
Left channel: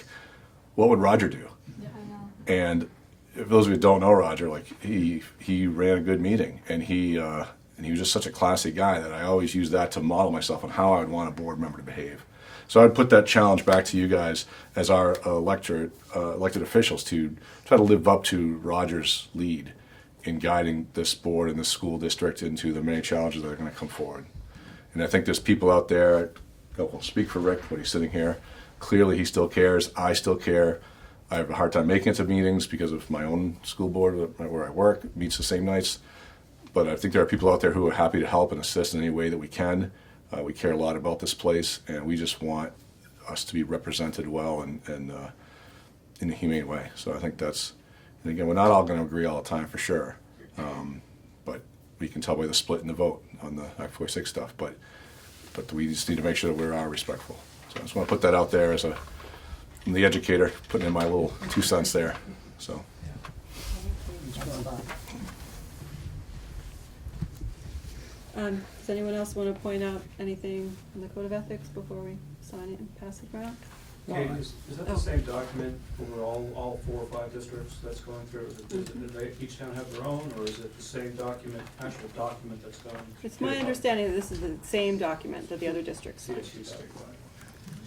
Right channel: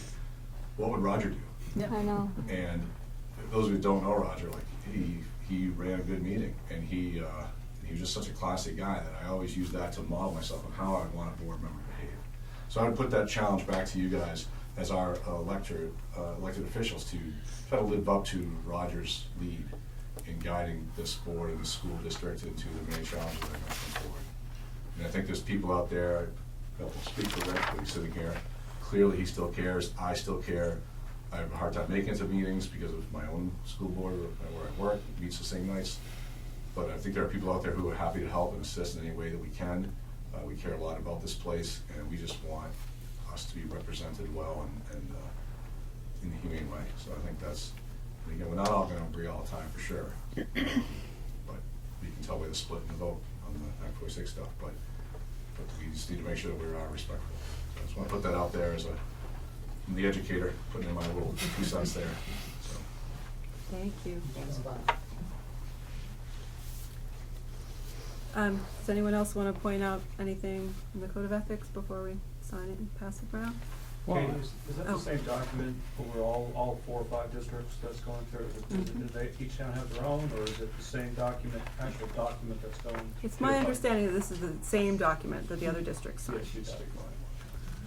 what would Roger do? I know. And if those of you who don't know Roger, like, he ran a good meeting, and he was just such a classy guy that I always use that to model myself on how I would want a board member to behave. So I'd put that challenge back to you guys as our elected officials to try to live up to Roger's lead in guiding this board and this school district into the many challenges that are going to come forward. And I think there's people out there, I won't speak for Rick, but he's sitting here. Clearly he still cares. I still care. I have a hard time making it to meetings because of my own school board where I work, meets the same nights. But I think there are people out there who are happy to help and assist in any way that we can. We care a lot about this place, and we just want us to be represented well and in a humane way. So I think that's, and again, we're not all going to agree all the time for sure, but we can tell by the split in the vote on the Act 46 stuff. But we just need to make sure that we're respectful. So I just want to put that out there as I'm the educator, putting in my little 2 cents there. So. Thank you. Does anyone else want to point out anything in the Code of Ethics before we sign it and pass it around? Kate, is that Oh. the same document over all 4 or 5 districts that's going through? Do they each town have their own, or is it the same document, actual document that's going? It's my understanding that this is the same document that the other districts signed. CSU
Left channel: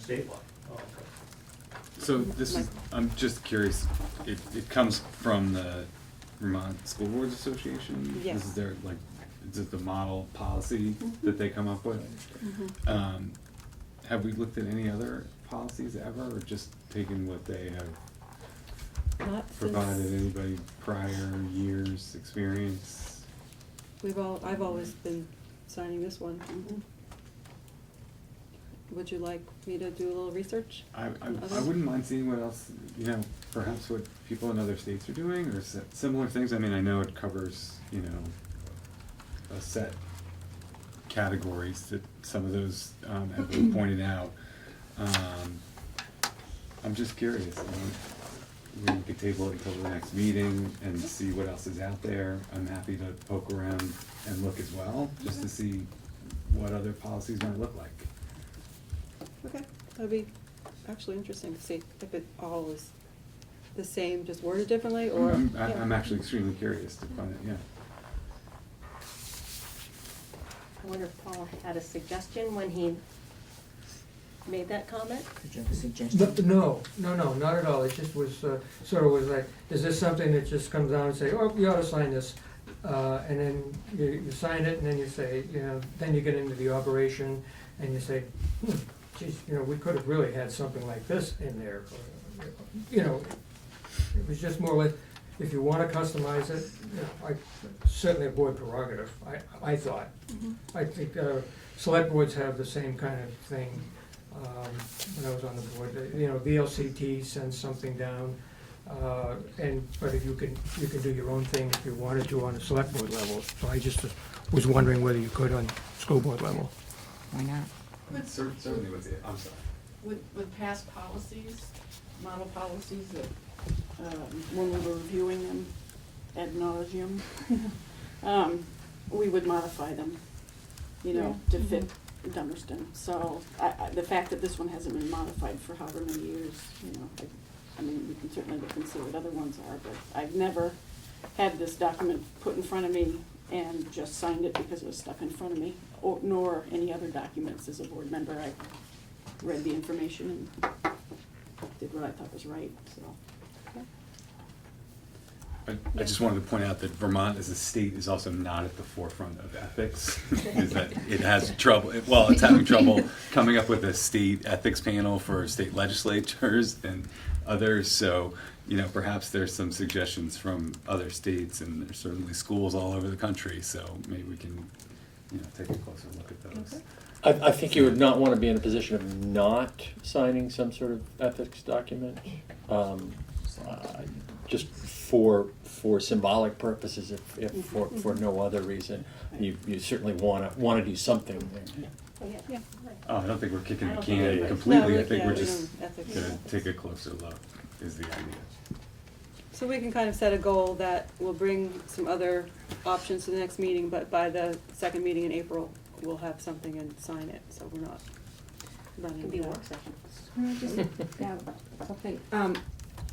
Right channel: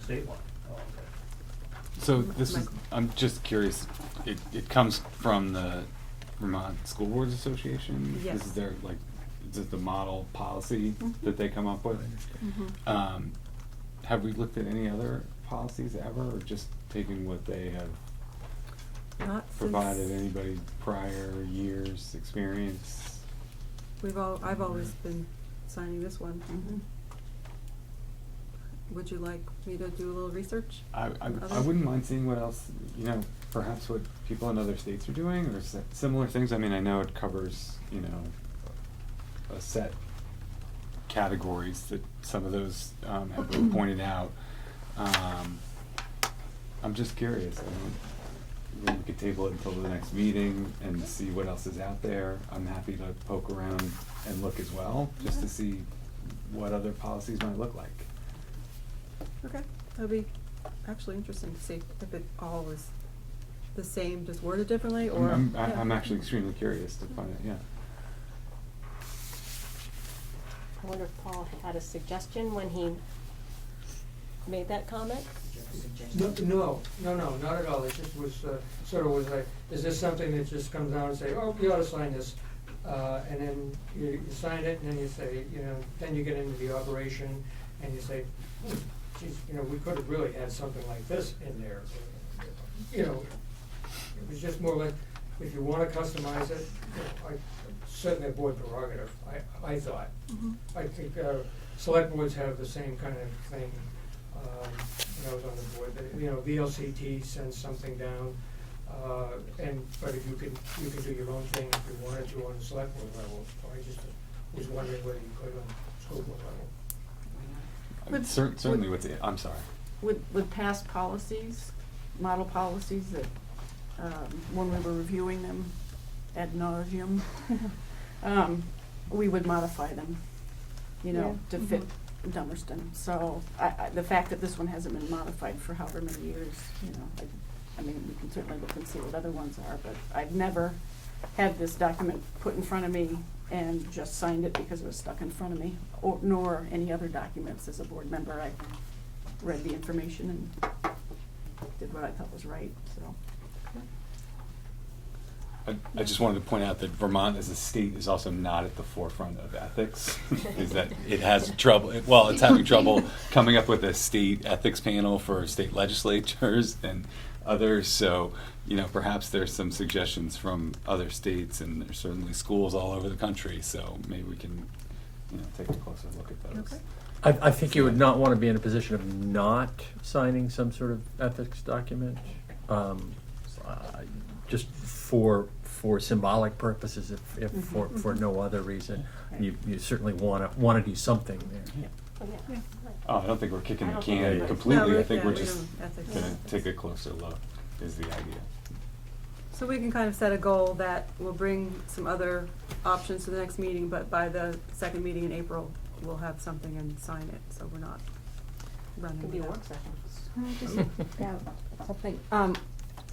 statewide. Oh, okay. So this is, I'm just curious, it comes from the Vermont School Boards Association? Yes. Is there is it the model policy that they come up with? Mhm. Have we looked at any other policies ever, or just taking what they have Not provided? since Anybody prior years' experience? I've always been signing this one. Mm-hmm. Would you like me to do a little research? I wouldn't mind seeing what else, perhaps what people in other states are doing, or similar things. I mean, I know it covers, a set categories that some of those have been pointed out. I'm just curious. We could table it until the next meeting and see what else is out there. I'm happy to poke around and look as well, just to see what other policies might look like. Okay, that'd be actually interesting to see if it all is the same, just worded differently, or. I'm actually extremely curious to find it, yeah. I wonder if Paul had a suggestion when he made that comment? Did you have a suggestion? No, not at all. It just was, sort of was like, is this something that just comes down and say, oh, you ought to sign this? And then you sign it, and then you say, then you get into the operation, and you say, geez, we could have really had something like this in there. It was just more like, if you want to customize it, certainly a board prerogative, I thought. I think select boards have the same kind of thing. When I was on the board, VLCT sends something down, but if you can do your own thing if you wanted to on the select board level. So I just was wondering whether you could on school board level. Why not? Certainly with the, I'm sorry. With past policies, model policies that, when we were reviewing them ad nauseum, we would modify them, to fit Dummerston. So the fact that this one hasn't been modified for however many years, I mean, we can certainly look and see what other ones are, but I've never had this document put in front of me and just signed it because it was stuck in front of me, nor any other documents as a board member. I read the information and did what I thought was right, so. I just wanted to point out that Vermont as a state is also not at the forefront of ethics. Is that it has trouble, well, it's having trouble coming up with a state ethics panel for state legislatures and others. So, you know, perhaps there's some suggestions from other states, and there's certainly schools all over the country. So maybe we can, you know, take a closer look at those. Okay. I think you would not want to be in a position of not signing some sort of ethics document, just for symbolic purposes, if for no other reason. You certainly want to do something. Oh, yeah. Oh, I don't think we're kicking the I don't can think we- completely. No, I think yeah, we're we just don't ethics. gonna take a closer look. Is the idea. So we can kind of set a goal that we'll bring some other options to the next meeting, but by the second meeting in April, we'll have something and sign it, so we're not running. Could be a without. work session. Just, yeah, something,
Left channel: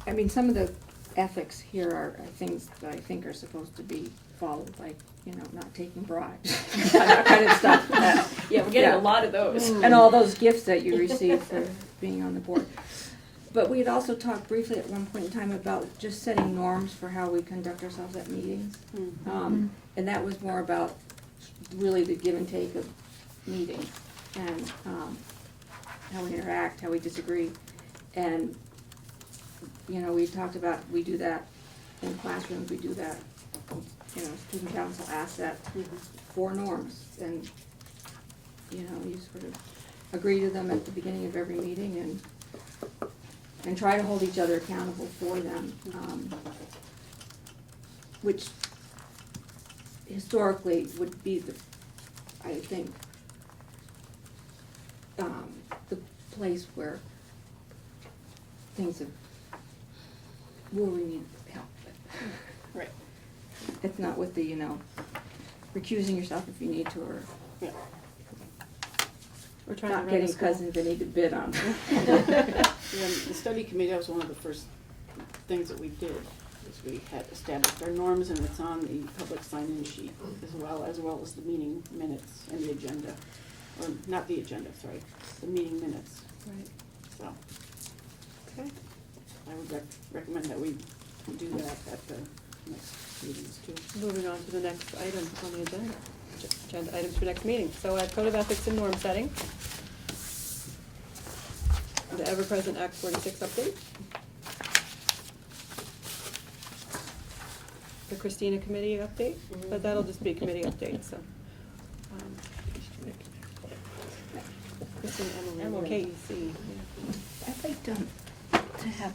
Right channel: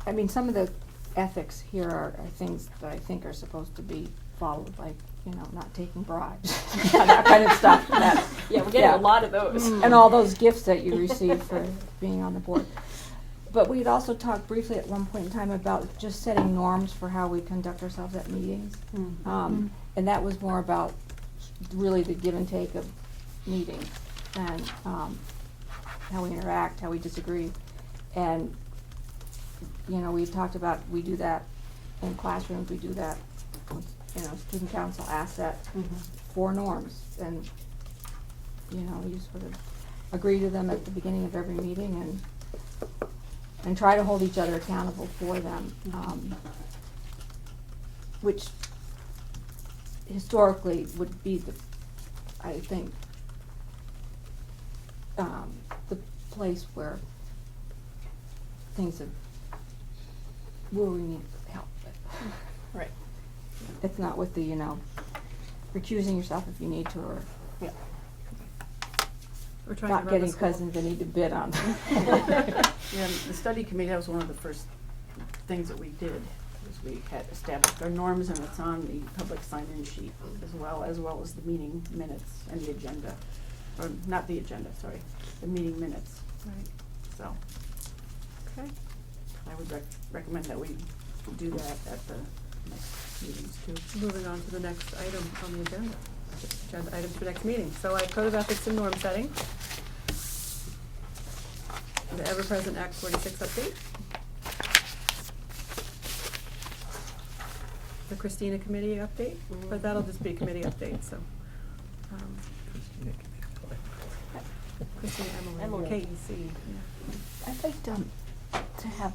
I mean, some of the ethics here are things that I think are supposed to be followed, like, you know, not taking bribes, that kind of stuff. Yeah, we're getting a lot of those. And all those gifts that you receive for being on the board. But we had also talked briefly at one point in time about just setting norms for how we conduct ourselves at meetings. And that was more about really the give and take of meetings and how we interact, how we disagree. And, you know, we talked about, we do that in classrooms, we do that, you know, student council asset for norms. And, you know, you sort of agree to them at the beginning of every meeting and try to hold each other accountable for them, which historically would be I think, the place where where we need help. Right. It's not with the, you know, recusing yourself if you need to, or We're trying not to run getting a school. cousins they need to bid on. Yeah, the study committee, that was one of the first things that we did, is we had established our norms, and it's on the public sign-in sheet as well as the meeting minutes and the agenda, or not the agenda, sorry, the meeting minutes. Right. So, Okay. I would recommend that we do that at the next meetings too. Moving on to the next item on the agenda, agenda items for next meeting. So I have Code of Ethics and Norm Setting. The ever-present Act 46 update. The Christina Committee update, but that'll just be committee update, so. Christina, Emily. KEC, yeah. I'd like to have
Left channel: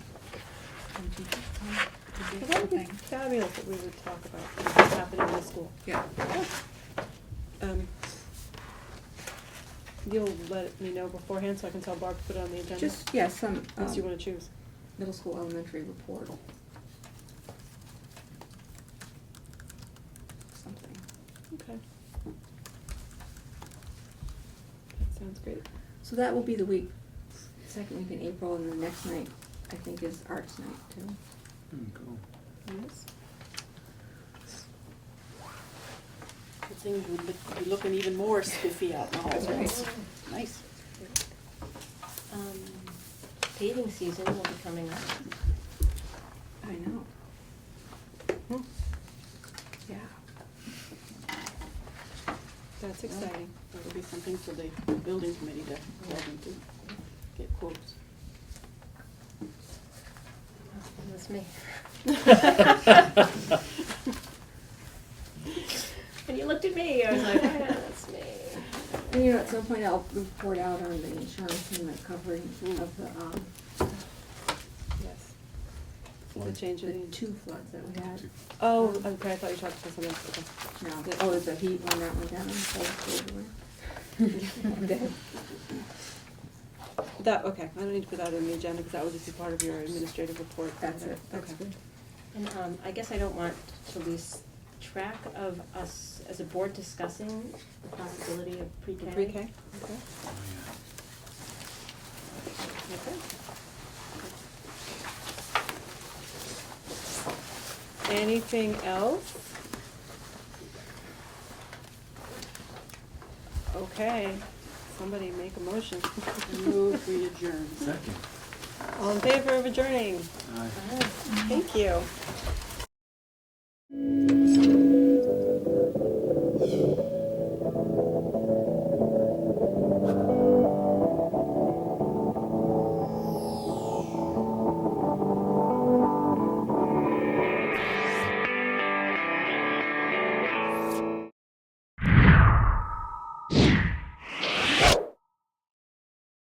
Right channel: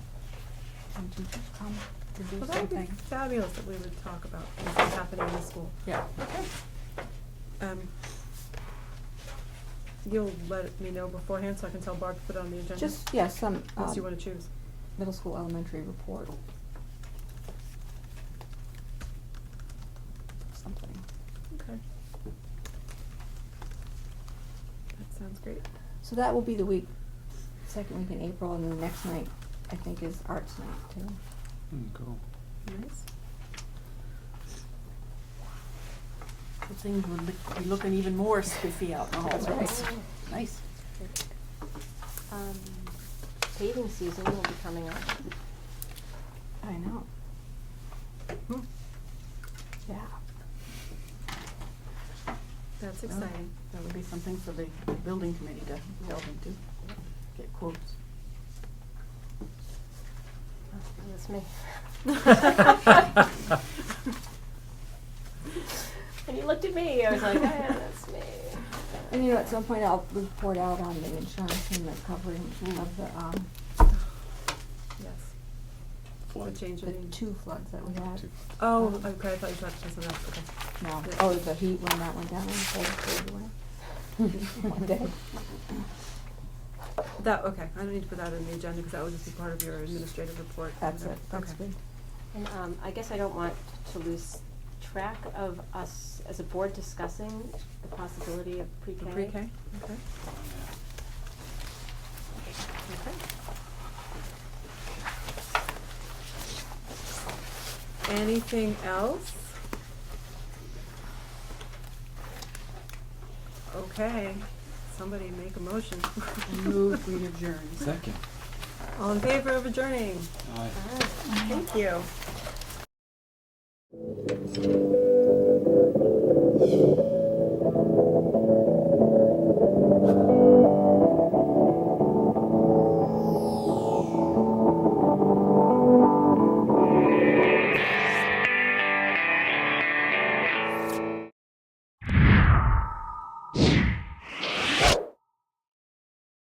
some teachers on to do Well, that would be something. fabulous that we would talk about what's happening in the school. Yeah. You'll let me know beforehand so I can tell Barb to put it on the agenda? Just, yeah, some, Unless you wanna choose. middle school, elementary report. Something. Okay. That sounds great. So that will be the second week in April, and the next night, I think, is arts night too. Cool. Yes. Things would be looking even more spiffy out in the hallways. Nice. Dating season will be coming up. I know. Yeah. That's exciting. That would be something for the building committee to delve into, get quotes. That's me. When you looked at me, I was like, yeah, that's me. And, you know, at some point I'll report out on the insurance and the covering of the, Yes. Flood. The change the in. 2 floods that we had. Oh, okay, I thought you talked about something else, okay. No. Oh, the heat when that went down and the cold away. That, okay, I don't need to put that in the agenda because that would just be part of your administrative report. That's it, that's Okay. good. And I guess I don't want to lose track of us as a board discussing the possibility of pre-K. Pre-K, okay. Oh, Okay. Anything else? Okay, somebody make a motion. Move, we adjourn. Second. All in favor of adjourning? Aye. Thank you.